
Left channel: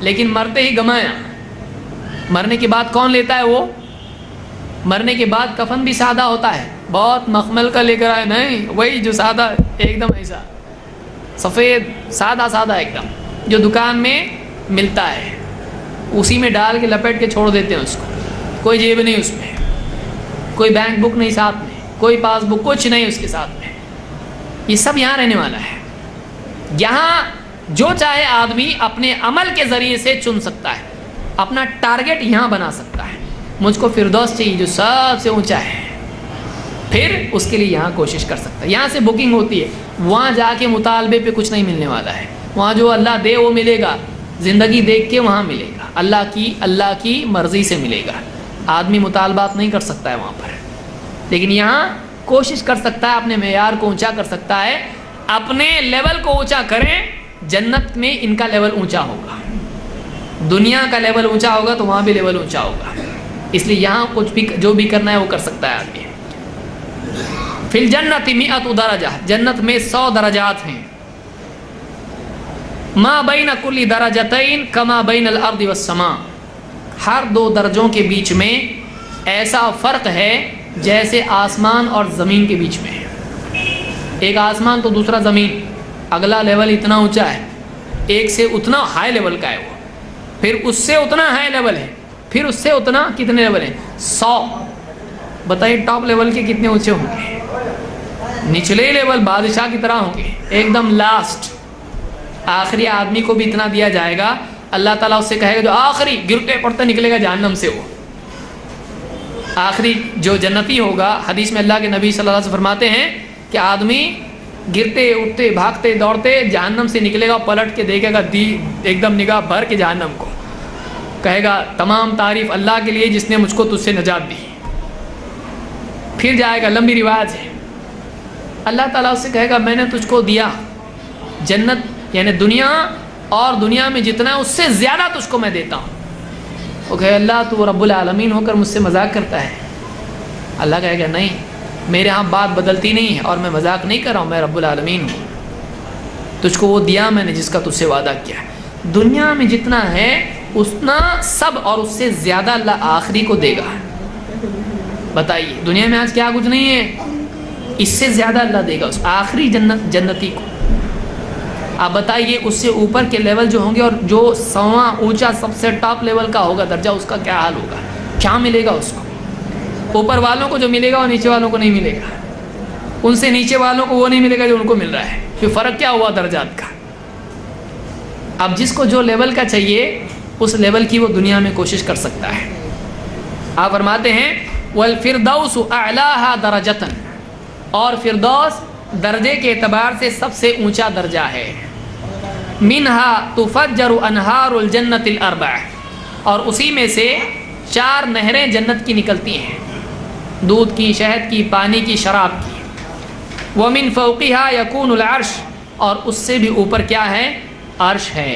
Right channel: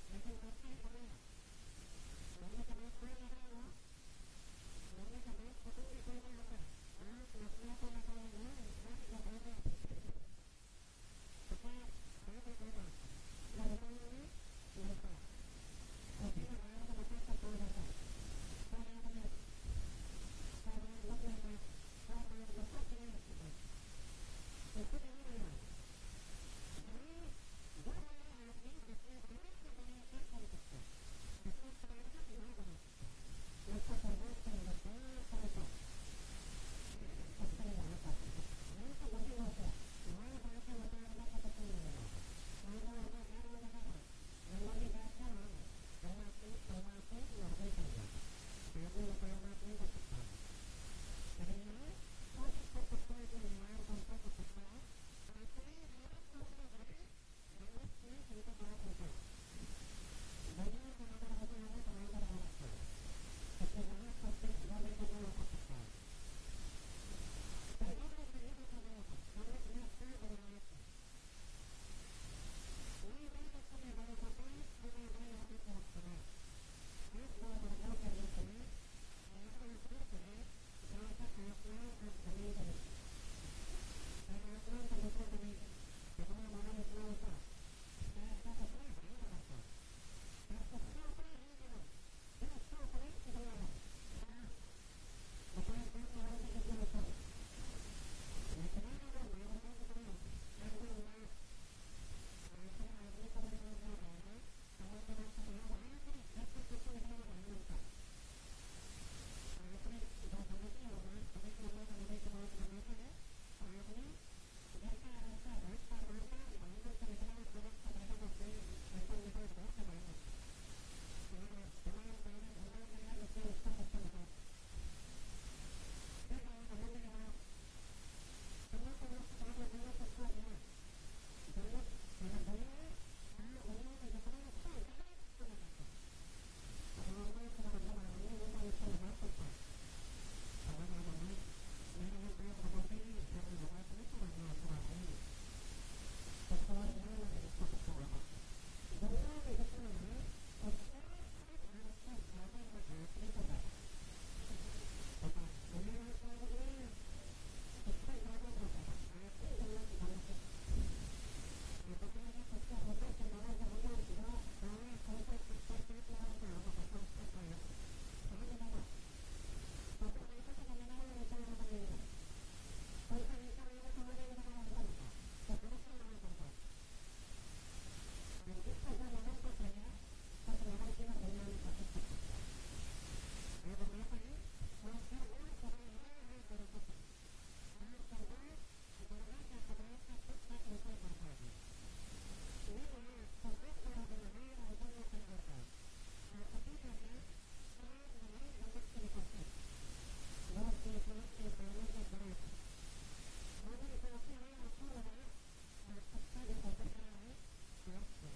لیکن مرتے ہی گمایا. مرنے کے بعد کون لیتا ہے؟ وہ مرنے کے بعد کفن بھی سادہ ہوتا ہے, بہت مخمل کا لے کر آئے, نہیں, وہی جو سادہ ایک دم ایسا سفید سادہ سادہ ایک دم, جو دکان میں ملتا ہے, اسی میں ڈال کے لپیٹ کے چھوڑ دیتے ہیں اس کو. کوئی جیب نہیں اس میں, کوئی بینک بک نہیں ساتھ میں, کوئی پاس بک, کچھ نہیں اس کے ساتھ میں. یہ سب یہاں رہنے والا ہے. یہاں جو چاہے آدمی اپنے عمل کے ذریعے سے چن سکتا ہے, اپنا ٹارگٹ یہاں بنا سکتا ہے. مجھ کو فردوس چاہیے جو سب سے اونچا ہے, پھر اس کے لیے یہاں کوشش کر سکتا ہے. یہاں سے بکنگ ہوتی ہے, وہاں جا کے مطالبے پہ کچھ نہیں ملنے والا ہے. وہاں جو اللہ دے وہ ملے گا, زندگی دیکھ کے وہاں ملے گا, اللہ کی مرضی سے ملے گا. آدمی مطالبات نہیں کر سکتا ہے وہاں پر, لیکن یہاں کوشش کر سکتا ہے, اپنے معیار کو اونچا کر سکتا ہے. اپنے لیول کو اونچا کریں, جنت میں ان کا لیول اونچا ہوگا. دنیا کا لیول اونچا ہوگا تو وہاں بھی لیول اونچا ہوگا. اس لیے یہاں کچھ بھی جو بھی کرنا ہے وہ کر سکتا ہے آدمی. فی الجنت 100 درجہ, جنت میں 100 درجات ہیں. ما بین کل درجتین کما بین الارض والسماء, ہر 2 درجوں کے بیچ میں ایسا فرق ہے جیسے آسمان اور زمین کے بیچ میں. ایک آسمان تو دوسرا زمین, اگلا لیول اتنا اونچا ہے, ایک سے اتنا ہائی لیول کا ہے وہ, پھر اس سے اتنا ہائی لیول ہے, پھر اس سے اتنا کتنے لیول ہیں؟ 100. بتائیے ٹاپ لیول کے کتنے اونچے ہوں گے؟ نچلے لیول بادشاہ کی طرح ہوں گے, ایک دم لاسٹ. آخری آدمی کو بھی اتنا دیا جائے گا, اللہ تعالیٰ اس سے کہے گا جو آخری گرتے پڑتے نکلے گا جہنم سے, وہ آخری جو جنتی ہوگا. حدیث میں اللہ کے نبی صلی اللہ علیہ وسلم فرماتے ہیں کہ آدمی گرتے اٹھتے بھاگتے دوڑتے جہنم سے نکلے گا, پلٹ کے دیکھے گا ایک دم نگاہ بھر کے جہنم کو, کہے گا تمام تعریف اللہ کے لیے جس نے مجھ کو تجھ سے نجات دی. پھر جائے گا, لمبی روایت ہے, اللہ تعالیٰ اس سے کہے گا میں نے تجھ کو دیا جنت, یعنی دنیا, اور دنیا میں جتنا ہے اس سے زیادہ تجھ کو میں دیتا ہوں. وہ کہے اللہ تو رب العالمین ہو کر مجھ سے مذاق کرتا ہے. اللہ کہے گا نہیں, میرے ہاں بات بدلتی نہیں ہے, اور میں مذاق نہیں کر رہا ہوں, میں رب العالمین ہوں. تجھ کو وہ دیا میں نے جس کا تجھ سے وعدہ کیا. دنیا میں جتنا ہے اتنا سب اور اس سے زیادہ اللہ آخری کو دے گا. بتائیے دنیا میں آج کیا کچھ نہیں ہے, اس سے زیادہ اللہ دے گا اس آخری جنتی کو. آپ بتائیے اس سے اوپر کے لیول جو ہوں گے اور جو 100واں اونچا سب سے ٹاپ لیول کا ہوگا درجہ، اس کا کیا حال ہوگا؟ کیا ملے گا اس کو؟ اوپر والوں کو جو ملے گا وہ نیچے والوں کو نہیں ملے گا، ان سے نیچے والوں کو وہ نہیں ملے گا جو ان کو مل رہا ہے. پھر فرق کیا ہوا درجات کا؟ اب جس کو جو لیول کا چاہیے اس لیول کی وہ دنیا میں کوشش کر سکتا ہے. آپ فرماتے ہیں والفردوس اعلاها درجتاً، اور فردوس درجے کے اعتبار سے سب سے اونچا درجہ ہے. منها تفجر انہار الجنت الاربع، اور اسی میں سے 4 نہریں جنت کی نکلتی ہیں، دودھ کی، شہد کی، پانی کی، شراب کی. ومن فوقها يكون العرش، اور اس سے بھی اوپر کیا ہے؟ عرش ہے.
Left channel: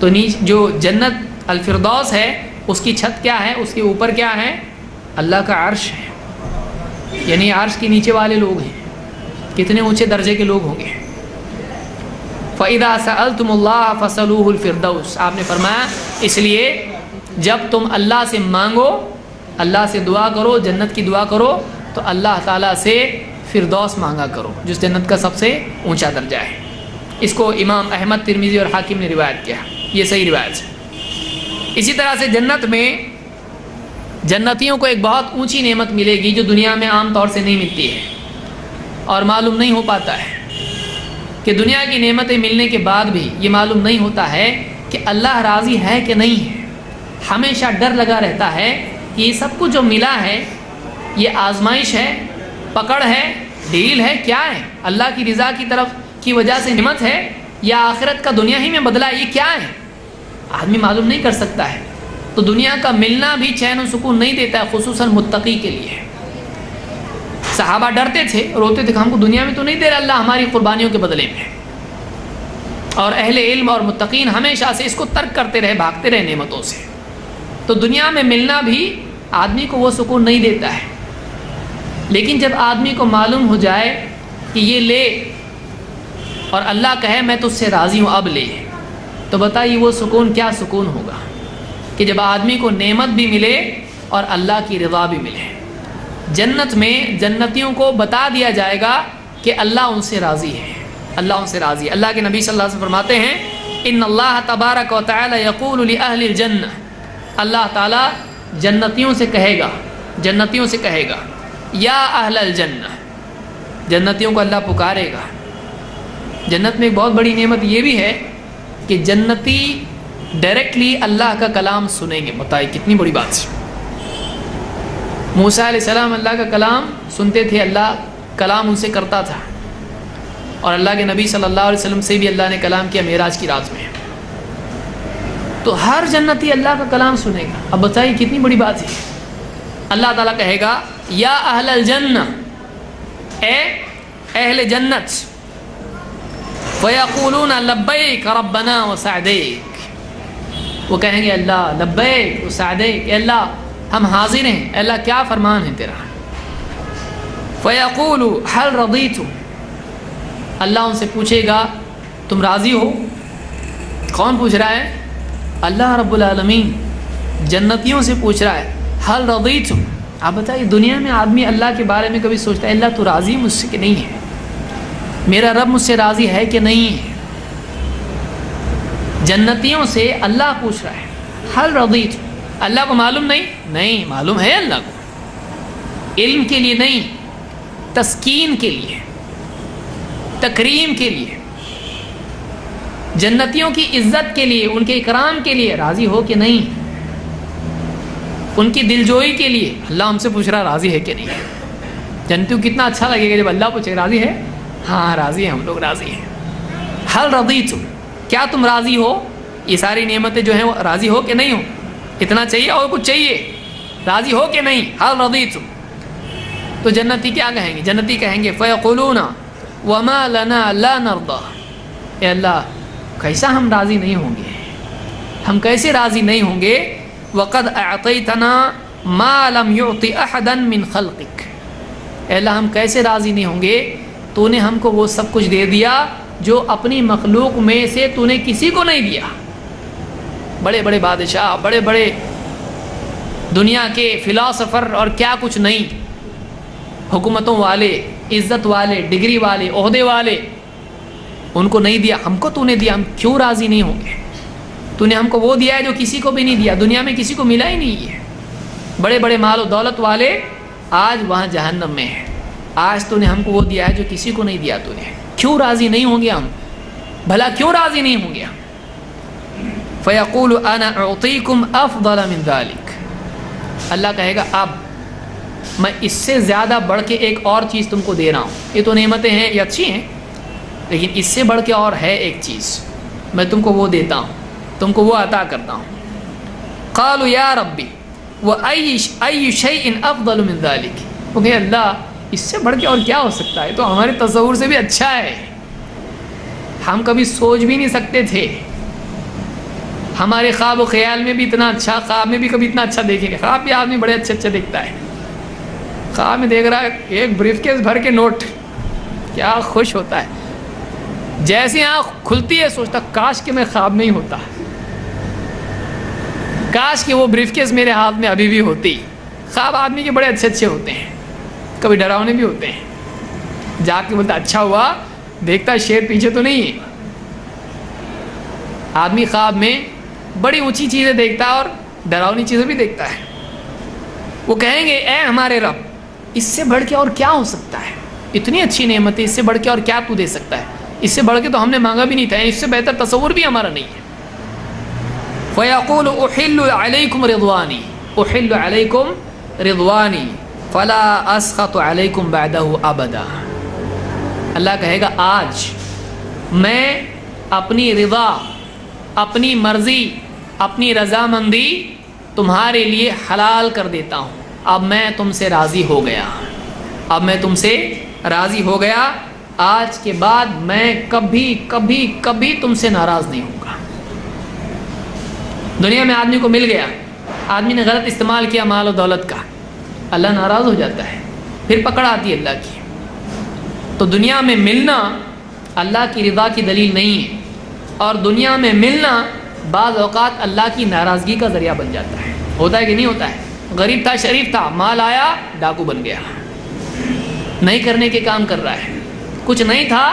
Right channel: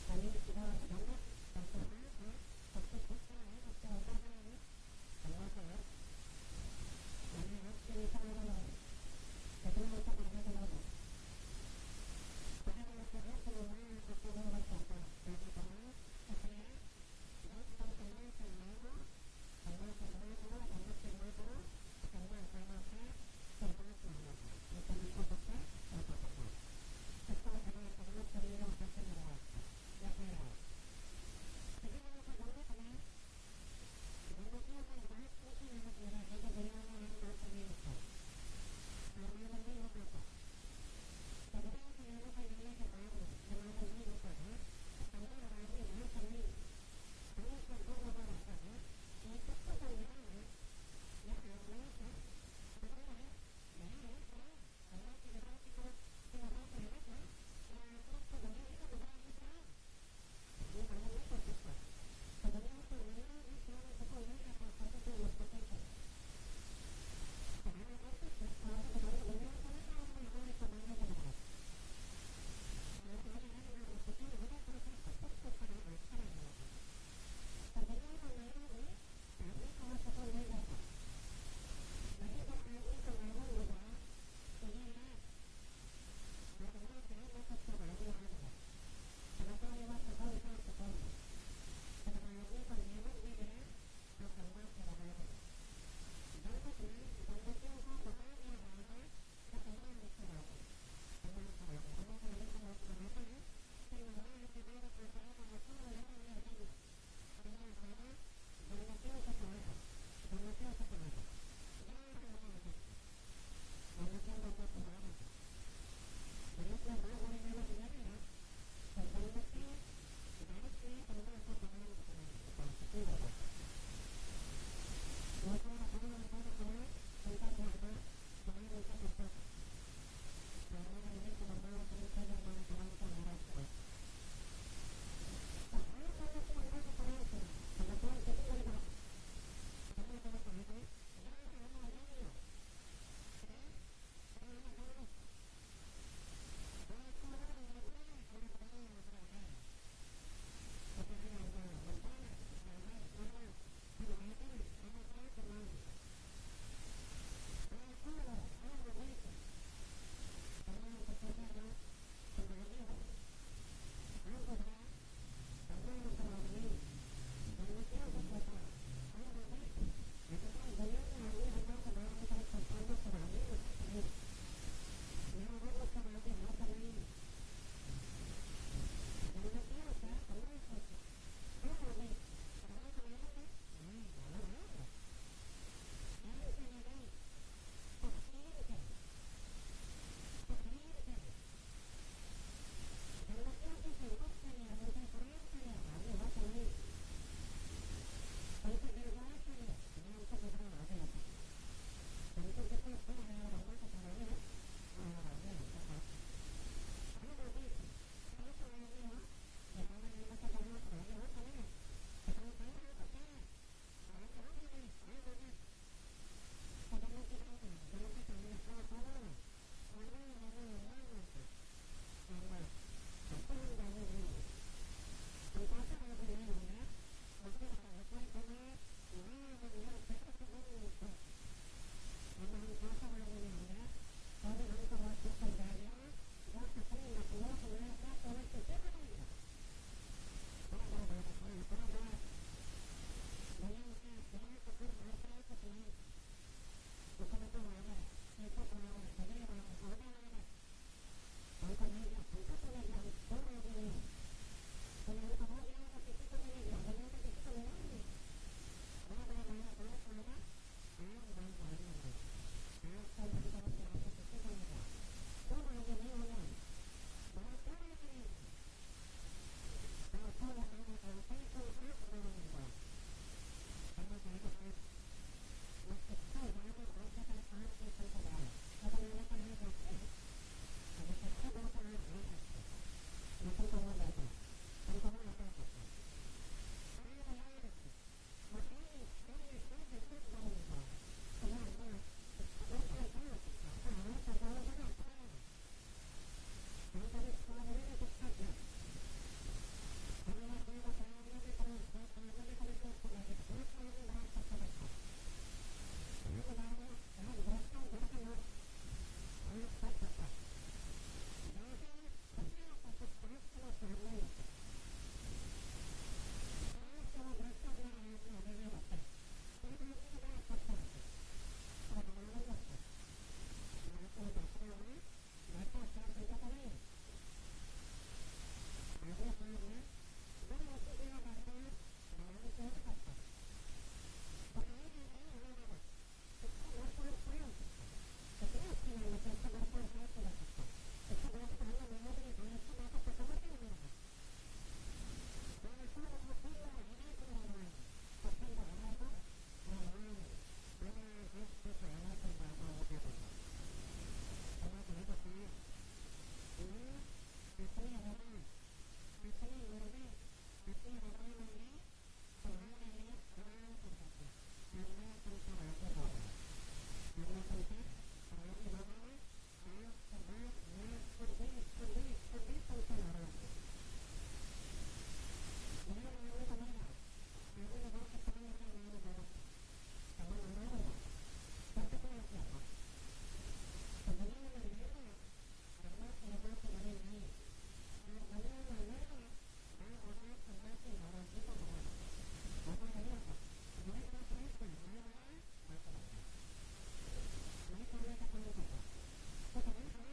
تو جو جنت الفردوس ہے اس کی چھت کیا ہے؟ اس کے اوپر کیا ہے؟ اللہ کا عرش ہے. یعنی عرش کے نیچے والے لوگ ہیں، کتنے اونچے درجے کے لوگ ہوں گے. فَإِذَا سَأَلْتُمُ اللَّهَ فَاسْأَلُوهُ الْفِرْدَوْسَ، آپ نے فرمایا اس لیے جب تم اللہ سے مانگو، اللہ سے دعا کرو، جنت کی دعا کرو، تو اللہ تعالیٰ سے فردوس مانگا کرو جس جنت کا سب سے اونچا درجہ ہے. اس کو امام احمد، ترمذی اور حاکم نے روایت کیا، یہ صحیح روایت ہے. اسی طرح سے جنت میں جنتیوں کو ایک بہت اونچی نعمت ملے گی جو دنیا میں عام طور سے نہیں ملتی ہے اور معلوم نہیں ہو پاتا ہے. کہ دنیا کی نعمتیں ملنے کے بعد بھی یہ معلوم نہیں ہوتا ہے کہ اللہ راضی ہے کہ نہیں ہے. ہمیشہ ڈر لگا رہتا ہے کہ یہ سب کچھ جو ملا ہے یہ آزمائش ہے، پکڑ ہے، ڈیل ہے، کیا ہے؟ اللہ کی رضا کی طرف کی وجہ سے نعمت ہے یا آخرت کا دنیا ہی میں بدلہ ہے؟ یہ کیا ہے؟ آدمی معلوم نہیں کر سکتا ہے. تو دنیا کا ملنا بھی چین و سکون نہیں دیتا ہے، خصوصاً متقی کے لیے. صحابہ ڈرتے تھے، روتے تھے کہ ہم کو دنیا میں تو نہیں دے رہا اللہ ہماری قربانیوں کے بدلے میں. اور اہل علم اور متقین ہمیشہ سے اس کو ترک کرتے رہے، بھاگتے رہے نعمتوں سے. تو دنیا میں ملنا بھی آدمی کو وہ سکون نہیں دیتا ہے. لیکن جب آدمی کو معلوم ہو جائے کہ یہ لے اور اللہ کہے میں تجھ سے راضی ہوں اب لے، تو بتائیے وہ سکون کیا سکون ہوگا کہ جب آدمی کو نعمت بھی ملے اور اللہ کی رضا بھی ملے. جنت میں جنتیوں کو بتا دیا جائے گا کہ اللہ ان سے راضی ہے، اللہ ان سے راضی ہے. اللہ کے نبی صلی اللہ علیہ وسلم فرماتے ہیں ان اللہ تبارک و تعالی یقول لأہل الجنہ، اللہ تعالیٰ جنتیوں سے کہے گا، جنتیوں سے کہے گا یا اہل الجنہ، جنتیوں کو اللہ پکارے گا. جنت میں ایک بہت بڑی نعمت یہ بھی ہے کہ جنتی ڈائریکٹلی اللہ کا کلام سنیں گے. بتائیے کتنی بڑی بات ہے. موسیٰ علیہ السلام اللہ کا کلام سنتے تھے، اللہ کلام ان سے کرتا تھا، اور اللہ کے نبی صلی اللہ علیہ وسلم سے بھی اللہ نے کلام کیا معراج کی رات میں. تو ہر جنتی اللہ کا کلام سنے گا. اب بتائیے کتنی بڑی بات ہے. اللہ تعالیٰ کہے گا یا اہل الجنہ، اے اہل جنت، فَيَقُولُونَ لَبَّيْكَ رَبَّنَا وَسَعْدَيْكَ، وہ کہیں گے اللہ لبیک وسعدیک، اے اللہ ہم حاضر ہیں، اے اللہ کیا فرمان ہے تیرا. فَيَقُولُ هَلْ رَضِيتُمْ، اللہ ان سے پوچھے گا تم راضی ہو. کون پوچھ رہا ہے؟ اللہ رب العالمین جنتیوں سے پوچھ رہا ہے هَلْ رَضِيتُمْ. آپ بتائیے دنیا میں آدمی اللہ کے بارے میں کبھی سوچتا ہے اللہ تو راضی مجھ سے کہ نہیں ہے، میرا رب مجھ سے راضی ہے کہ نہیں ہے؟ جنتیوں سے اللہ پوچھ رہا ہے هَلْ رَضِيتُمْ. اللہ کو معلوم نہیں معلوم ہے اللہ کو. علم کے لیے نہیں، تسکین کے لیے، تکریم کے لیے، جنتیوں کی عزت کے لیے، ان کے اکرام کے لیے راضی ہو کہ نہیں، ان کی دلجوئی کے لیے اللہ ہم سے پوچھ رہا راضی ہے کہ نہیں. جنتیوں کو کتنا اچھا لگے گا جب اللہ پوچھے راضی ہے؟ ہاں راضی ہیں، ہم لوگ راضی ہیں. هَلْ رَضِيتُمْ، کیا تم راضی ہو؟ یہ ساری نعمتیں جو ہیں وہ راضی ہو کہ نہیں ہو؟ اتنا چاہیے اور کچھ چاہیے؟ راضی ہو کہ نہیں؟ هَلْ رَضِيتُمْ. تو جنتی کیا کہیں گے؟ جنتی کہیں گے فَيَقُولُونَ وَمَا لَنَا لَا نَرْضَى، اے اللہ کیسا ہم راضی نہیں ہوں گے، ہم کیسے راضی نہیں ہوں گے؟ وَقَدْ أَعْطَيْتَنَا مَا لَمْ يُعْطِ أَحَدًا مِّنْ خَلْقِكَ، اے اللہ ہم کیسے راضی نہیں ہوں گے، تو نے ہم کو وہ سب کچھ دے دیا جو اپنی مخلوق میں سے تو نے کسی کو نہیں دیا. بڑے بڑے بادشاہ، بڑے بڑے دنیا کے فلاسفر اور کیا کچھ نہیں، حکومتوں والے، عزت والے، ڈگری والے، عہدے والے، ان کو نہیں دیا، ہم کو تو نے دیا، ہم کیوں راضی نہیں ہوں گے؟ تو نے ہم کو وہ دیا ہے جو کسی کو بھی نہیں دیا، دنیا میں کسی کو ملا ہی نہیں ہے۔ بڑے بڑے مال و دولت والے آج وہاں جہنم میں ہیں، آج تو نے ہم کو وہ دیا ہے جو کسی کو نہیں دیا تو نے، کیوں راضی نہیں ہوں گے ہم؟ بھلا کیوں راضی نہیں ہوں گے ہم؟ فَيَقُولُ أَنَا أُعْطِيكُمْ أَفْضَلَ مِنْ ذَلِكَ، اللہ کہے گا اب میں اس سے زیادہ بڑھ کے ایک اور چیز تم کو دے رہا ہوں۔ یہ تو نعمتیں ہیں، یہ اچھی ہیں، لیکن اس سے بڑھ کے اور ہے ایک چیز، میں تم کو وہ دیتا ہوں، تم کو وہ عطا کرتا ہوں۔ قالوا یا ربی وَأَيُّ شَيْءٍ أَفْضَلُ مِنْ ذَلِكَ، وہ کہ اللہ اس سے بڑھ کے اور کیا ہو سکتا ہے، تو ہمارے تصور سے بھی اچھا ہے، ہم کبھی سوچ بھی نہیں سکتے تھے، ہمارے خواب و خیال میں بھی اتنا اچھا، خواب میں بھی کبھی اتنا اچھا دیکھیں گے، خواب بھی آدمی بڑے اچھے اچھے دیکھتا ہے، خواب میں دیکھ رہا ہے ایک بریف کیس بھر کے نوٹ، کیا خوش ہوتا ہے، جیسے آنکھ کھلتی ہے سوچتا کاش کہ میں خواب میں ہی ہوتا، کاش کہ وہ بریف کیس میرے ہاتھ میں ابھی بھی ہوتی۔ خواب آدمی کے بڑے اچھے اچھے ہوتے ہیں، کبھی ڈراؤنے بھی ہوتے ہیں، جا کے بولتا اچھا ہوا، دیکھتا شیر پیچھے تو نہیں ہے۔ آدمی خواب میں بڑی اونچی چیزیں دیکھتا ہے اور ڈراؤنی چیزیں بھی دیکھتا ہے۔ وہ کہیں گے اے ہمارے رب اس سے بڑھ کے اور کیا ہو سکتا ہے، اتنی اچھی نعمت ہے، اس سے بڑھ کے اور کیا تو دے سکتا ہے، اس سے بڑھ کے تو ہم نے مانگا بھی نہیں تھا، اس سے بہتر تصور بھی ہمارا نہیں ہے۔ فَيَقُولُ أُحِلُّ عَلَيْكُمْ رِضْوَانِي أُحِلُّ عَلَيْكُمْ رِضْوَانِي فَلَا أَسْخَطُ عَلَيْكُمْ بَعْدَهُ أَبَدًا، اللہ کہے گا آج میں اپنی رضا، اپنی مرضی، اپنی رضامندی تمہارے لیے حلال کر دیتا ہوں، اب میں تم سے راضی ہو گیا، اب میں تم سے راضی ہو گیا، آج کے بعد میں کبھی کبھی کبھی تم سے ناراض نہیں ہوں گا۔ دنیا میں آدمی کو مل گیا، آدمی نے غلط استعمال کیا مال و دولت کا، اللہ ناراض ہو جاتا ہے، پھر پکڑ آتی ہے اللہ کی۔ تو دنیا میں ملنا اللہ کی رضا کی دلیل نہیں ہے، اور دنیا میں ملنا بعض اوقات اللہ کی ناراضگی کا ذریعہ بن جاتا ہے، ہوتا ہے کہ نہیں ہوتا ہے؟ غریب تھا، شریف تھا، مال آیا ڈاکو بن گیا، نہیں کرنے کے کام کر رہا ہے، کچھ نہیں تھا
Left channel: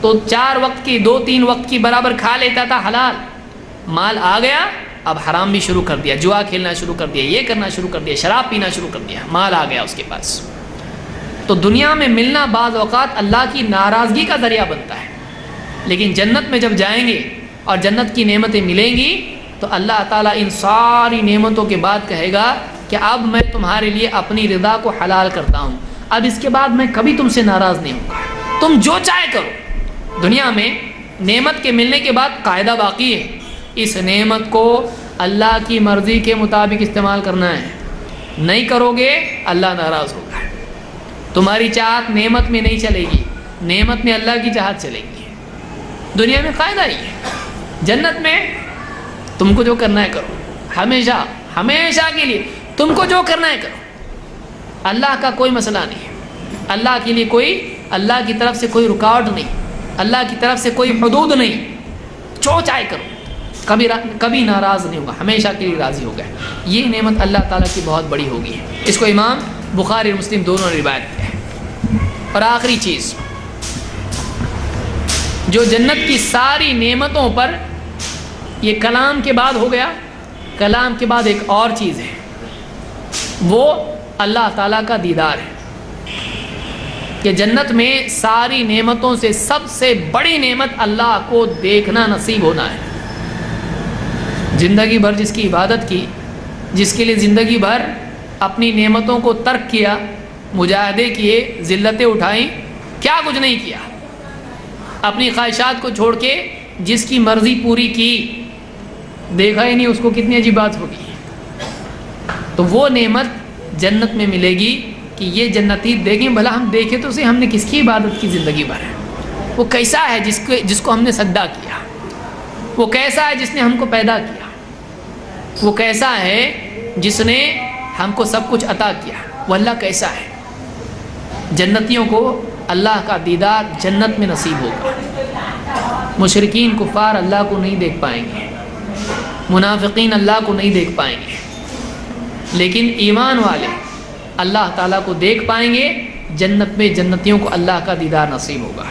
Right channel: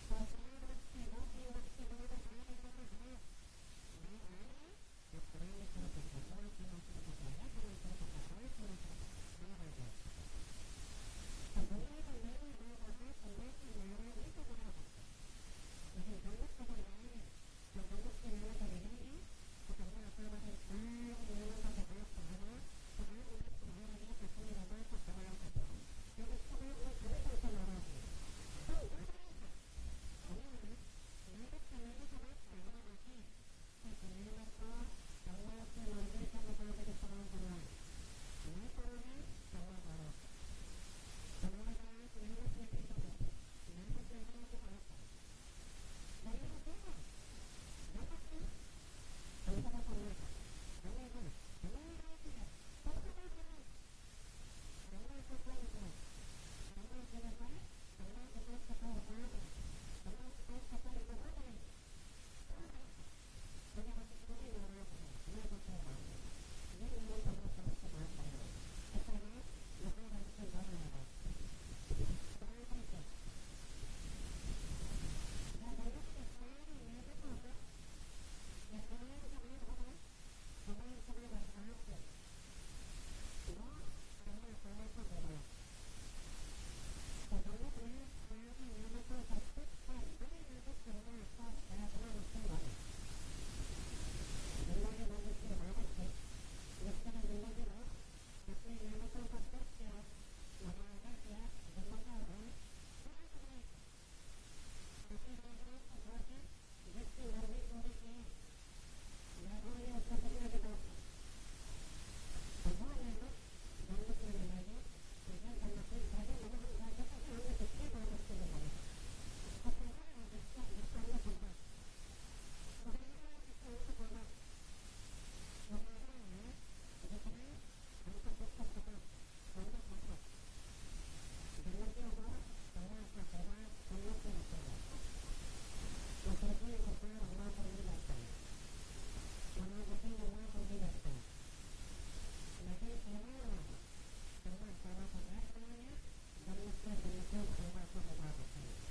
تو 4 وقت کی 2-3 وقت کی برابر کھا لیتا تھا حلال، مال آ گیا اب حرام بھی شروع کر دیا، جوا کھیلنا شروع کر دیا، یہ کرنا شروع کر دیا، شراب پینا شروع کر دیا، مال آ گیا اس کے پاس۔ تو دنیا میں ملنا بعض اوقات اللہ کی ناراضگی کا ذریعہ بنتا ہے، لیکن جنت میں جب جائیں گے اور جنت کی نعمتیں ملیں گی تو اللہ تعالیٰ ان ساری نعمتوں کے بعد کہے گا کہ اب میں تمہارے لیے اپنی رضا کو حلال کرتا ہوں، اب اس کے بعد میں کبھی تم سے ناراض نہیں ہوں گا، تم جو چاہے کرو۔ دنیا میں نعمت کے ملنے کے بعد قاعدہ باقی ہے، اس نعمت کو اللہ کی مرضی کے مطابق استعمال کرنا ہے، نہیں کرو گے اللہ ناراض ہوگا، تمہاری چاہت نعمت میں نہیں چلے گی، نعمت میں اللہ کی چاہت چلے گی۔ دنیا میں قاعدہ ہی ہے، جنت میں تم کو جو کرنا ہے کرو، ہمیشہ ہمیشہ کے لیے تم کو جو کرنا ہے کرو، اللہ کا کوئی مسئلہ نہیں ہے، اللہ کے لیے کوئی، اللہ کی طرف سے کوئی رکاوٹ نہیں، اللہ کی طرف سے کوئی حدود نہیں، جو چاہے کرو، کبھی ناراض نہیں ہوگا، ہمیشہ کے لیے راضی ہوگا۔ یہ نعمت اللہ تعالیٰ کی بہت بڑی ہوگی، اس کو امام بخاری اور مسلم دونوں نے روایت کیا ہے۔ اور آخری چیز جو جنت کی ساری نعمتوں پر، یہ کلام کے بعد ہو گیا، کلام کے بعد ایک اور چیز ہے، وہ اللہ تعالیٰ کا دیدار ہے، کہ جنت میں ساری نعمتوں سے سب سے بڑی نعمت اللہ کو دیکھنا نصیب ہونا ہے۔ زندگی بھر جس کی عبادت کی، جس کے لیے زندگی بھر اپنی نعمتوں کو ترک کیا، مجاہدے کیے، ذلتیں اٹھائیں، کیا کچھ نہیں کیا، اپنی خواہشات کو چھوڑ کے جس کی مرضی پوری کی، دیکھا ہی نہیں اس کو کتنی عجیب بات ہوگی۔ تو وہ نعمت جنت میں ملے گی کہ یہ جنتی دیکھیں، بھلا ہم دیکھیں تو ہم نے کس کی عبادت کی زندگی بھر ہے، وہ کیسا ہے جس کو ہم نے سجدہ کیا، وہ کیسا ہے جس نے ہم کو پیدا کیا، وہ کیسا ہے جس نے ہم کو سب کچھ عطا کیا، وہ اللہ کیسا ہے۔ جنتیوں کو اللہ کا دیدار جنت میں نصیب ہوگا۔ مشرکین کفار اللہ کو نہیں دیکھ پائیں گے، منافقین اللہ کو نہیں دیکھ پائیں گے، لیکن ایمان والے اللہ تعالیٰ کو دیکھ پائیں گے، جنت میں جنتیوں کو اللہ کا دیدار نصیب ہوگا۔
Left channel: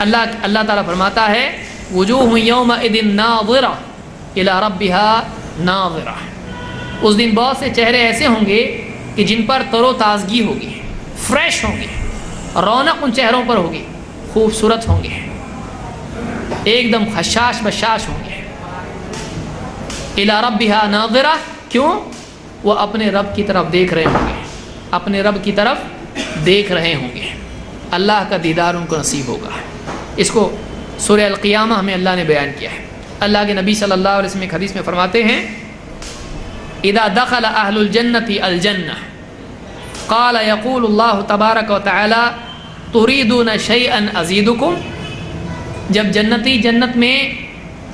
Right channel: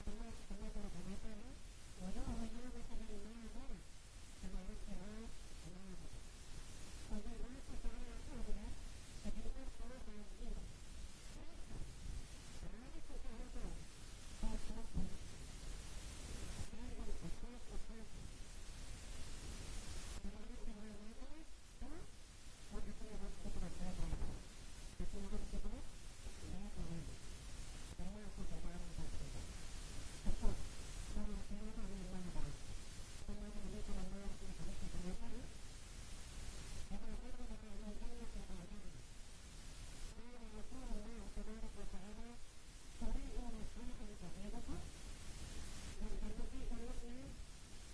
اللہ تعالیٰ فرماتا ہے وجوہ یومئذ ناظرہ الی ربہا ناظرہ، اس دن بہت سے چہرے ایسے ہوں گے کہ جن پر تر و تازگی ہوگی، فریش ہوں گے، رونق ان چہروں پر ہوگی، خوبصورت ہوں گے، ایک دم خشاش بشاش ہوں گے۔ الی ربہا ناظرہ، کیوں؟ وہ اپنے رب کی طرف دیکھ رہے ہوں گے، اپنے رب کی طرف دیکھ رہے ہوں گے، اللہ کا دیدار ان کو نصیب ہوگا۔ اس کو سورہ القیامہ ہمیں اللہ نے بیان کیا ہے۔ اللہ کے نبی صلی اللہ علیہ وسلم ایک حدیث میں فرماتے ہیں اذا دخل اہل الجنۃ الجنہ قال یقول اللہ تبارک و تعالی تريدون شیئا ازیدکم، جب جنتی جنت میں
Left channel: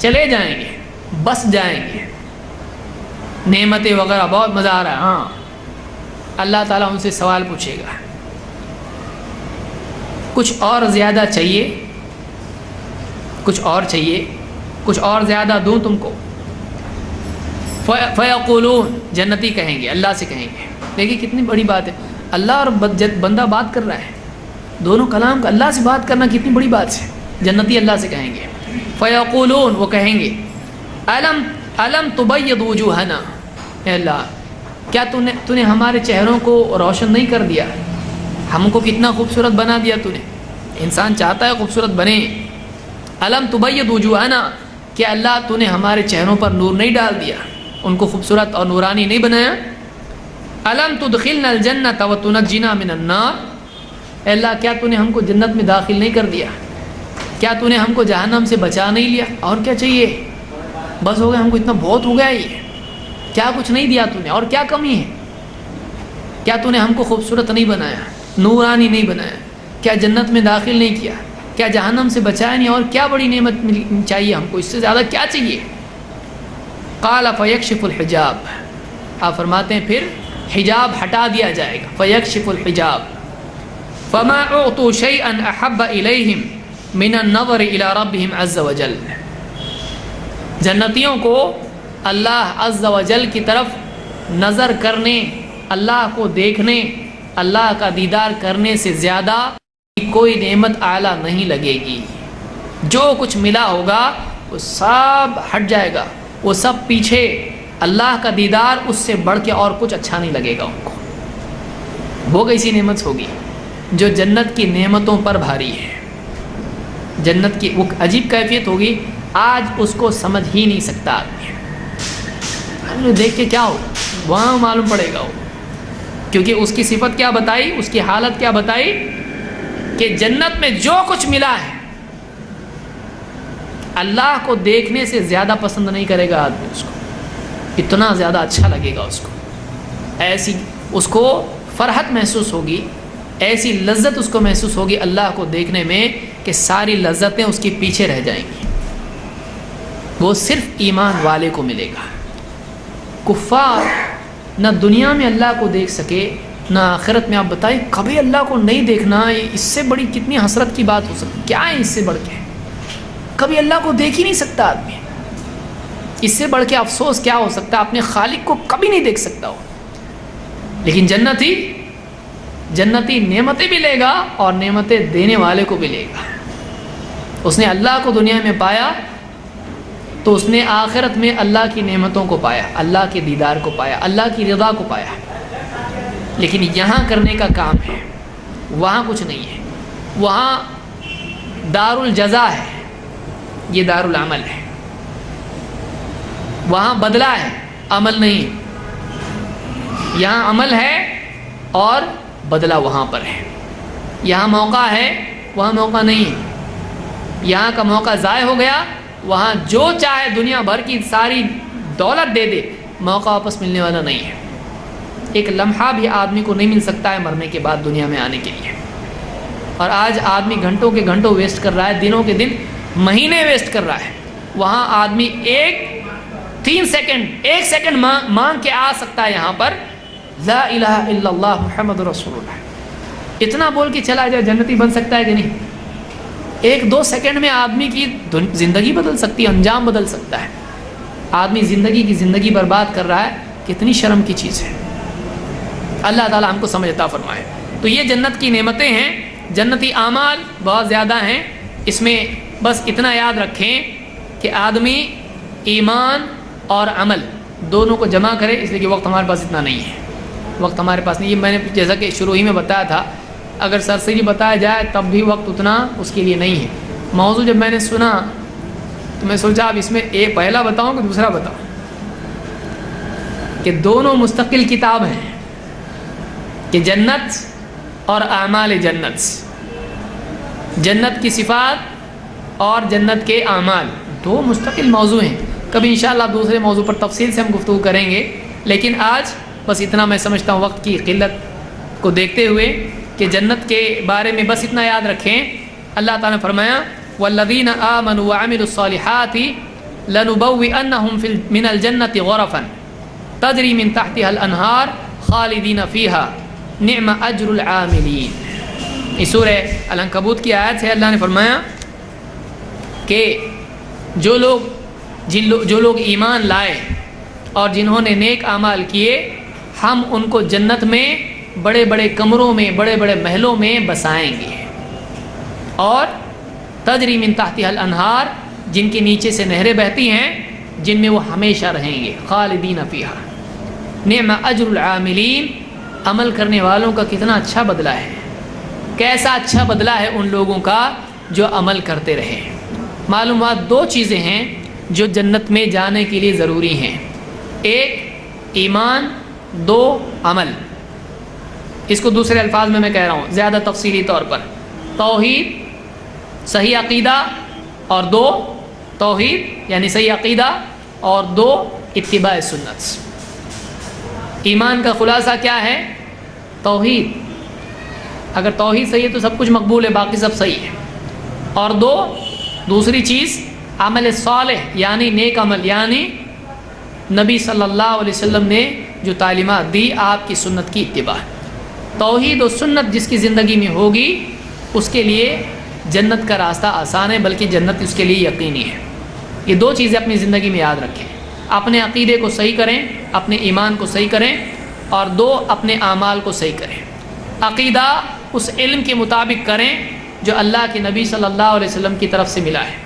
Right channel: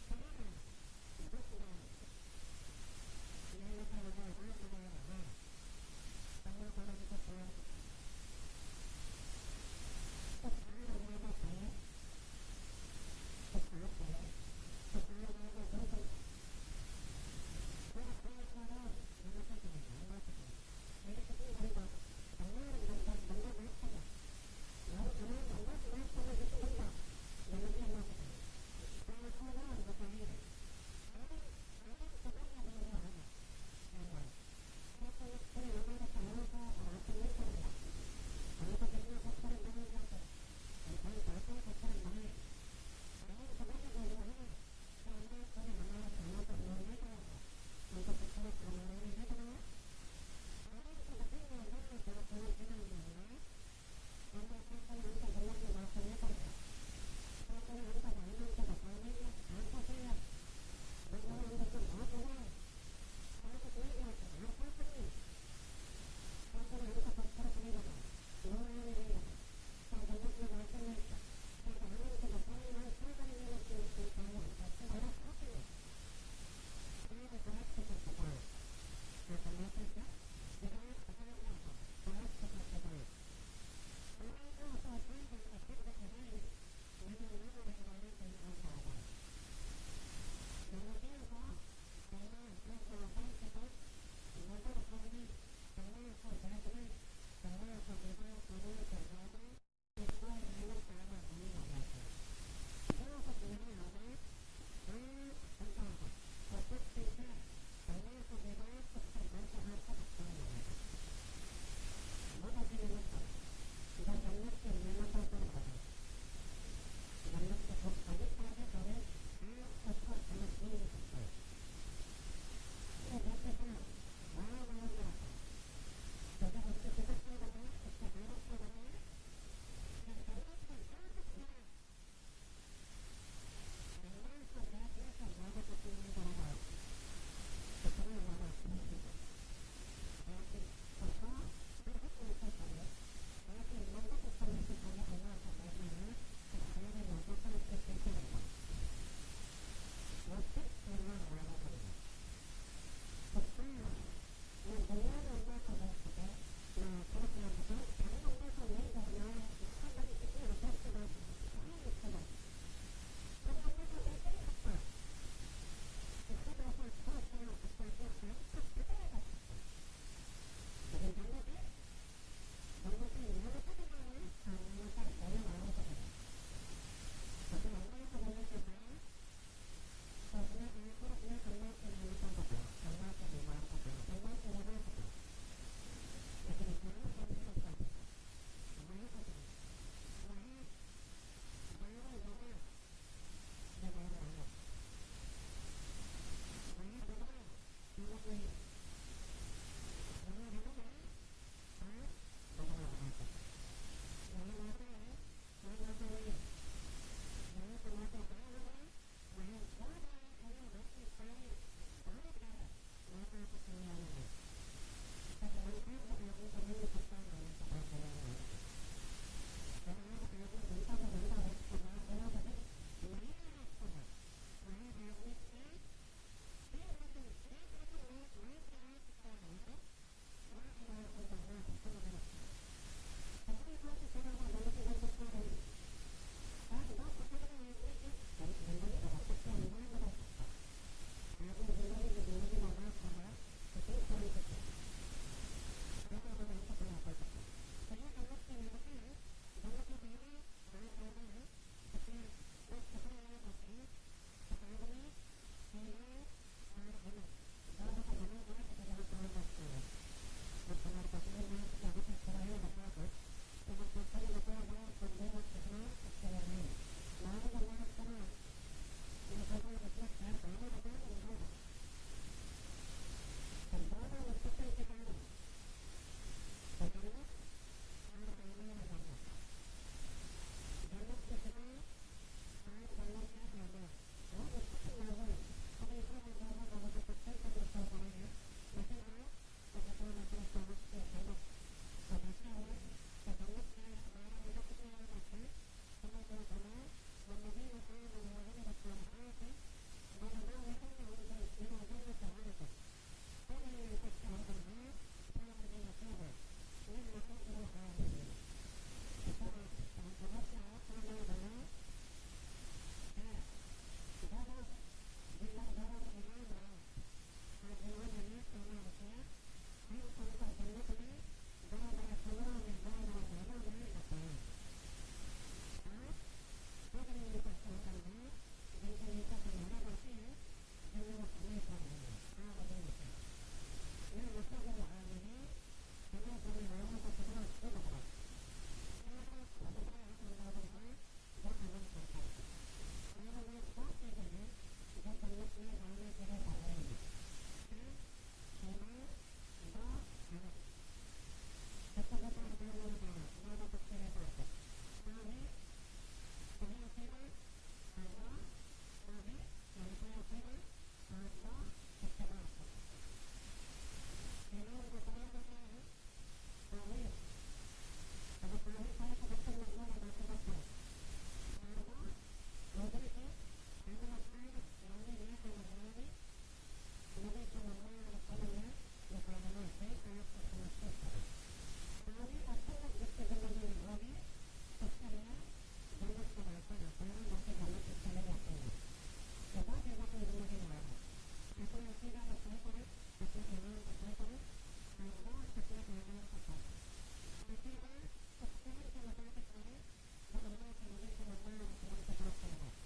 چلے جائیں گے، بس جائیں گے، نعمتیں وغیرہ بہت مزہ آ رہا ہے، ہاں، اللہ تعالیٰ ان سے سوال پوچھے گا کچھ اور زیادہ چاہیے، کچھ اور چاہیے، کچھ اور زیادہ دوں تم کو؟ فیقولون، جنتی کہیں گے، اللہ سے کہیں گے۔ دیکھیے کتنی بڑی بات ہے، اللہ اور بندہ بات کر رہا ہے، دونوں کلام کا اللہ سے بات کرنا کتنی بڑی بات ہے۔ جنتی اللہ سے کہیں گے، فیقولون، وہ کہیں گے الم تبید وجوہنا، اے اللہ کیا تو نے ہمارے چہروں کو روشن نہیں کر دیا، ہم کو کتنا خوبصورت بنا دیا تو نے، انسان چاہتا ہے خوبصورت بنے۔ الم تبید وجوہنا، کیا اللہ تو نے ہمارے چہروں پر نور نہیں ڈال دیا، ان کو خوبصورت اور نورانی نہیں بنایا؟ الم تدخلنا الجنۃ وتنجنا من النار، اے اللہ کیا تو نے ہم کو جنت میں داخل نہیں کر دیا، کیا تو نے ہم کو جہنم سے بچا نہیں لیا؟ اور کیا چاہیے؟ بس ہو گیا، ہم کو اتنا بہت ہو گیا، یہ کیا کچھ نہیں دیا تو نے، اور کیا کمی ہے؟ کیا تو نے ہم کو خوبصورت نہیں بنایا، نورانی نہیں بنایا، کیا جنت میں داخل نہیں کیا، کیا جہنم سے بچایا نہیں، اور کیا بڑی نعمت چاہیے ہم کو، اس سے زیادہ کیا چاہیے؟ قال فیکشف الحجاب، آپ فرماتے ہیں پھر حجاب ہٹا دیا جائے گا، فیکشف الحجاب فما اعطوا شیئا احب الیہم من النظر الی ربہم عز وجل، جنتیوں کو اللہ عز وجل کی طرف نظر کرنے، اللہ کو دیکھنے، اللہ کا دیدار کرنے سے زیادہ کوئی نعمت اعلیٰ نہیں لگے گی۔ جو کچھ ملا ہوگا وہ سب ہٹ جائے گا، وہ سب پیچھے، اللہ کا دیدار اس سے بڑھ کے اور کچھ اچھا نہیں لگے گا ان کو۔ وہ کیسی نعمت ہوگی جو جنت کی نعمتوں پر بھاری ہے، جنت کی وہ عجیب کیفیت ہوگی، آج اس کو سمجھ ہی نہیں سکتا آدمی، دیکھ کے کیا ہو وہاں معلوم پڑے گا وہ، کیونکہ اس کی صفت کیا بتائی، اس کی حالت کیا بتائی کہ جنت میں جو کچھ ملا ہے اللہ کو دیکھنے سے زیادہ پسند نہیں کرے گا آدمی، اس کو اتنا زیادہ اچھا لگے گا، اس کو ایسی اس کو فرحت محسوس ہوگی، ایسی لذت اس کو محسوس ہوگی اللہ کو دیکھنے میں کہ ساری لذتیں اس کے پیچھے رہ جائیں گی۔ وہ صرف ایمان والے کو ملے گا۔ کفار نہ دنیا میں اللہ کو دیکھ سکے نہ آخرت میں، آپ بتائیں کبھی اللہ کو نہیں دیکھنا، اس سے بڑی کتنی حسرت کی بات ہو سکتی، کیا ہے اس سے بڑھ کے؟ کبھی اللہ کو دیکھ ہی نہیں سکتا آدمی، اس سے بڑھ کے افسوس کیا ہو سکتا ہے؟ اپنے خالق کو کبھی نہیں دیکھ سکتا ہو۔ لیکن جنتی نعمتیں بھی لے گا اور نعمتیں دینے والے کو بھی لے گا۔ اس نے اللہ کو دنیا میں پایا تو اس نے آخرت میں اللہ کی نعمتوں کو پایا، اللہ کے دیدار کو پایا، اللہ کی رضا کو پایا۔ لیکن یہاں کرنے کا کام ہے، وہاں کچھ نہیں ہے، وہاں دار الجزا ہے، یہ دار العمل ہے، وہاں بدلہ ہے، عمل نہیں۔ یہاں عمل ہے اور بدلہ وہاں پر ہے، یہاں موقع ہے، وہاں موقع نہیں ہے، یہاں کا موقع ضائع ہو گیا، وہاں جو چاہے دنیا بھر کی ساری دولت دے دے، موقع واپس ملنے والا نہیں ہے۔ ایک لمحہ بھی آدمی کو نہیں مل سکتا ہے مرنے کے بعد دنیا میں آنے کے لیے، اور آج آدمی گھنٹوں کے گھنٹوں ویسٹ کر رہا ہے، دنوں کے دن، مہینے ویسٹ کر رہا ہے۔ وہاں آدمی ایک سیکنڈ مانگ کے آ سکتا ہے یہاں پر، لا الہ الا اللہ محمد رسول اللہ، اتنا بول کے چلا جائے، جنتی بن سکتا ہے کہ نہیں؟ 1-2 سیکنڈ میں آدمی کی زندگی بدل سکتی ہے، انجام بدل سکتا ہے۔ آدمی زندگی برباد کر رہا ہے، کتنی شرم کی چیز ہے۔ اللہ تعالی ہم کو سمجھ عطا فرمائے۔ تو یہ جنت کی نعمتیں ہیں، جنتی اعمال بہت زیادہ ہیں، اس میں بس اتنا یاد رکھیں کہ آدمی ایمان اور عمل دونوں کو جمع کرے، اس لیے کہ وقت ہمارے پاس اتنا نہیں ہے، وقت ہمارے پاس نہیں. یہ میں نے جیسا کہ شروع ہی میں بتایا تھا، اگر سرسری بتایا جائے تب بھی وقت اتنا اس کے لیے نہیں ہے. موضوع جب میں نے سنا تو میں سوچا اب اس میں ایک پہلا بتاؤں کہ دوسرا بتاؤں، کہ دونوں مستقل کتاب ہیں، کہ جنت اور اعمال جنت، جنت کی صفات اور جنت کے اعمال دو مستقل موضوع ہیں. کبھی انشاءاللہ دوسرے موضوع پر تفصیل سے ہم گفتگو کریں گے، لیکن آج بس اتنا میں سمجھتا ہوں وقت کی قلت کو دیکھتے ہوئے کہ جنت کے بارے میں بس اتنا یاد رکھیں. اللہ تعالیٰ نے فرمایا والذین آمنوا وعملوا الصالحات لنبوئنہم من الجنة غرفا تجری من تحتها الانہار خالدین فیہا نعم اجر العاملین. اس سورہ العنکبوت کی آیت سے اللہ نے فرمایا کہ جو لوگ ایمان لائے اور جنہوں نے نیک اعمال کیے، ہم ان کو جنت میں بڑے بڑے کمروں میں، بڑے بڑے محلوں میں بسائیں گے، اور تجری من تحتها الانہار، جن کے نیچے سے نہریں بہتی ہیں، جن میں وہ ہمیشہ رہیں گے، خالدین فیہا نعم اجر العاملین. عمل کرنے والوں کا کتنا اچھا بدلہ ہے، کیسا اچھا بدلہ ہے ان لوگوں کا جو عمل کرتے رہے. معلومات دو چیزیں ہیں جو جنت میں جانے کے لیے ضروری ہیں، ایک ایمان، دو عمل. اس کو دوسرے الفاظ میں کہہ رہا ہوں زیادہ تفصیلی طور پر، توحید، صحیح عقیدہ، اور دو توحید یعنی صحیح عقیدہ، اور دو اتباع سنت. ایمان کا خلاصہ کیا ہے؟ توحید. اگر توحید صحیح ہے تو سب کچھ مقبول ہے، باقی سب صحیح ہے. اور دوسری چیز عمل صالح یعنی نیک عمل، یعنی نبی صلی اللہ علیہ وسلم نے جو تعلیمات دی، آپ کی سنت کی اتباع. توحید و سنت جس کی زندگی میں ہوگی اس کے لیے جنت کا راستہ آسان ہے، بلکہ جنت اس کے لیے یقینی ہے. یہ دو چیزیں اپنی زندگی میں یاد رکھیں، اپنے عقیدے کو صحیح کریں، اپنے ایمان کو صحیح کریں، اور دو اپنے اعمال کو صحیح کریں. عقیدہ اس علم کے مطابق کریں جو اللہ کے نبی صلی اللہ علیہ وسلم کی طرف سے ملا ہے،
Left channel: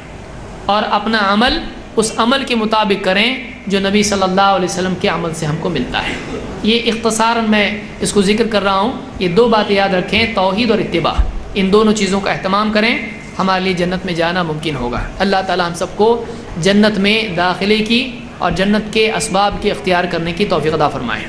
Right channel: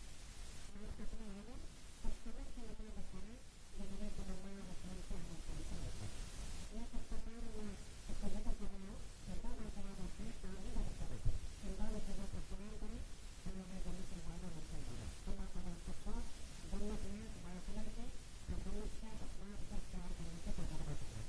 اور اپنا عمل اس عمل کے مطابق کریں جو نبی صلی اللہ علیہ وسلم کے عمل سے ہم کو ملتا ہے. یہ اختصاراً میں اس کو ذکر کر رہا ہوں. یہ دو باتیں یاد رکھیں، توحید اور اتباع، ان دونوں چیزوں کا اہتمام کریں، ہمارے لیے جنت میں جانا ممکن ہوگا. اللہ تعالی ہم سب کو جنت میں داخلے کی اور جنت کے اسباب کے اختیار کرنے کی توفیق عطا فرمائے.